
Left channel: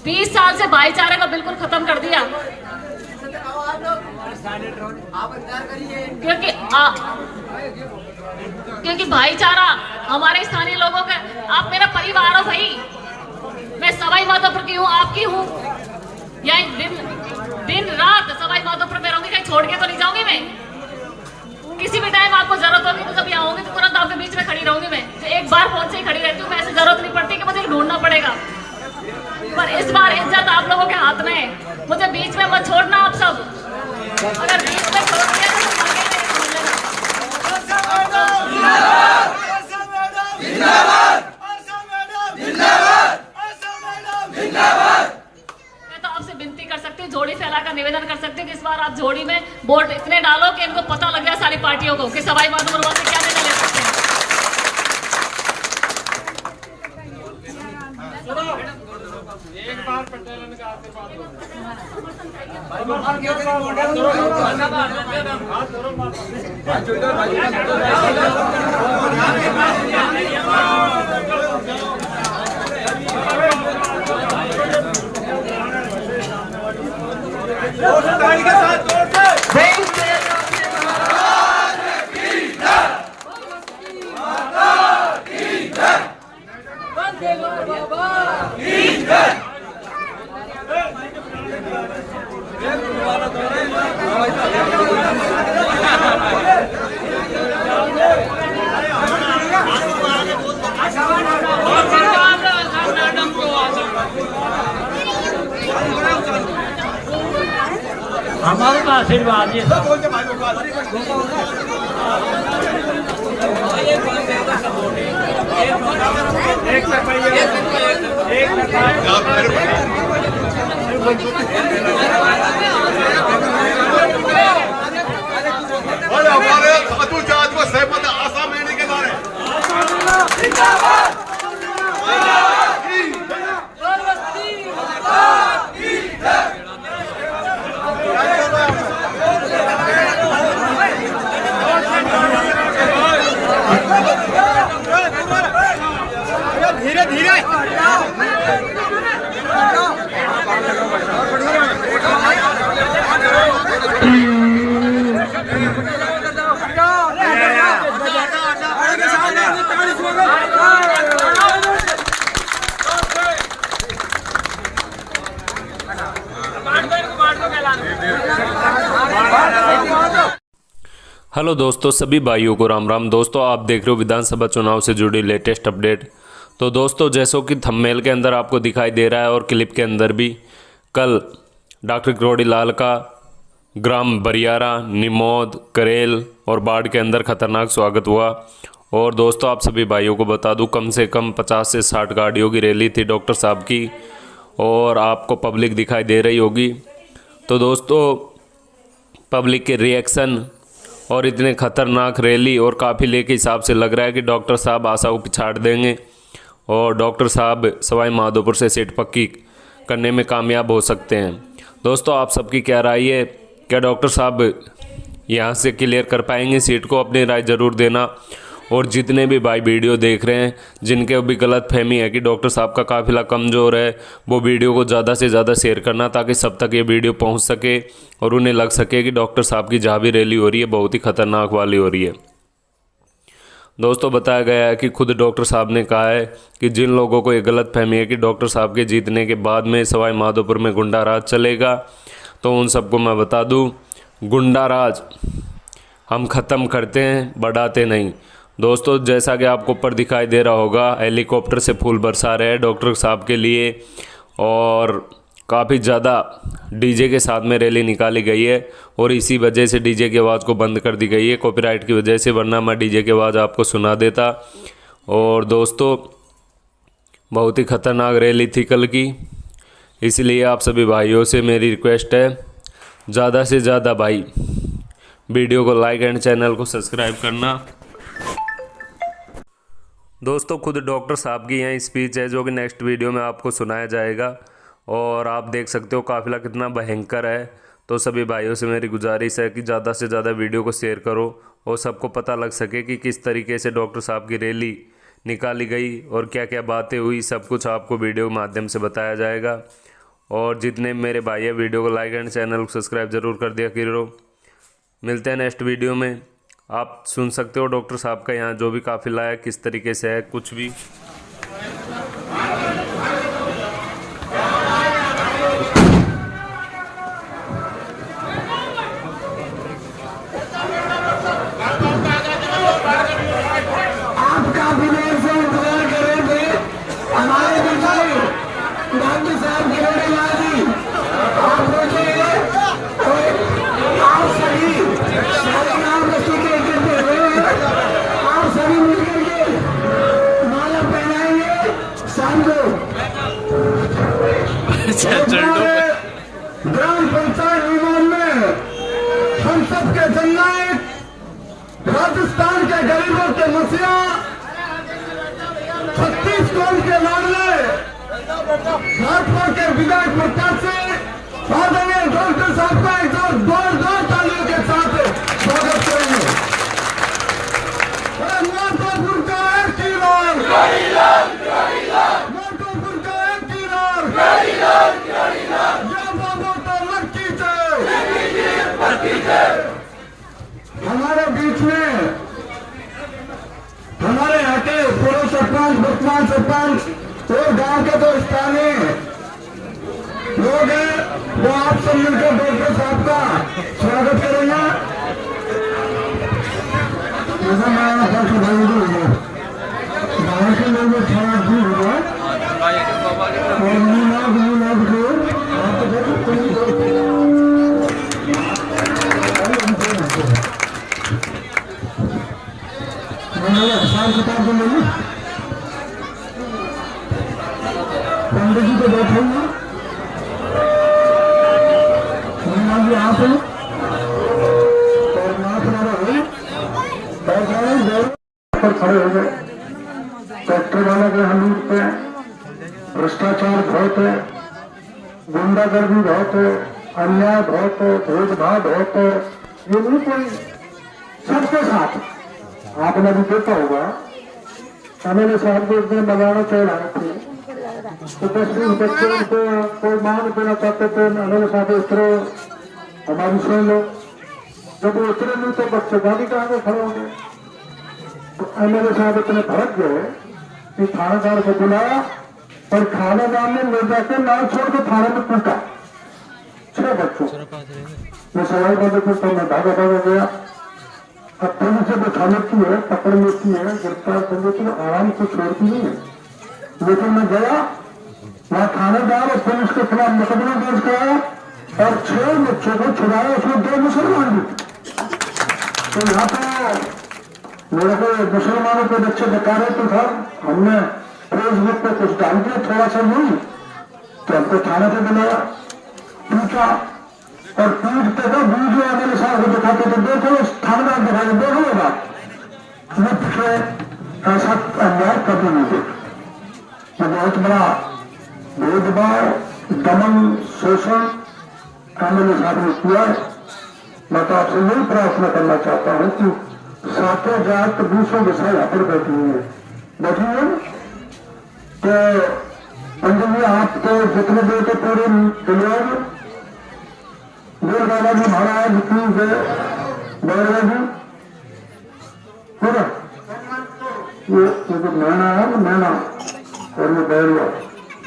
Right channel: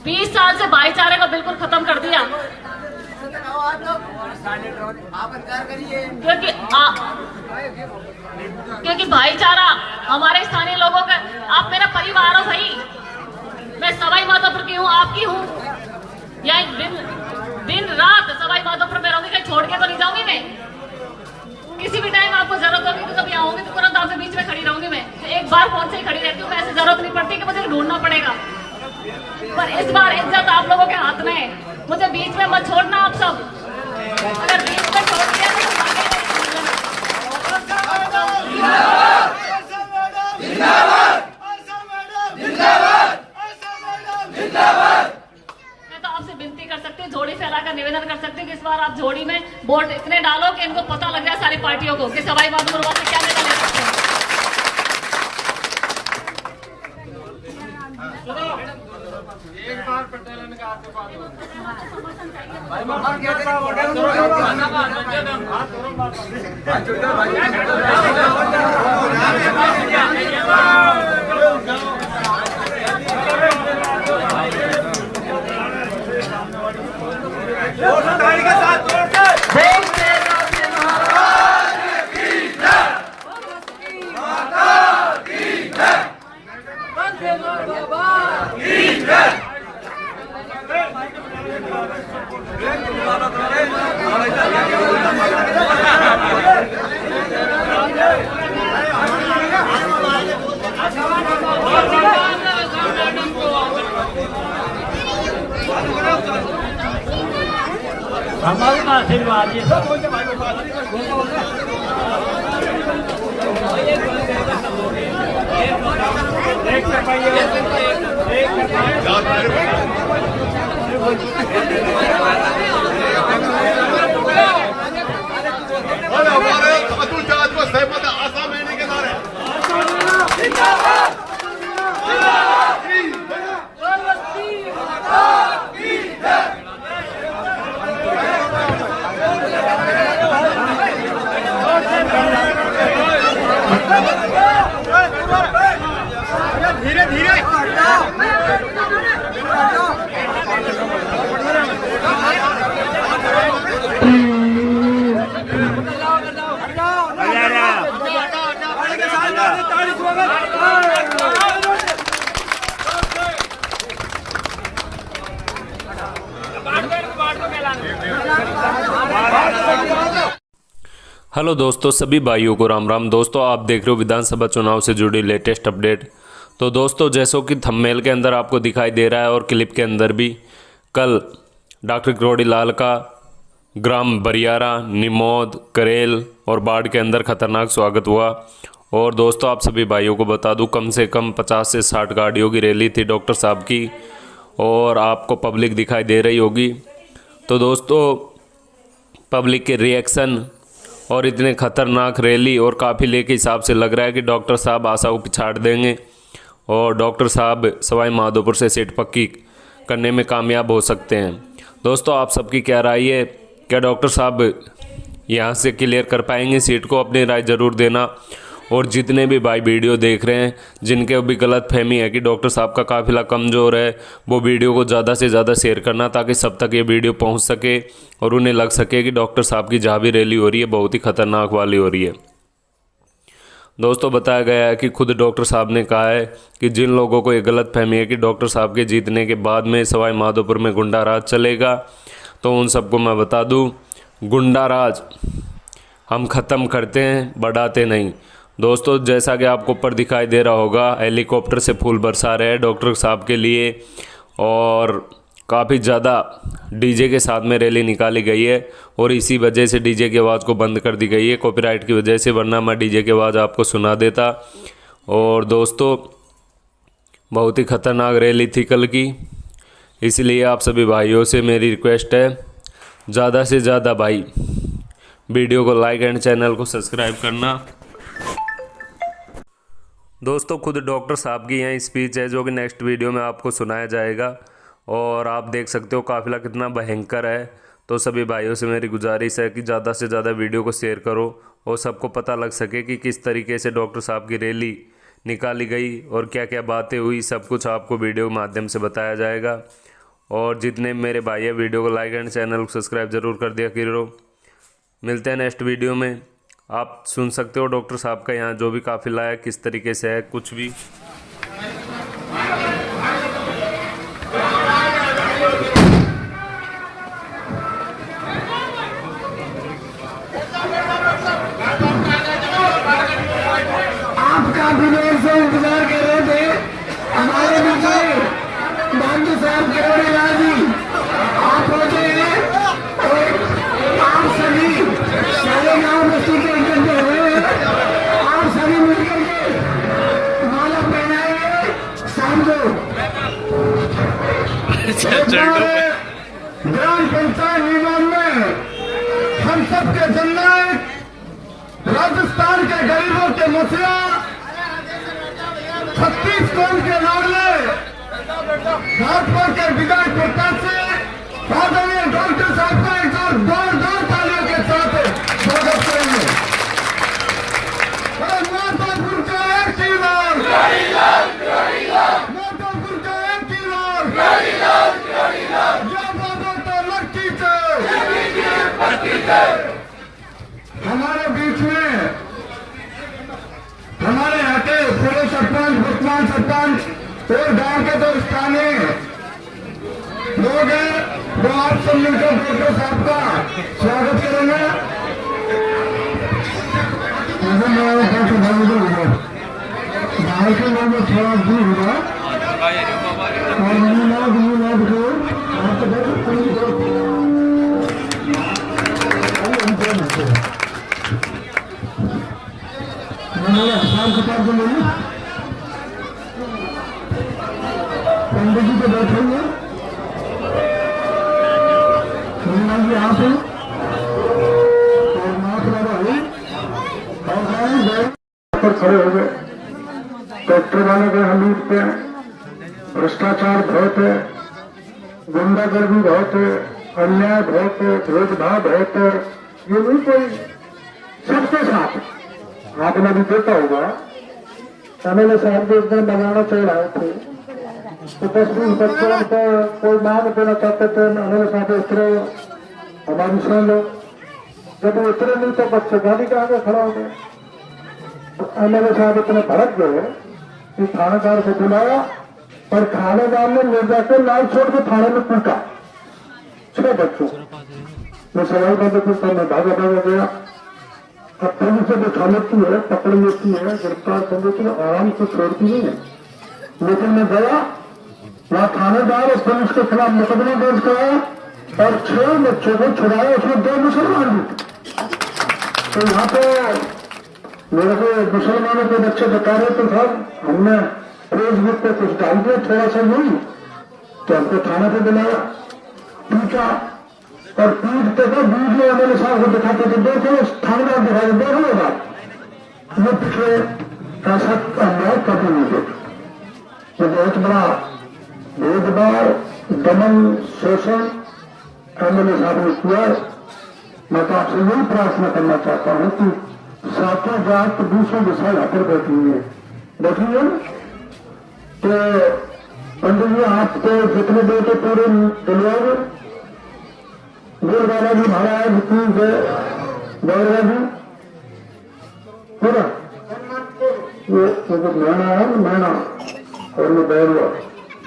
20 साल से भाईचारे को बिल्कुल खत्म कर दिया, क्योंकि भाईचारा हमारे स्थानीय लोगों का, आप मेरा परिवार हो भाई। मैं सवाई माधोपुर की हूँ, आपकी हूँ, या दिन रात सवाई माधोपुर में रहूंगी, कहीं छोड़ के तो नहीं जाऊंगी मैं। किसी भी टाइम आपको जरूरत होगी तो कभी आऊंगी तो तुरंत आपके बीच में खड़ी रहूंगी मैं। एक बार फोन से ही खड़ी रहती हूँ मैं, ऐसे जरूरत नहीं पड़ती कि मुझे ढूंढना पड़ेगा। पर इस बार इज्जत आप लोगों के हाथ में है, मुझे बीच में मत छोड़ना आप सब। अगर बीच में छोड़ दिया तो मैं तो आपसे विनती कर सकती हूँ, झोड़ी फैलाकर निवेदन कर सकती हूँ कि इस बार आप झोड़ी में वोट इतने डालो कि इनको पता लग जाए सारी पार्टियों को कि सवाई माधोपुर वाले क्या नेता ले सकते हैं। एक बार पटेल का आशीर्वाद आशीर्वाद आशीर्वाद ये अतुल जहाज को सहमत आशा महीने के नारे धीरे धीरे हेलो दोस्तों, सभी भाइयों को राम राम। दोस्तों, आप देख रहे हो विधानसभा चुनाव से जुड़ी लेटेस्ट अपडेट। तो दोस्तों, जैसो कि थंबनेल के अंदर आपको दिखाई दे रहा है और क्लिप के अंदर भी, कल डॉक्टर किरोड़ी लाल का ग्राम बरियारा, निमोद, करेल और बाढ़ के अंदर खतरनाक स्वागत हुआ। और दोस्तों, आप सभी भाइयों को बता दूं, कम से कम 50 से 60 गाड़ियों की रैली थी डॉक्टर साहब की, और आपको पब्लिक दिखाई दे रही होगी। तो दोस्तों, पब्लिक के रिएक्शन और इतने खतरनाक रैली और काफिले के हिसाब से लग रहा है कि डॉक्टर साहब आशा को पिछाड़ देंगे और डॉक्टर साहब सवाई माधोपुर से सीट पक्की करने में कामयाब हो सकते हैं। दोस्तों, आप सबकी क्या राय है? क्या डॉक्टर साहब यहाँ से क्लियर कर पाएंगे सीट को? अपनी राय ज़रूर देना। और जितने भी भाई वीडियो देख रहे हैं, जिनके भी गलत फहमी है कि डॉक्टर साहब का काफिला कमज़ोर है, वो वीडियो को ज़्यादा से ज़्यादा शेयर करना, ताकि सब तक ये वीडियो पहुंच सके और उन्हें लग सके कि डॉक्टर साहब की जहाँ भी रैली हो रही है बहुत ही खतरनाक वाली हो रही है। दोस्तों, बताया गया है कि खुद डॉक्टर साहब ने कहा है कि जिन लोगों को ये गलत फहमी है कि डॉक्टर साहब के जीतने के बाद में सवाई माधोपुर में गुंडा राज चलेगा, तो उन सबको मैं बता दूँ, गुंडा राज हम ख़त्म करते हैं, बढ़ाते नहीं। दोस्तों, जैसा कि आपको ऊपर दिखाई दे रहा होगा, हेलीकॉप्टर से फूल बरसा रहे हैं डॉक्टर साहब के लिए, और काफ़ी ज़्यादा डीजे के साथ में रैली निकाली गई है। और इसी वजह से डीजे की आवाज़ को बंद कर दी गई है, कॉपीराइट की वजह से, वरना मैं डीजे की आवाज़ आपको सुना देता। और दोस्तों, बहुत ही ख़तरनाक रैली थी कल की, इसलिए आप सभी भाइयों से मेरी रिक्वेस्ट है, ज़्यादा से ज़्यादा भाई वीडियो को लाइक एंड चैनल को सब्सक्राइब करना। दोस्तों, खुद डॉक्टर साहब की यहाँ स्पीच है जो कि नेक्स्ट वीडियो में आपको सुनाया जाएगा, और आप देख सकते हो काफिला कितना भयंकर है। तो सभी भाइयों से मेरी गुजारिश है कि ज़्यादा से ज़्यादा वीडियो को शेयर करो और सबको पता लग सके कि किस तरीके से डॉक्टर साहब की रैली निकाली गई और क्या क्या बातें हुई, सब कुछ आपको वीडियो के माध्यम से बताया जाएगा। और जितने मेरे भाई है, वीडियो को लाइक एंड चैनल को सब्सक्राइब ज़रूर कर दिया करो। मिलते हैं नेक्स्ट वीडियो में। आप सुन सकते हो डॉक्टर साहब का यहाँ जो भी काफिला है किस तरीके से है, कुछ भी। आपका विनय से इंतजार कर रहे थे हमारे विजय गांधी साहब किरोड़ी लाल जी, आप पहुंचे और आप सभी सारे नाम रस्सी के इकट्ठे हुए, आप सभी मिलकर के माला पहनाएंगे शाम को। ग्राम पंचायत निगम में हम सबके जननायक, राजस्थान के गरीबों के मसीहा, छत्तीसगढ़ के लाडले, भाजपा के विधायक प्रत्याशी आदरणीय डॉक्टर साहब का एक बार जोरदार तालियों के साथ स्वागत करेंगे। माधोपुर का एक कीलाल, माधोपुर का एक कीलाल, या बाबा तो लक्की हमारे बीच में हमारे यहाँ के पूर्व सरपंच, वर्तमान सरपंच और गांव के तो स्थानीय लोग हैं, वो आप सब मिलकर डॉक्टर साहब का स्वागत करेंगे। बाहर के लोग थोड़ा दूर होगा और लोग आप पंडित जी तो बैठे हुए जी आप हैं और माता पर खड़े हो गए। ट्रैक्टर वाले के हम लूटते हैं, भ्रष्टाचार बहुत है, गुंडागर्दी बहुत है, अन्याय बहुत है, भेदभाव बहुत है। ये नहीं कोई सबके साथ आपने भी देखा होगा। एमएलए साहब जो एक दिन बनाना चल रहे थे तो बच्चों का कोई मान देना चाहते थे। एमएलए साहब उतरे, हमारी सुन लो। जब वो उतरे नहीं तो बच्चे गाड़ी के आगे खड़ा हो गए। तो एमएलए साहब इतने भड़क गए कि थानेदार को बुलाया और थानेदार ने ले जाकर लाल छोड़ के थाने में पीटा 6 बच्चों। मैं सवाल बंद करता मैं भागा गया। अब पुलिस से बैठा लेती है, पकड़ लेती है, गिरफ्तार कर लेती है, आराम से छोड़ती नहीं है। लेकिन मैं गया वहाँ थानेदार और पुलिस के खिलाफ मुकदमा दर्ज कराया और 6 बच्चों को छुड़ाया, उसमें 2 मुसलमान भी। तो यहाँ तो मेरे को मुसलमानों के बच्चे बता रहे थे साहब हमने फेसबुक पे कुछ डाल दिया थोड़ा सा नहीं, तो हमको थाना पे बुलाया, पीटा और पीटते थे। वीडियो मेरे साहब को दिखाते थे, देखो थानेदार दिखाई देखो होगा ये पिछले ऐसा अन्याय कभी नहीं देखा। ये बहुत बड़ा भेदभाव, दमन, शोषण एमएलए साहब ने किया। मैं तो आपसे यही प्रार्थना करना चाहता हूँ कि 7 जात 200 विषय यहाँ पर बैठी हुई है, बैठी है तो पंडित जी आप तो जितने देर के पूरे दिलवाओगे गोल बाबा जी महाराज की जय, बैरवा जी पूरा ये जो मैना है मैना और ये बैरवा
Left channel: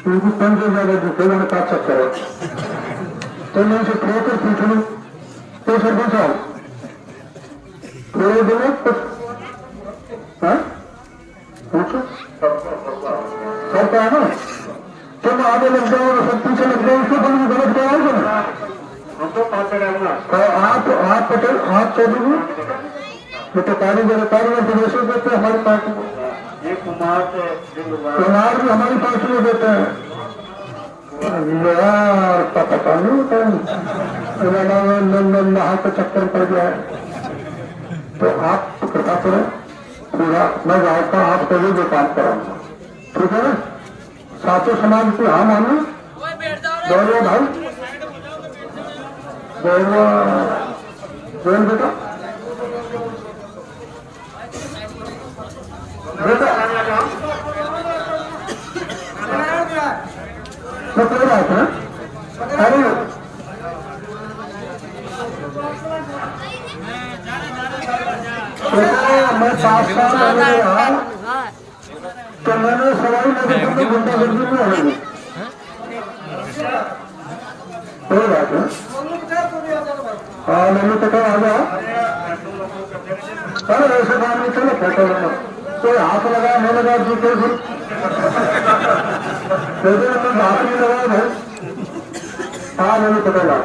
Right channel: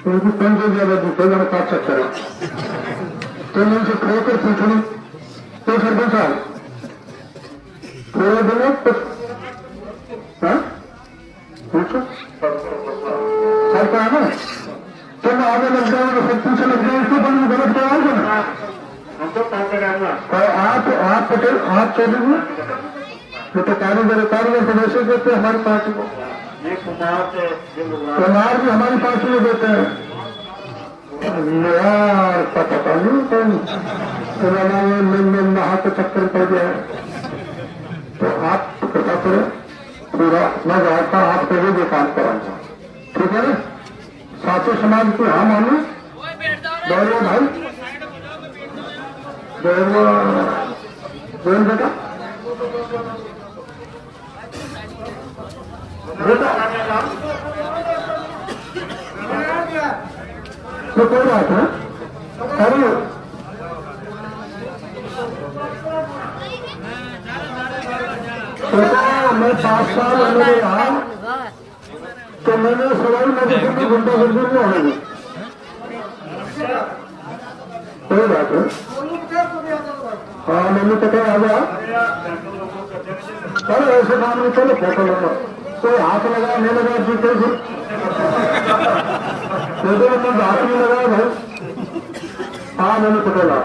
उनकी 5 ज्यादा दूसरे में काट सकता है। तो मैं इनसे खो कर पूछ लूँ तो सरपंच साहब थोड़ा देना पूछो करता है ना। तो मैं आगे लग जाऊंगा, सब पीछे लग जाए, इसको तुम गलत कराओगे ना। आप पटेल आप चलिए ये तो कारीगर प्रवेश देते हैं हमारी पार्टी को, कुमार भी हमारी पार्टी में देते हैं। यार पता नहीं नहा के चक्कर पड़ गया है। तो आप कृपा करें पूरा मैं जानता आप कभी जो काम कराऊंगा, ठीक है ना। सातों समाज के हाँ मानो गौरव भाई बोल बेटा तो कोई बात है। अरे मैं 7 साल मेरे रहा तो मैंने सवाल मधुपुर की गुंडागर्दी में होगी। कोई बात है। हाँ मैंने पता आ जाओ। अरे ऐसे काम में चलो फोटो लो, कोई हाथ लगाया नहीं लगाया जूते से मैंने हाथ नहीं लगाया भाई। हाँ मैंने पता लगा।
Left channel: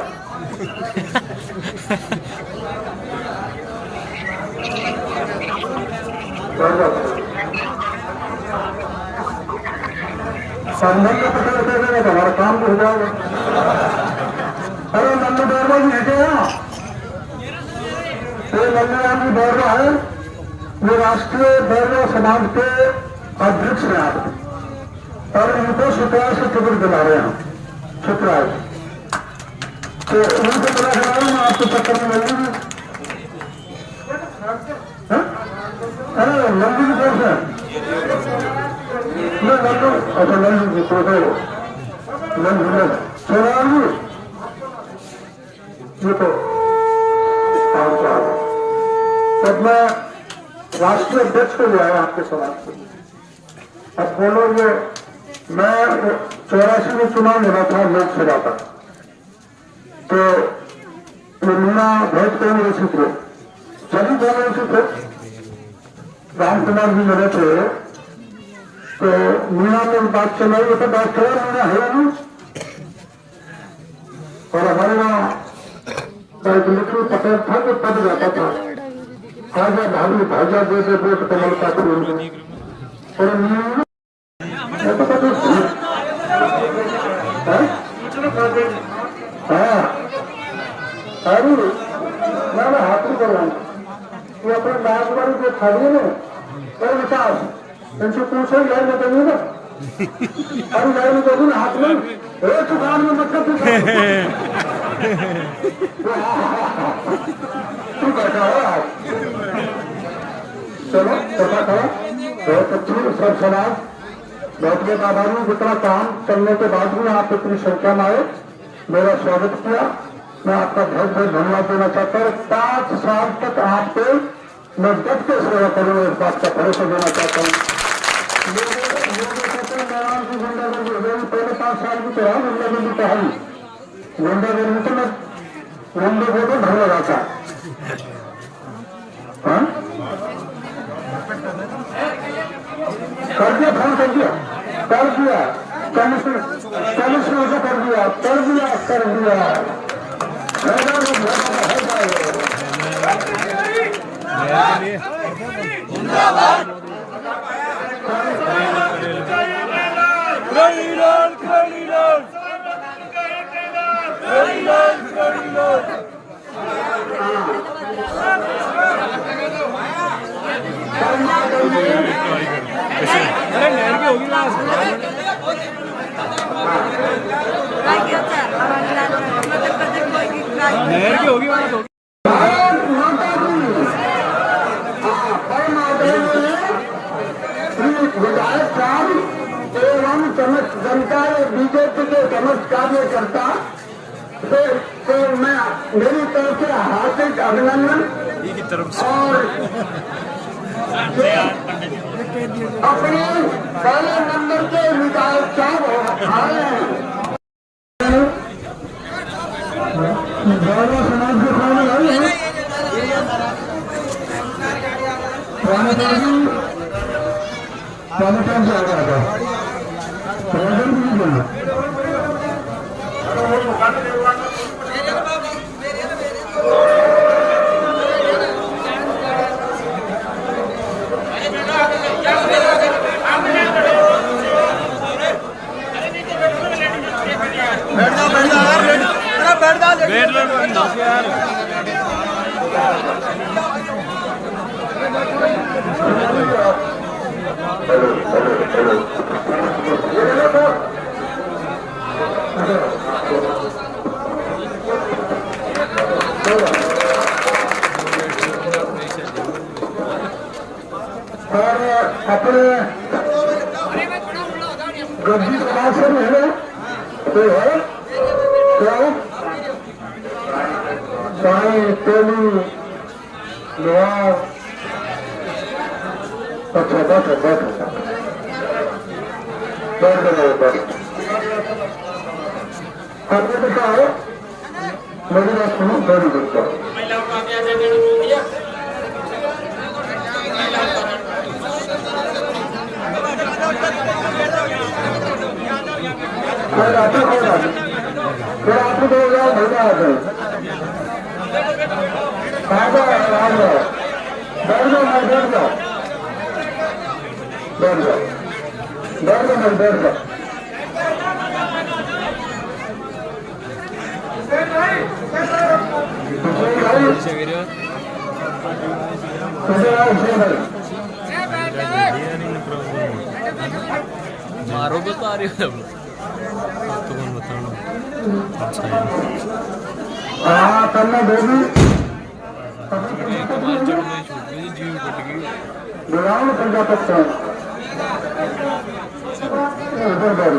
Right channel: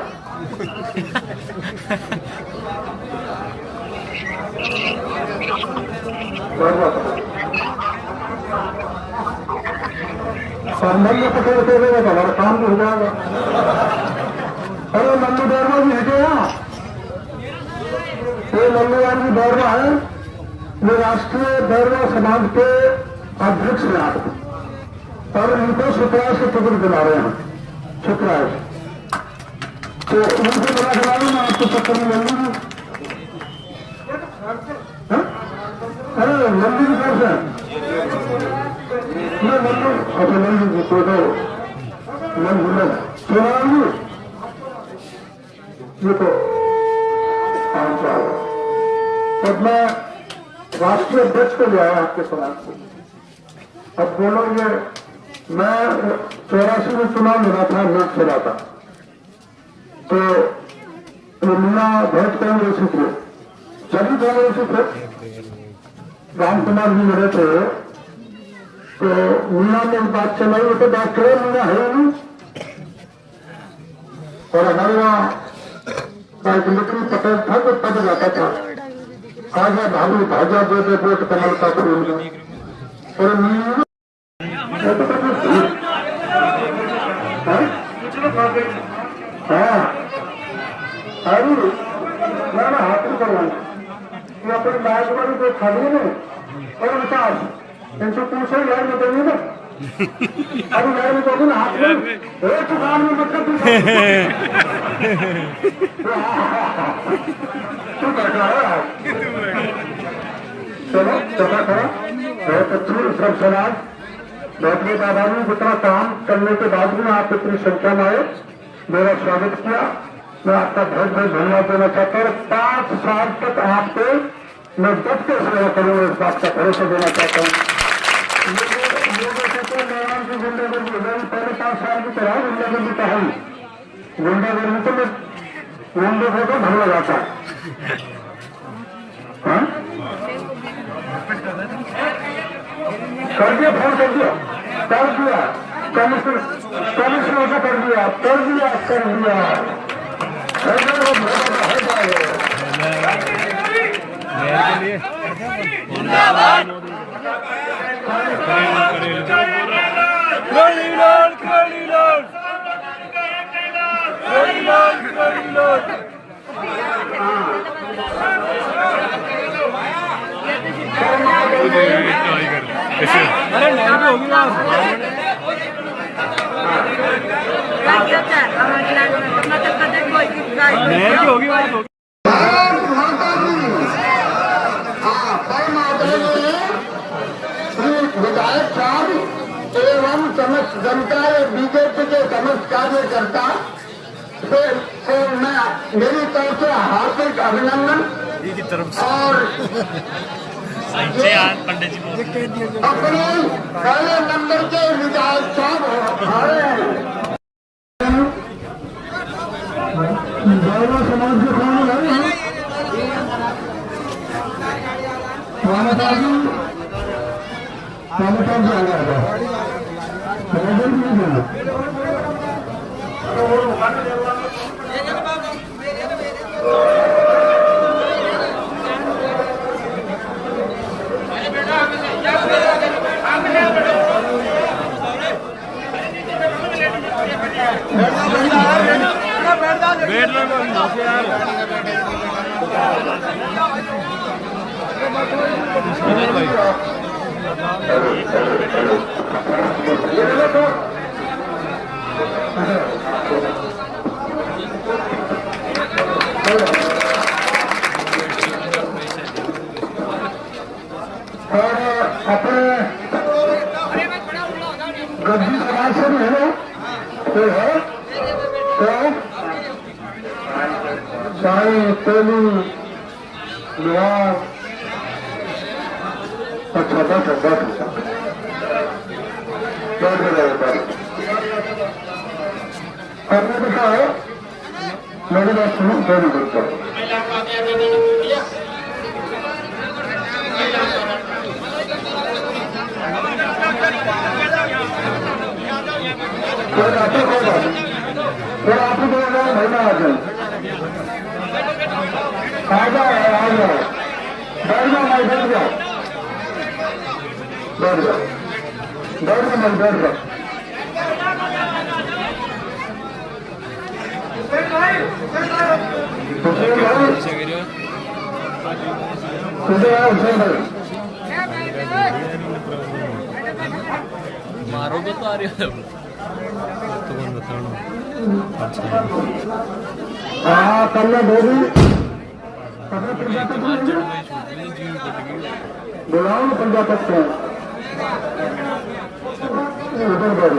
सामान में पकड़ देगा तो हमारा काम हो जाएगा। अरे मल्लू बैरवा भी है क्या? ये मल्लू राम जी बैरवा है, वो राष्ट्रीय बैरवा समाज के अध्यक्ष हैं आप और इनको सुप्राज के टिकट बना रहे हैं। सुप्राज तो उनको बना बनाए ना आपके चक्कर में लल्लू जी। अरे लल्लू जी कैसे लल्लू अच्छा लल्लू जी को दो लल्लू सोनालू ये तो काम क्या है। तब मैं राष्ट्रीय अध्यक्ष को जो है आपके समाज को अब बोलो ये मैं 84 में चुनाव लड़ा था लोकसभा का, तो मीना भेंट कहीं रही थे सभी दोनों ऐसे थे, राम कुमार जी लड़े थे। तो मीना ने बात चलाई तो बात करो मीना है नहीं और हमारे वहाँ एक मित्र पटेल था जो पद जाता था आजा भाभी भाजा दे दे वोट कमल का फूल और हाँ अरे मैं हाथ नहीं कर रहा तू अपने बागवानी को खाली है और विकास इनसे पूछो यार बताइए ना अरे यार मैं कहूँ हाथ में एक काम में मतलब तू करता है चलो चला था बहुत अच्छी सब समाज बहुत बहुत आभारी हूँ। जितना काम करने के बाद भी आप इतनी संख्या में आए मेरा स्वागत किया। मैं आपका बहुत बहुत धन्यवाद देना चाहता हूँ। 5 साल तक आपको मैं डट के सेवा करूँगा इस बात का भरोसा देना चाहता हूँ। पहले 5 साल की तरह गुंडागर्दी पढ़ाई गुंडागर्दी तो मैं गुंडे को तो भरवा जाता हाँ कर दिया फोन कर दिया कमिश्नर से कर दिया अरे नहर भी होगी ना नहर की होगी बात होगी। विधायक साहब एवं समस्त जनता बीजेपी के समस्त कार्यकर्ता को मैं मेरी तरफ से हार्दिक अभिनंदन और अपने पहले नंबर के विधायक साहब आए समाज के कौन आई है पहले कौन से आ गया था बैठ लो यार और अपने गद्दी समाज से भी है कोई है क्या चाहे तेली विवाह अच्छा बैठ आपने देखा है मेरी बात सुनो वेरी गुड आपको महिला आ जाए आ जाओ बैठ जाओ मैं बैठ जाओ मैं बैठ जाओ मारोगे तो आ रही हो तो कौन बताना अच्छा है हाँ करना बेबी बुलाओ ना प्रजापति उधर बैठ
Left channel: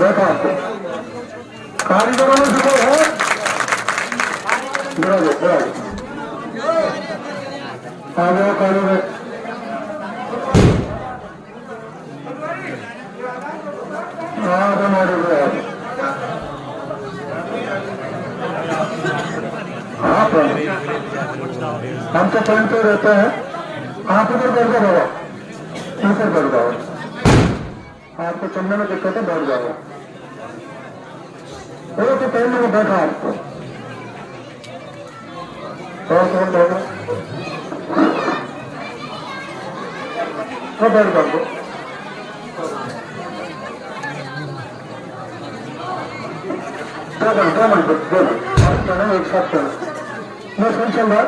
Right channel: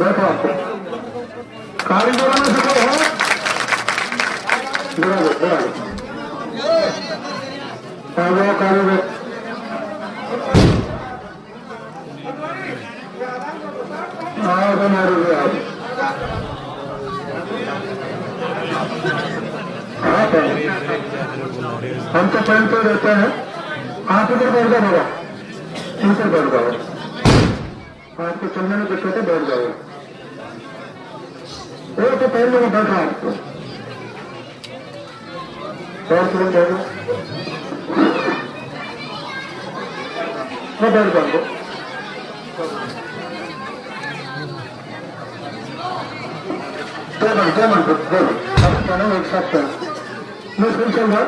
बैठा आपको कारीगरों में से कोई है कारीगर और तमिलनाडु में आप हाँ तो हम तो पहनते रहते हैं। आप इधर बैठ जाओ बाबा, ऊपर बैठ जाओ, आपको चलने में दिक्कत है, बैठ जाओ। वो तो पहले में बैठा आपको बैठ जाओ, बैठ जाओ। दो मिनट एक साथ करना, मैं सुन चल रहा।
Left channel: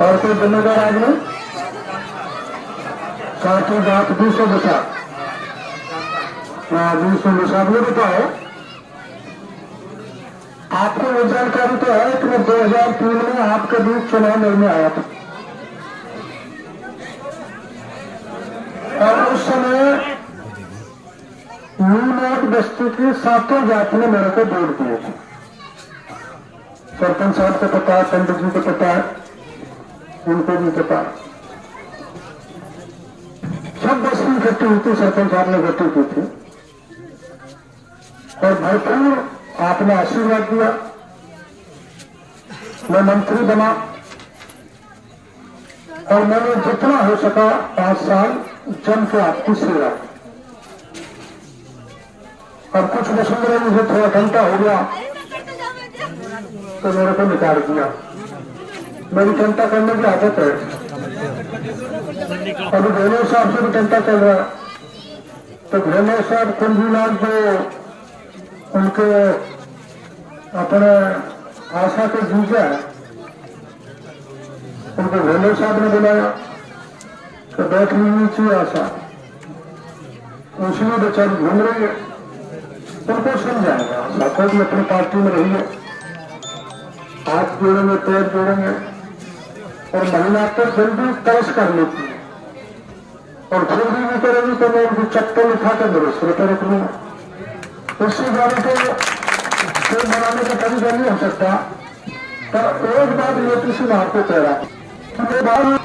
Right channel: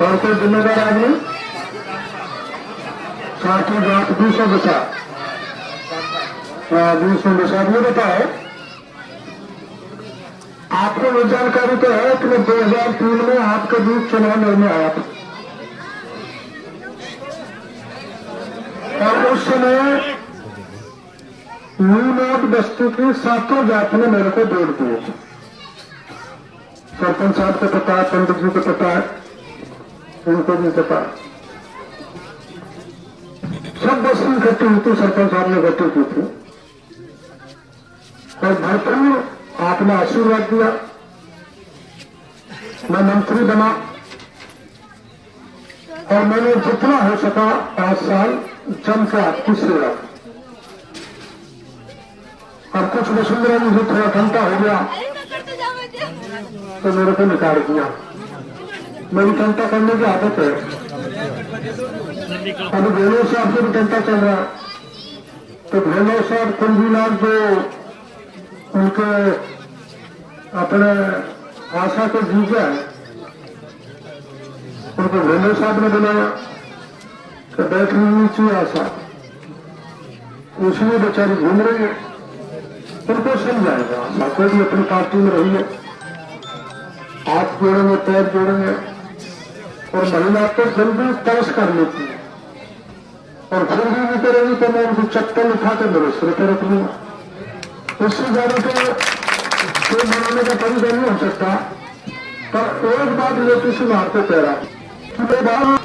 और कोई जिम्मेदार आदमी सातों जात 200 बचा, 200 बचा। ये बताओ, आपको वो जानकारी तो है कि 2003 में आपका दूध चुनाव लड़ने आया था और उस समय नीनाथ बस्ती की सातों जात ने मेरे को वोट दिए थे। सरपंच साहब को पता है, पंडित जी को पता है, उनको भी पता है। सब बस्ती इकट्ठी हुई थी, सरपंच साहब ने इकट्ठी की थी और भरपूर आपने आशीर्वाद दिया। मैं मंत्री बना और मैंने जितना हो सका 5 साल जम के आपकी सेवा। और कुछ वसुंधरा जी से थोड़ा घंटा हो गया तो मेरे को निकाल दिया। मेरी घंटा करने की आदत है। अभी भेलो साहब से भी घंटा चल रहा है, तो भेलो साहब कुंजीलाल जो उनके अपने आशा के जीजा है, उनको भेलो साहब ने बुलाया कि बैठ लीजिए चाहिए आशा, उसमें बेचारी घूम रही है, उनको समझाएगा। आशा को भी अपनी पार्टी में रही है, हाथ जोड़ेंगे, पैर जोड़ेंगे और महिला तो जल्दी तरस कर लेती है और फिर भी नहीं करेगी तो मैं उनको चप्पल उठा कर मेरे सिर पर रख लूंगा। उससे ज्यादा तो बनाने का तरीका नहीं हो सकता। पर एक बात ये किसी में आपको कह रहा कि